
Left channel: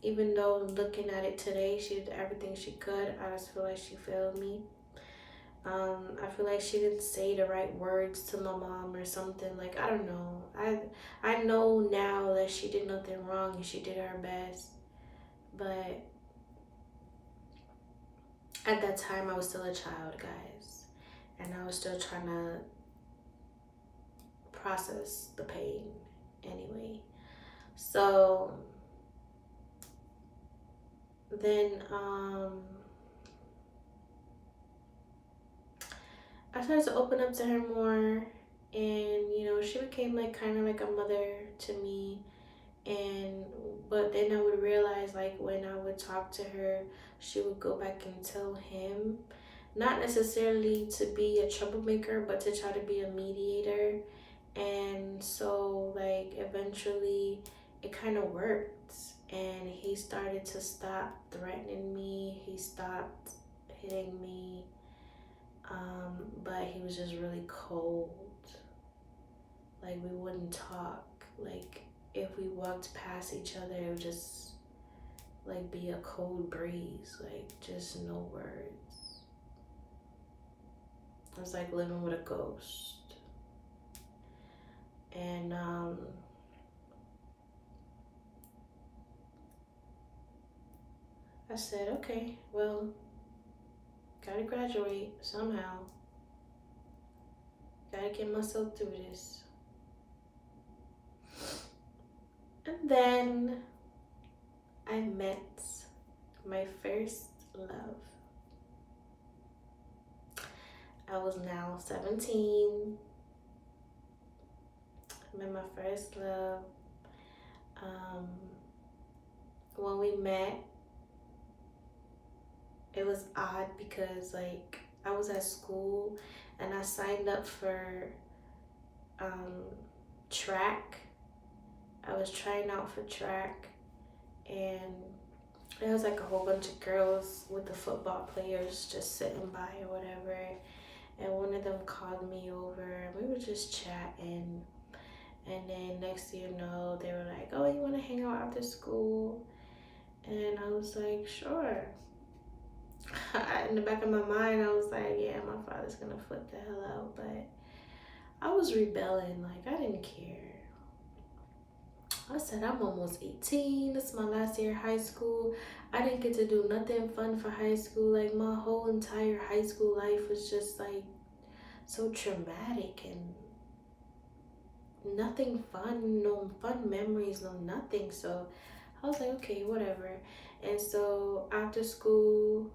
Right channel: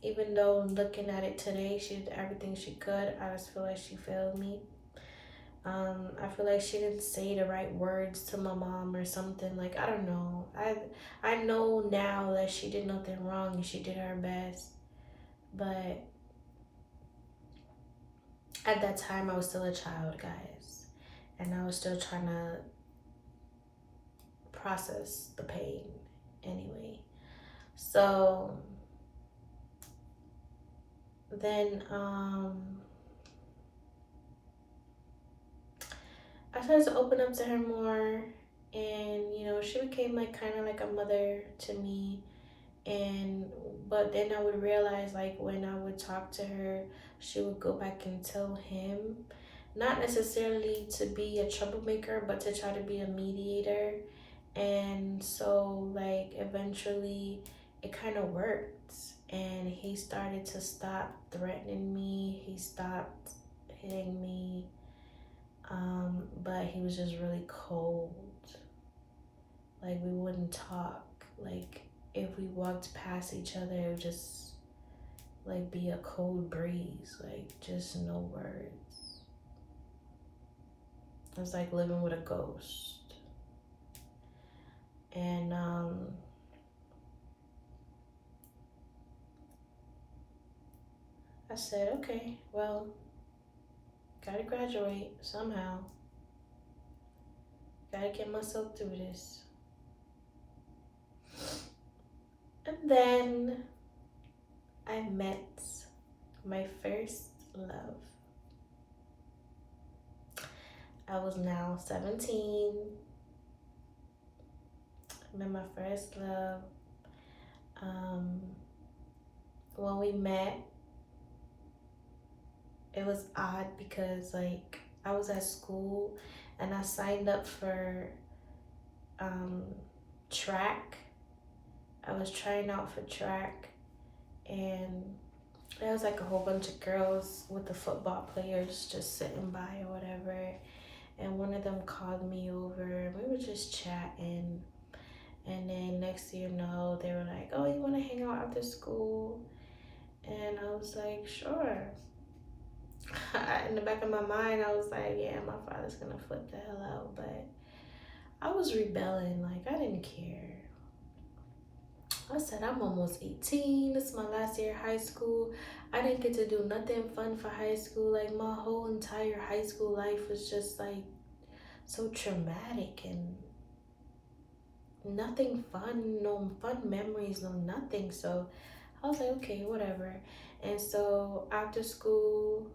Even though looking at it today, she did everything she could, I just feel like she failed me. I feel like she didn't say the right words to my mom or something. Like, I don't know. I know now that she did nothing wrong and she did her best. But at that time, I was still a child, guys. And I was still trying to process the pain anyway. So then I started to open up to her more, and she became like kind of like a mother to me. And but then I would realize, like, when I would talk to her, she would go back and tell him, not necessarily to be a troublemaker, but to try to be a mediator. And so, like, eventually it kind of worked, and he started to stop threatening me. He stopped hitting me, but he was just really cold. Like, we wouldn't talk. Like, if we walked past each other, it would just like be a cold breeze, like just no words. It was like living with a ghost. And I said, okay, well, gotta graduate somehow. Gotta get myself through this. And then I met my first love. I was now 17. I met my first love. When we met, it was odd because, like, I was at school and I signed up for track. I was trying out for track, and there was like a whole bunch of girls with the football players just sitting by or whatever. And one of them called me over and we were just chatting. And then next thing you know, they were like, oh, you want to hang out after school? And I was like, sure. In the back of my mind, I was like, yeah, my father's gonna flip the hell out. But I was rebelling. Like, I didn't care. I said, I'm almost 18. This is my last year of high school. I didn't get to do nothing fun for high school. Like, my whole entire high school life was just like so traumatic and nothing fun, no fun memories, no nothing. So I was like, okay, whatever. And so after school,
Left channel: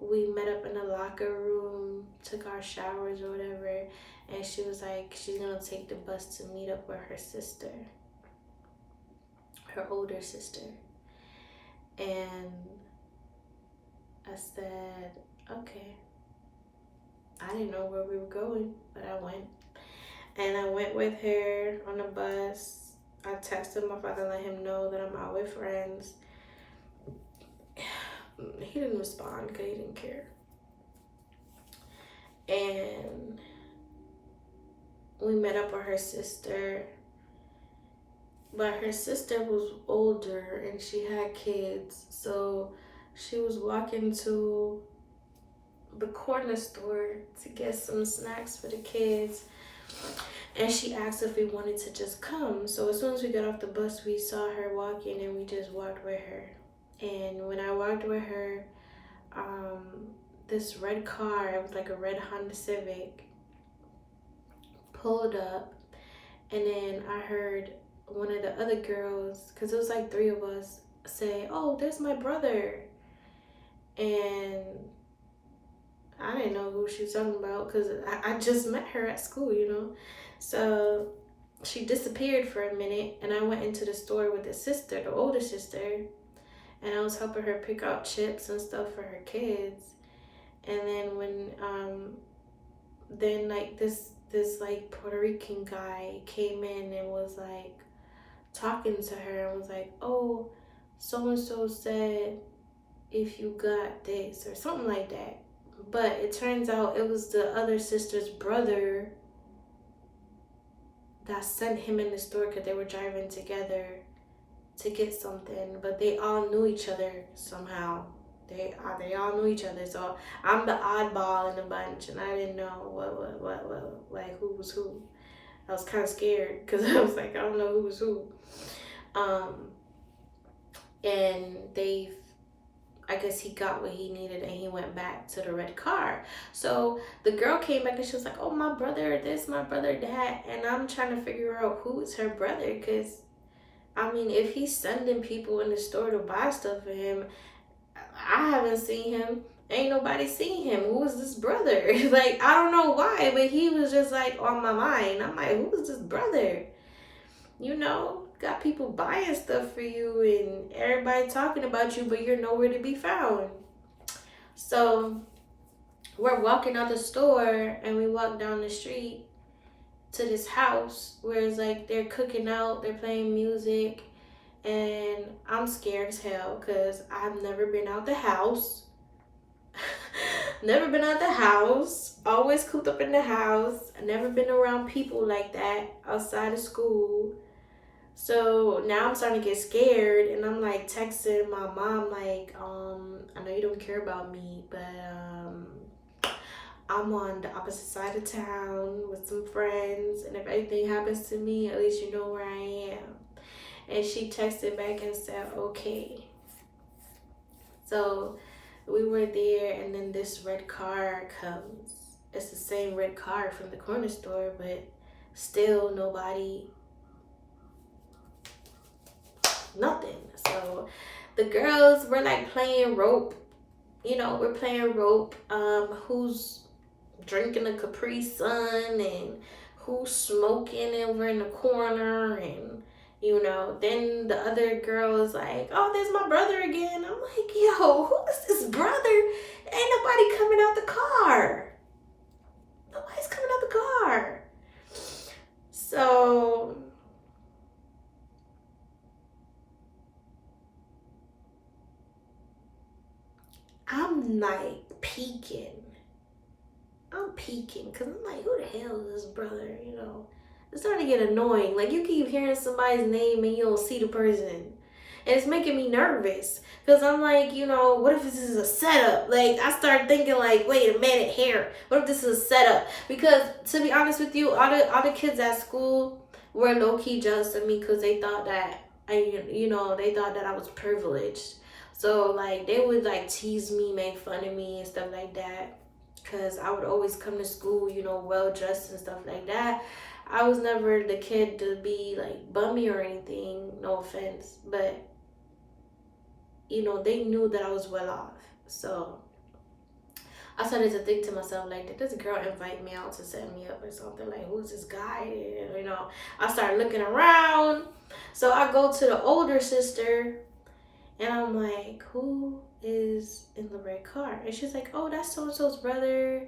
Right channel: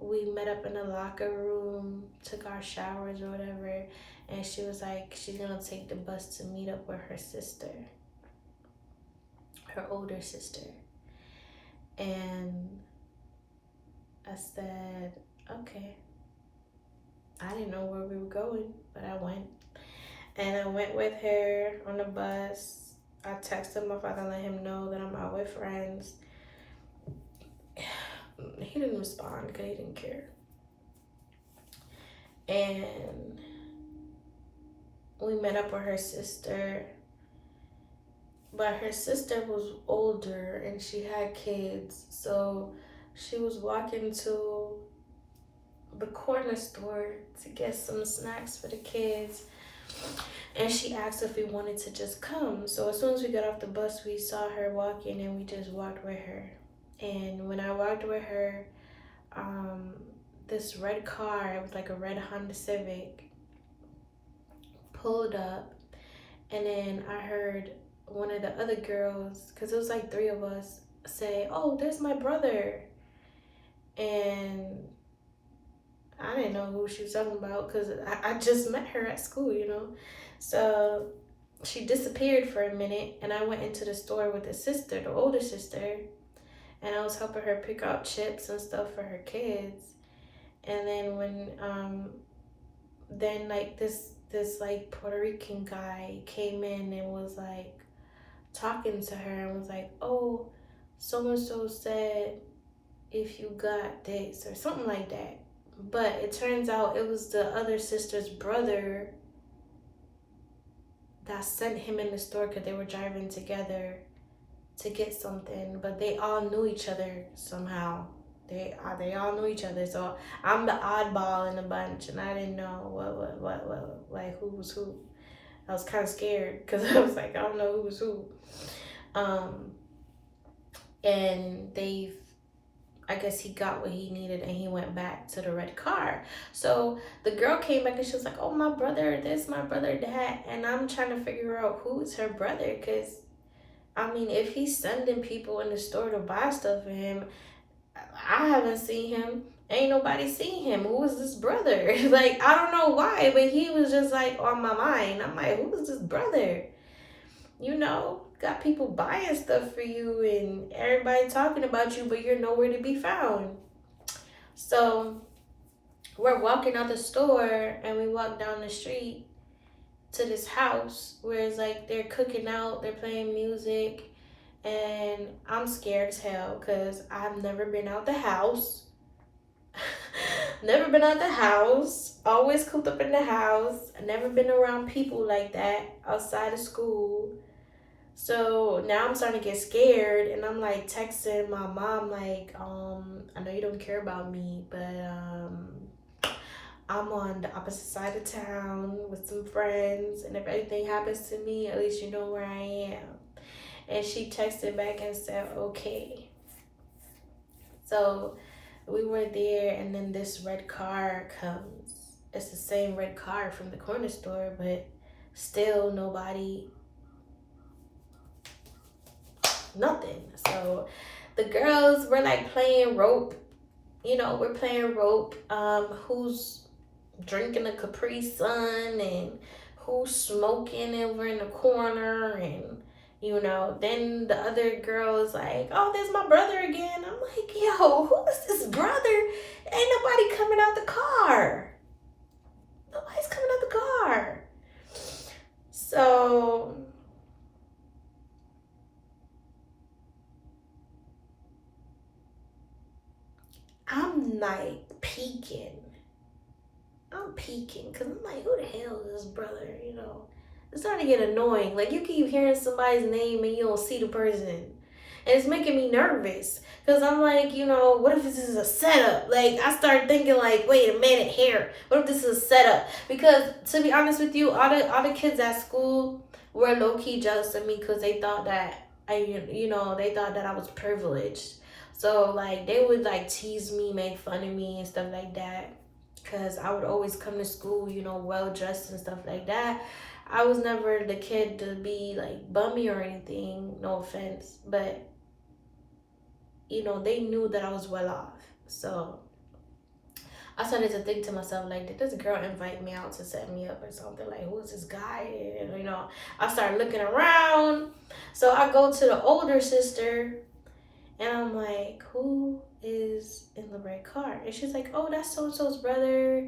we met up in the locker room, took our showers or whatever, and she was like, she's gonna take the bus to meet up with her sister, her older sister. And I said, okay. I didn't know where we were going, but I went. And I went with her on the bus. I texted my father, let him know that I'm out with friends. He didn't respond because he didn't care. And we met up with her sister. but her sister was older and she had kids. So she was walking to the corner store to get some snacks for the kids. And she asked if we wanted to just come. So as soon as we got off the bus, we saw her walking and we just walked with her. And when I walked with her, um, this red car, it was like a red Honda Civic, pulled up. And then I heard one of the other girls, because it was like three of us, say, "Oh, there's my brother." And I didn't know who she was talking about because I just met her at school, you know. So she disappeared for a minute, and I went into the store with the sister, the older sister, and I was helping her pick out chips and stuff for her kids. And then when then like this like Puerto Rican guy came in and was like talking to her and was like, "Oh, so and so said if you got this," or something like that. But it turns out it was the other sister's brother that sent him in the store because they were driving together to get something. But they all knew each other somehow. They all knew each other. So I'm the oddball in the bunch, and I didn't know what like who was who. I was kind of scared because I was like, I don't know who was who. And I guess he got what he needed and he went back to the red car. So the girl came back and she was like, "Oh, my brother this, my brother that." And I'm trying to figure out who is her brother because, I mean, if he's sending people in the store to buy stuff for him, I haven't seen him. Ain't nobody seen him. Who is this brother? Like, I don't know why, but he was just like on my mind. I'm like, who is this brother? You know, got people buying stuff for you and everybody talking about you, but you're nowhere to be found. So we're walking out the store and we walk down the street to this house where it's like they're cooking out, they're playing music, and I'm scared as hell because I've never been out the house. Never been out the house, always cooped up in the house. Never been around people like that outside of school. So now I'm starting to get scared and I'm like texting my mom like, I know you don't care about me, but I'm on the opposite side of town with some friends, and if anything happens to me, at least you know where I am. And she texted back and said, "Okay." So we were there, and then this red car comes. It's the same red car from the corner store, but still nobody, nothing. So the girls were like playing rope. You know, we're playing rope. Who's drinking a Capri Sun and who's smoking over in the corner, and you know, then the other girl is like, "Oh, there's my brother again." I'm like, "Yo, who is this brother?" Ain't nobody coming out the car. Nobody's coming out the car. So I'm like peeking. I'm peeking because I'm like, who the hell is this brother? You know, it's starting to get annoying. Like, you keep hearing somebody's name and you don't see the person. And it's making me nervous because I'm like, you know, what if this is a setup? Like, I start thinking like, wait a minute here. What if this is a setup? Because to be honest with you, all the kids at school were low-key jealous of me because they thought that they thought that I was privileged. So like they would like tease me, make fun of me and stuff like that. Cause I would always come to school, you know, well dressed and stuff like that. I was never the kid to be like bummy or anything, no offense, but you know, they knew that I was well off. So I started to think to myself, like, did this girl invite me out to set me up or something? Like, who is this guy? And, you know, I started looking around. So I go to the older sister and I'm like, who is in the red car? And she's like, "Oh, that's so-and-so's brother.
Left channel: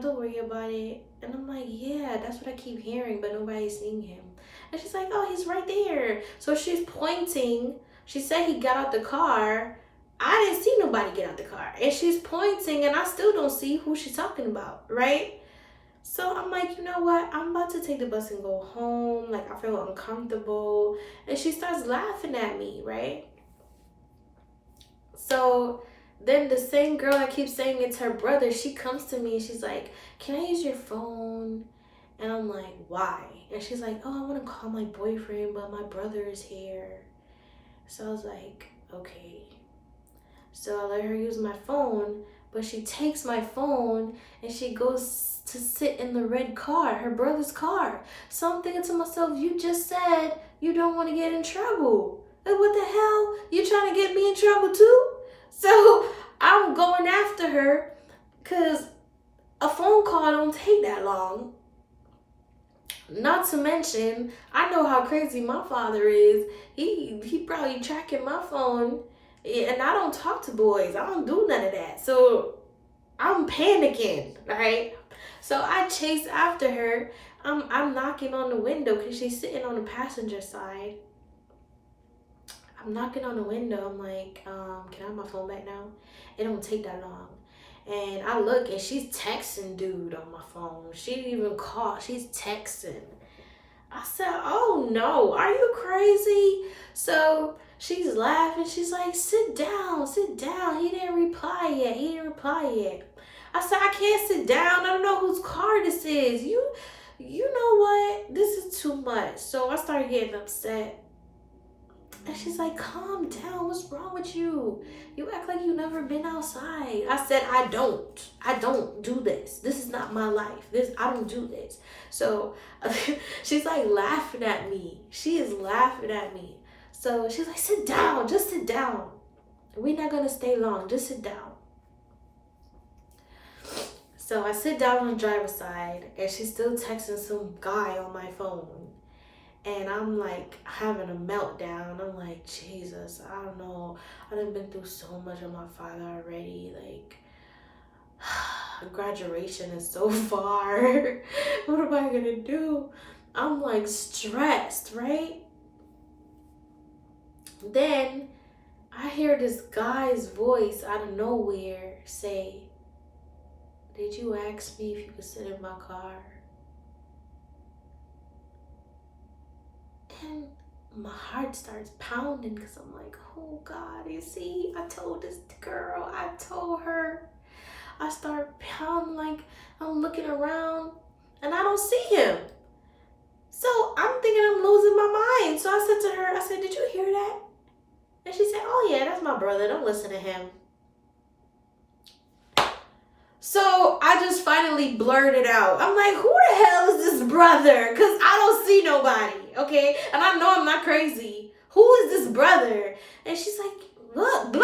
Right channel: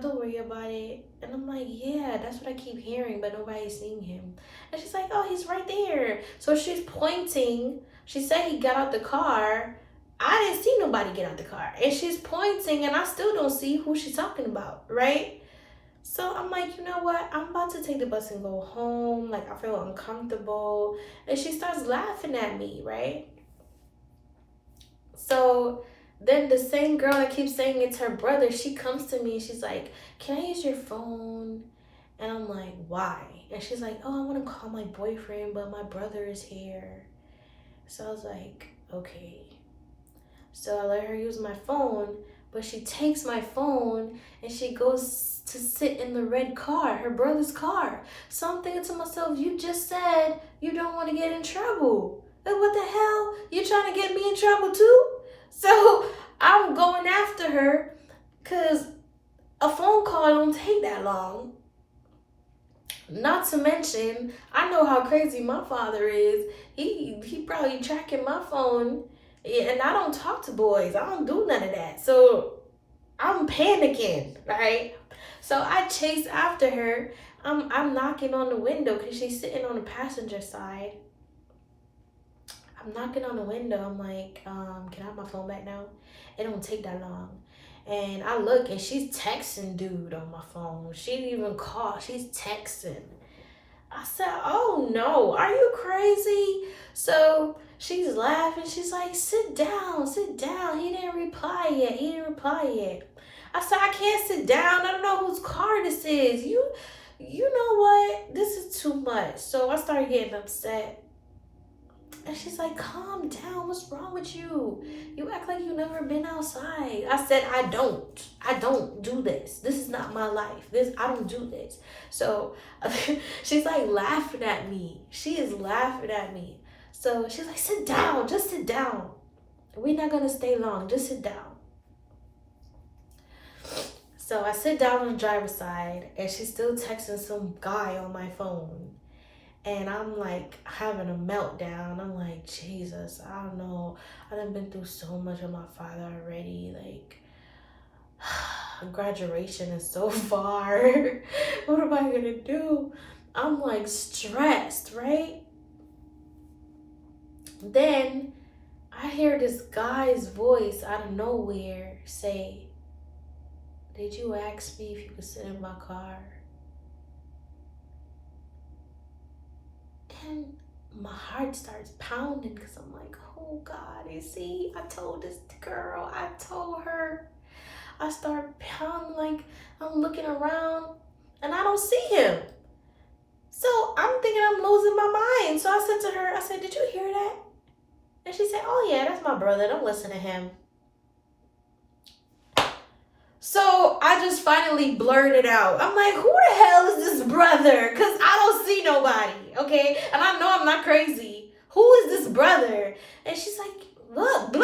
Don't worry about it." And I'm like, yeah, that's what I keep hearing, but nobody's seeing him. And she's like, "Oh, he's right there." So she's pointing. She said he got out the car. I didn't see nobody get out the car. And she's pointing, and I still don't see who she's talking about, right? So I'm like, you know what? I'm about to take the bus and go home. Like, I feel uncomfortable. And she starts laughing at me, right? So then the same girl that keeps saying it's her brother, she comes to me and she's like, can I use your phone? And I'm like, why? And she's like, oh, I want to call my boyfriend, but my brother is here. So I was like, okay. So I let her use my phone, but she takes my phone and she goes to sit in the red car, her brother's car. So I'm thinking to myself, you just said you don't want to get in trouble. Like, what the hell? You trying to get me in trouble too? So I'm going after her because a phone call don't take that long. Not to mention, I know how crazy my father is. He probably tracking my phone. Yeah, and I don't talk to boys. I don't do none of that. So I'm panicking, right? So I chase after her. I'm knocking on the window because she's sitting on the passenger side. I'm knocking on the window. I'm like, can I have my phone back now? It don't take that long. And I look and she's texting dude on my phone. She didn't even call. She's texting. I said, oh no, are you crazy? So she's laughing. She's like, sit down, sit down. He didn't reply yet. I said, I can't sit down. I don't know whose car this is. You know what? This is too much. So I started getting upset. And she's like, calm down. What's wrong with you? You act like you never been outside. I said, I don't do this. This is not my life. I don't do this. So she's like laughing at me. She is laughing at me. So she's like, sit down. Just sit down. We're not going to stay long. Just sit down. So I sit down on the driver's side and she's still texting some guy on my phone. And I'm like having a meltdown. I'm like, Jesus, I don't know. I done been through so much with my father already. Like, graduation is so far. What am I gonna do? I'm like stressed, right? Then I hear this guy's voice out of nowhere say, did you ask me if you could sit in my car? And my heart starts pounding because I'm like, oh God, you see, I told this girl, I told her. I start pounding like I'm looking around and I don't see him. So I'm thinking I'm losing my mind. So I said to her, I said, did you hear that? And she said, oh yeah, that's my brother. Don't listen to him. So I just finally blurted out. I'm like, who the hell is this brother? Because I don't see nobody, okay? And I know I'm not crazy. Who is this brother? And she's like, look,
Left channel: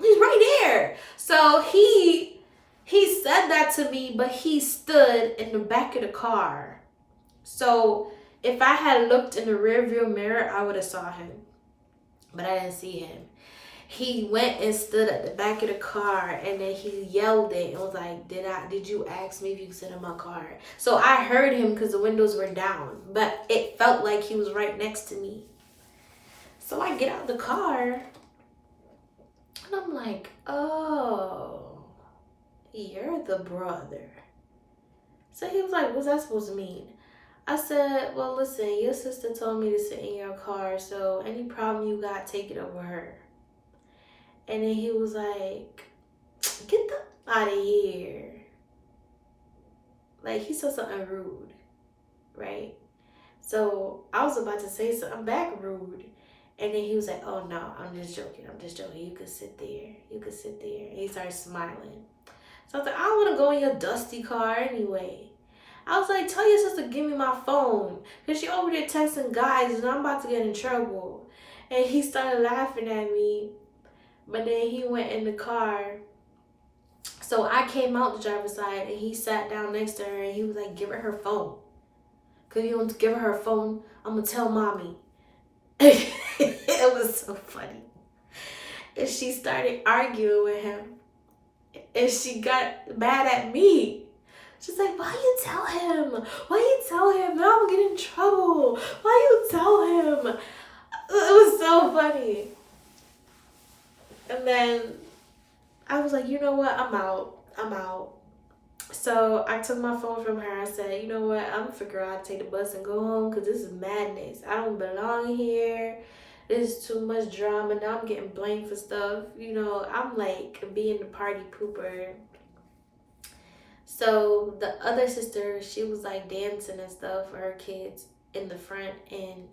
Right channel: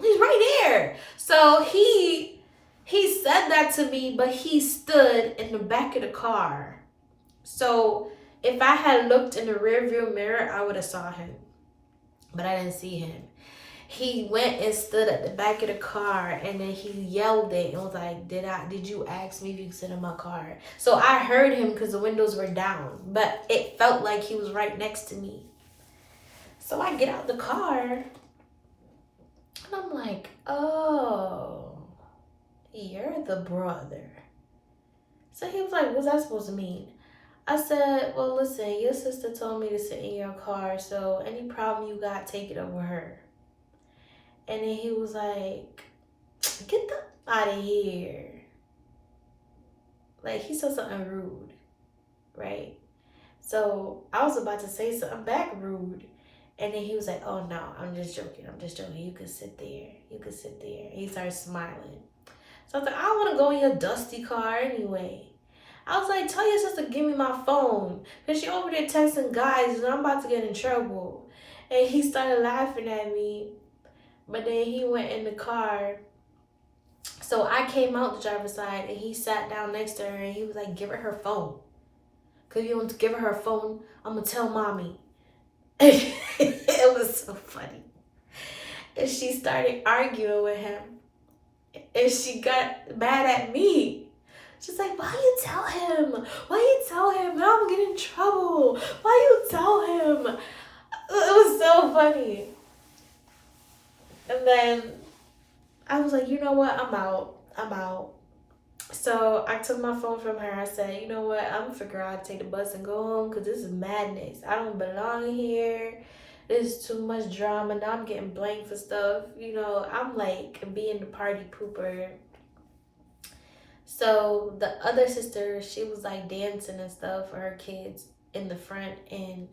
he's right there. So he said that to me, but he stood in the back of the car. So if I had looked in the rearview mirror, I would have saw him. But I didn't see him. He went and stood at the back of the car and then he yelled it and was like, did you ask me if you could sit in my car? So I heard him because the windows were down, but it felt like he was right next to me. So I get out the car and I'm like, oh, you're the brother. So he was like, what's that supposed to mean? I said, well, listen, your sister told me to sit in your car, so any problem you got, take it over her. And then he was like, get the out of here. Like, he said something rude, right? So I was about to say something back rude. And then he was like, oh no, I'm just joking. You could sit there. And he started smiling. So I was like, I don't want to go in your dusty car anyway. I was like, tell your sister to give me my phone. Because she over there texting guys and I'm about to get in trouble. And he started laughing at me. But then he went in the car. So I came out the driver's side and he sat down next to her and he was like, give her phone. Because if you don't give her phone, I'm going to tell mommy. It was so funny. And she started arguing with him. And she got mad at me. She's like, why you tell him? Now I'm getting in trouble. Why you tell him? It was so funny. And then I was like, you know what? I'm out. So I took my phone from her. I said, you know what? I'm gonna figure out how to take the bus and go home because this is madness. I don't belong here. This is too much drama. Now I'm getting blamed for stuff. You know, I'm like being the party pooper. So the other sister, she was like dancing and stuff for her kids in the front, and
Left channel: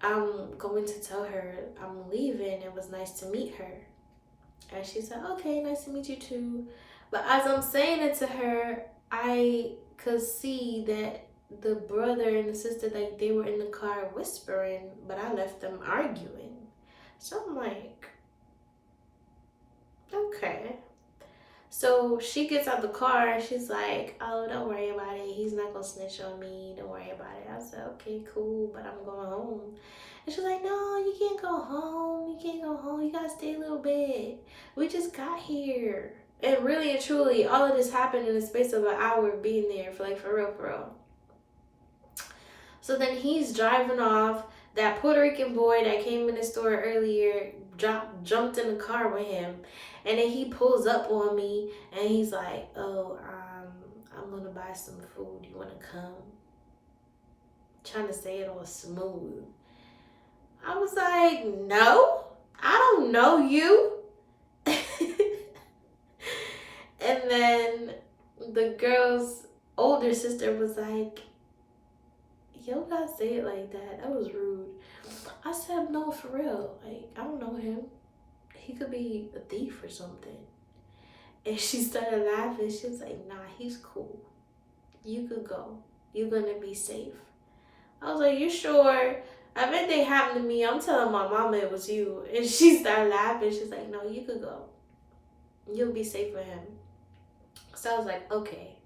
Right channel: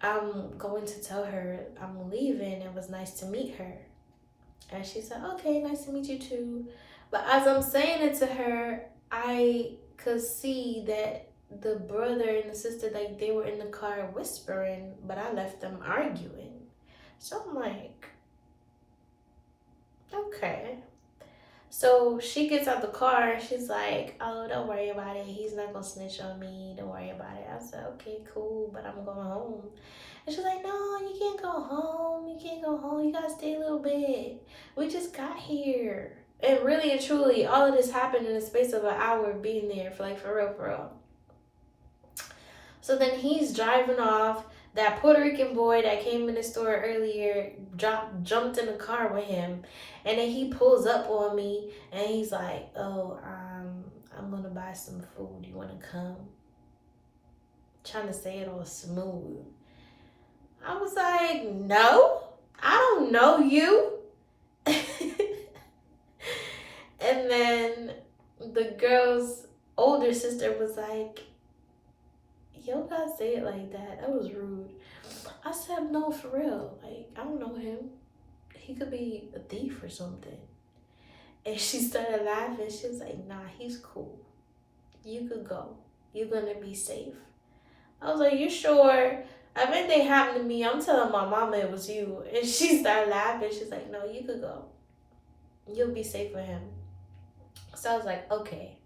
I'm going to tell her I'm leaving. It was nice to meet her. And she said, okay, nice to meet you too. But as I'm saying it to her, I could see that the brother and the sister, like they were in the car whispering, but I left them arguing. So I'm like, okay. So she gets out the car and she's like, oh, don't worry about it. He's not gonna snitch on me. Don't worry about it. I said, okay, cool, but I'm going home. And she's like, no, you can't go home. You can't go home. You gotta stay a little bit. We just got here. And really and truly, all of this happened in the space of an hour of being there for like for real, for real. So then he's driving off. That Puerto Rican boy that came in the store earlier jumped in the car with him. And then he pulls up on me and he's like, oh, I'm gonna buy some food. You wanna come? Trying to say it all smooth. I was like, no, I don't know you. And then the girl's older sister was like, yo, gotta say it like that. That was rude. I said, no, for real. Like, I don't know him. He could be a thief or something. And she started laughing. She was like, nah, he's cool. You could go. You're gonna be safe. I was like, you sure? If anything happened to me, I'm telling my mama it was you. And she started laughing. She's like, no, you could go. You'll be safe with him. So I was like, okay.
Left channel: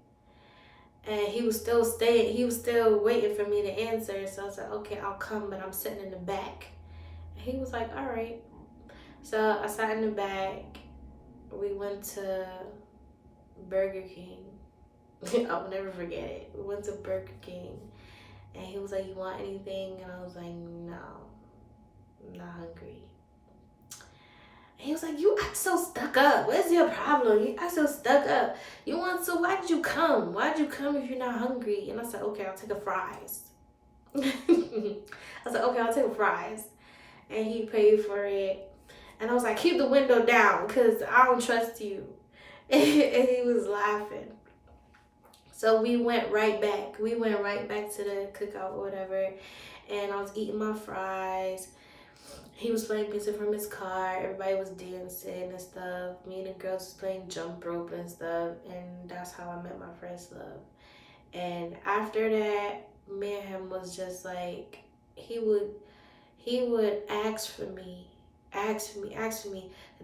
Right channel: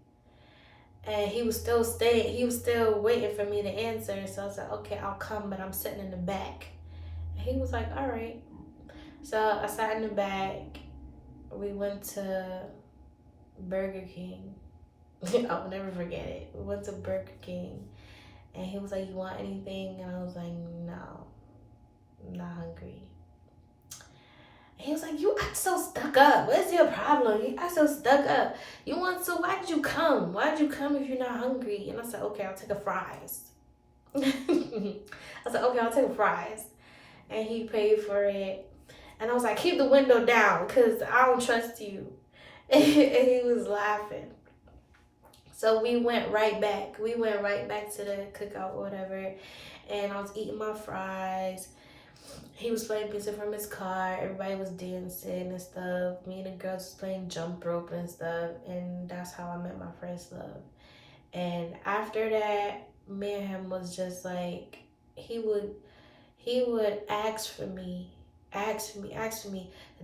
And he was still staying. He was still waiting for me to answer. So I was like, okay, I'll come, but I'm sitting in the back. And he was like, all right. So I sat in the back. We went to Burger King. I'll never forget it. We went to Burger King. And he was like, you want anything? And I was like, no, I'm not hungry. And he was like, you act so stuck up. What's your problem? You act so stuck up. You want to, why'd you come? Why'd you come if you're not hungry? And I said, okay, I'll take a fries. I said, okay, I'll take a fries. And he paid for it. And I was like, keep the window down because I don't trust you. And he was laughing. So we went right back. We went right back to the cookout or whatever. And I was eating my fries. He was playing music from his car. Everybody was dancing and stuff. Me and the girls was playing jump rope and stuff. And that's how I met my first love. And after that, me and him was just like, he would ask for me.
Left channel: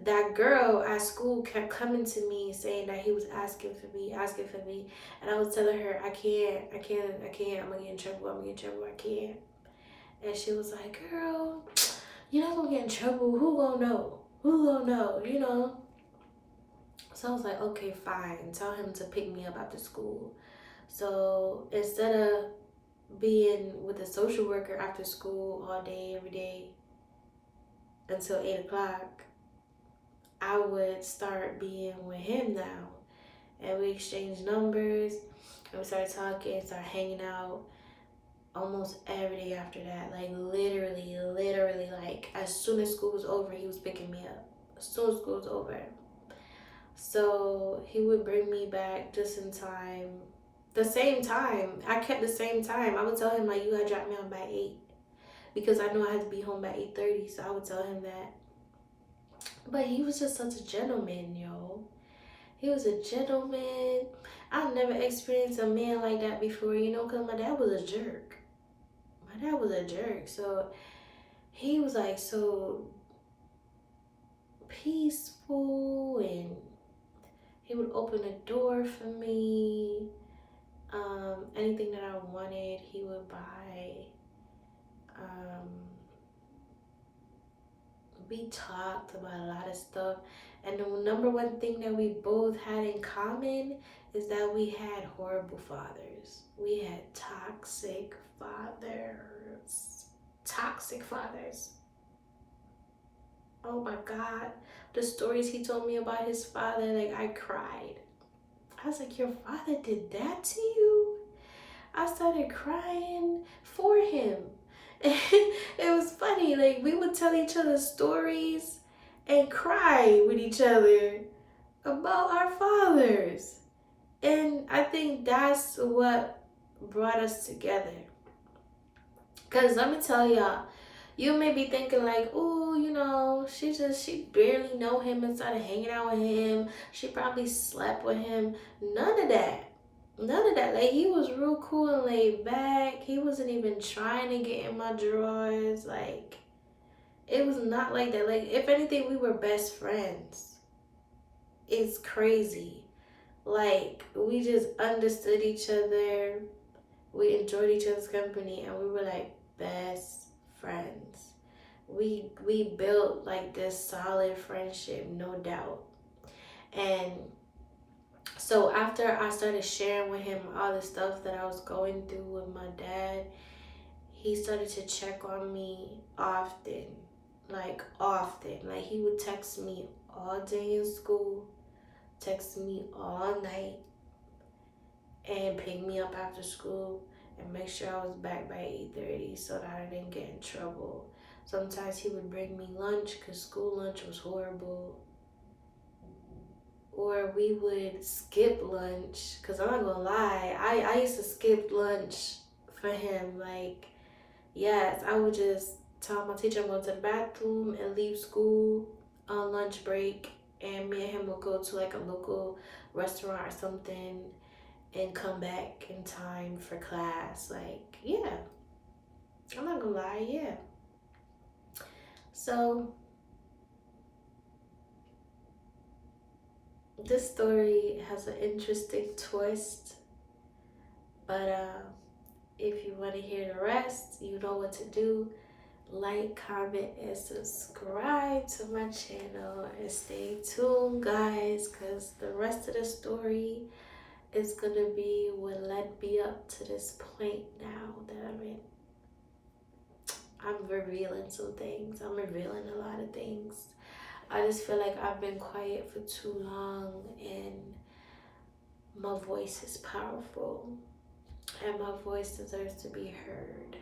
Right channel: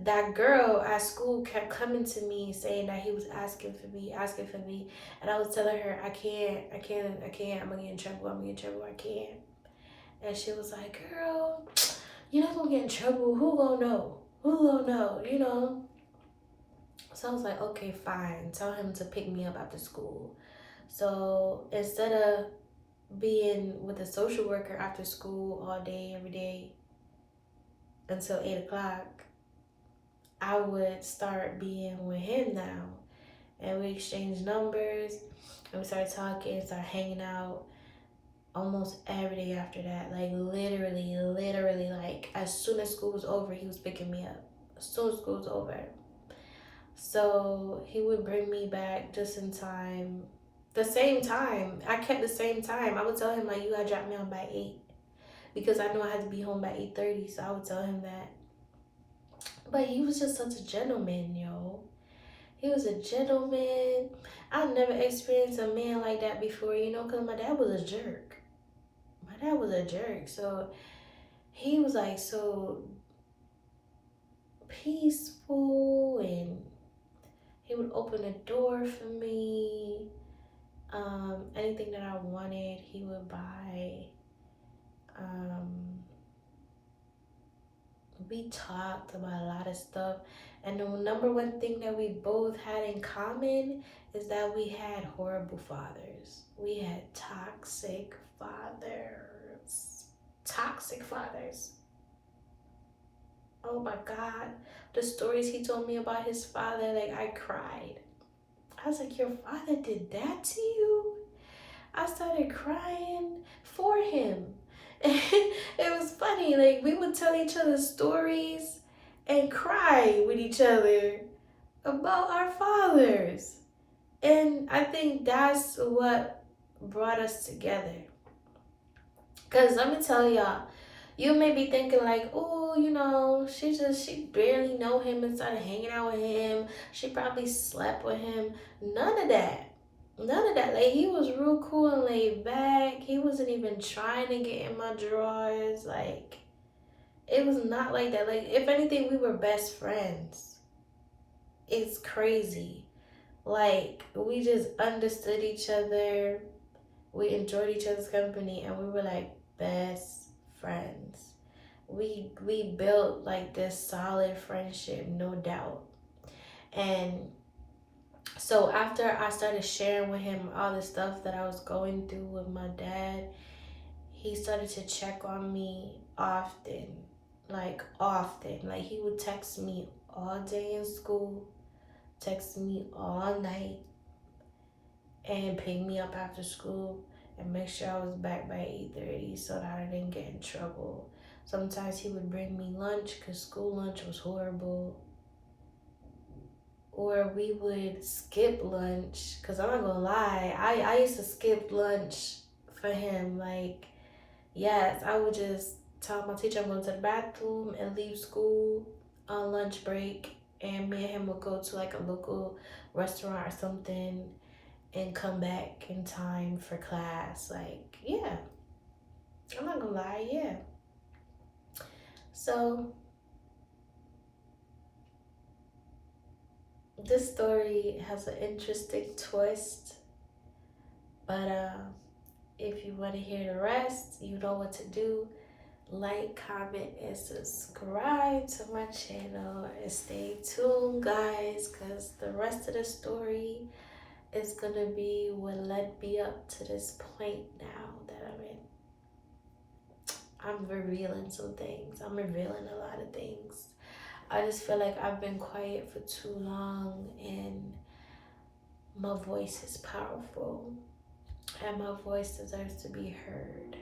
That girl at school kept coming to me saying that he was asking for me. And I was telling her, I can't. I'm gonna get in trouble. I can't. And she was like, girl, you're not gonna get in trouble. Who gonna know? You know? So I was like, okay, fine. Tell him to pick me up after school. So instead of being with a social worker after school all day, every day, until 8 o'clock, I would start being with him now. And we exchanged numbers and we started talking, started hanging out almost every day after that. Like literally, like as soon as school was over, he was picking me up. As soon as school was over. So he would bring me back just in time. The same time. I kept the same time. I would tell him like, you gotta drop me on by 8. Because I knew I had to be home by 8:30, so I would tell him that. But he was just such a gentleman, yo. He was a gentleman. I never experienced a man like that before, you know, because my dad was a jerk. So he was like so peaceful, and he would open a door for me. Anything that I wanted, he would buy. We talked about a lot of stuff, and the number one thing that we both had in common is that we had horrible fathers. We had toxic fathers. Oh my God, the stories he told me about his father, like I cried. I was like, your father did that to you? I started crying for him. It was funny. Like, we would tell each other stories and cry with each other about our fathers. And I think that's what brought us together. Because let me tell y'all, you may be thinking like, oh, she barely know him and started hanging out with him. She probably slept with him. None of that. None of that. Like, he was real cool and laid back. He wasn't even trying to get in my drawers. Like, it was not like that. Like, if anything, we were best friends. It's crazy. Like, we just understood each other. We enjoyed each other's company, and we were like best friends. We built like this solid friendship, no doubt. And so after I started sharing with him all the stuff that I was going through with my dad, he started to check on me often. Like, often. Like, he would text me all day in school, text me all night, and pick me up after school and make sure I was back by 8:30 so that I didn't get in trouble. Sometimes he would bring me lunch because school lunch was horrible. Or we would skip lunch, because I'm not gonna lie, I used to skip lunch for him. Like, yes, I would just tell my teacher I'm going to the bathroom and leave school on lunch break, and me and him would go to like a local restaurant or something and come back in time for class. Like, yeah, I'm not gonna lie, yeah. So this story has an interesting twist, but if you want to hear the rest, you know what to do. Like, comment, and subscribe to my channel, and stay tuned, guys, because the rest of the story is gonna be what led me up to this point now that I'm in. I'm revealing some things. I'm revealing a lot of things. I just feel like I've been quiet for too long, and my voice is powerful, and my voice deserves to be heard.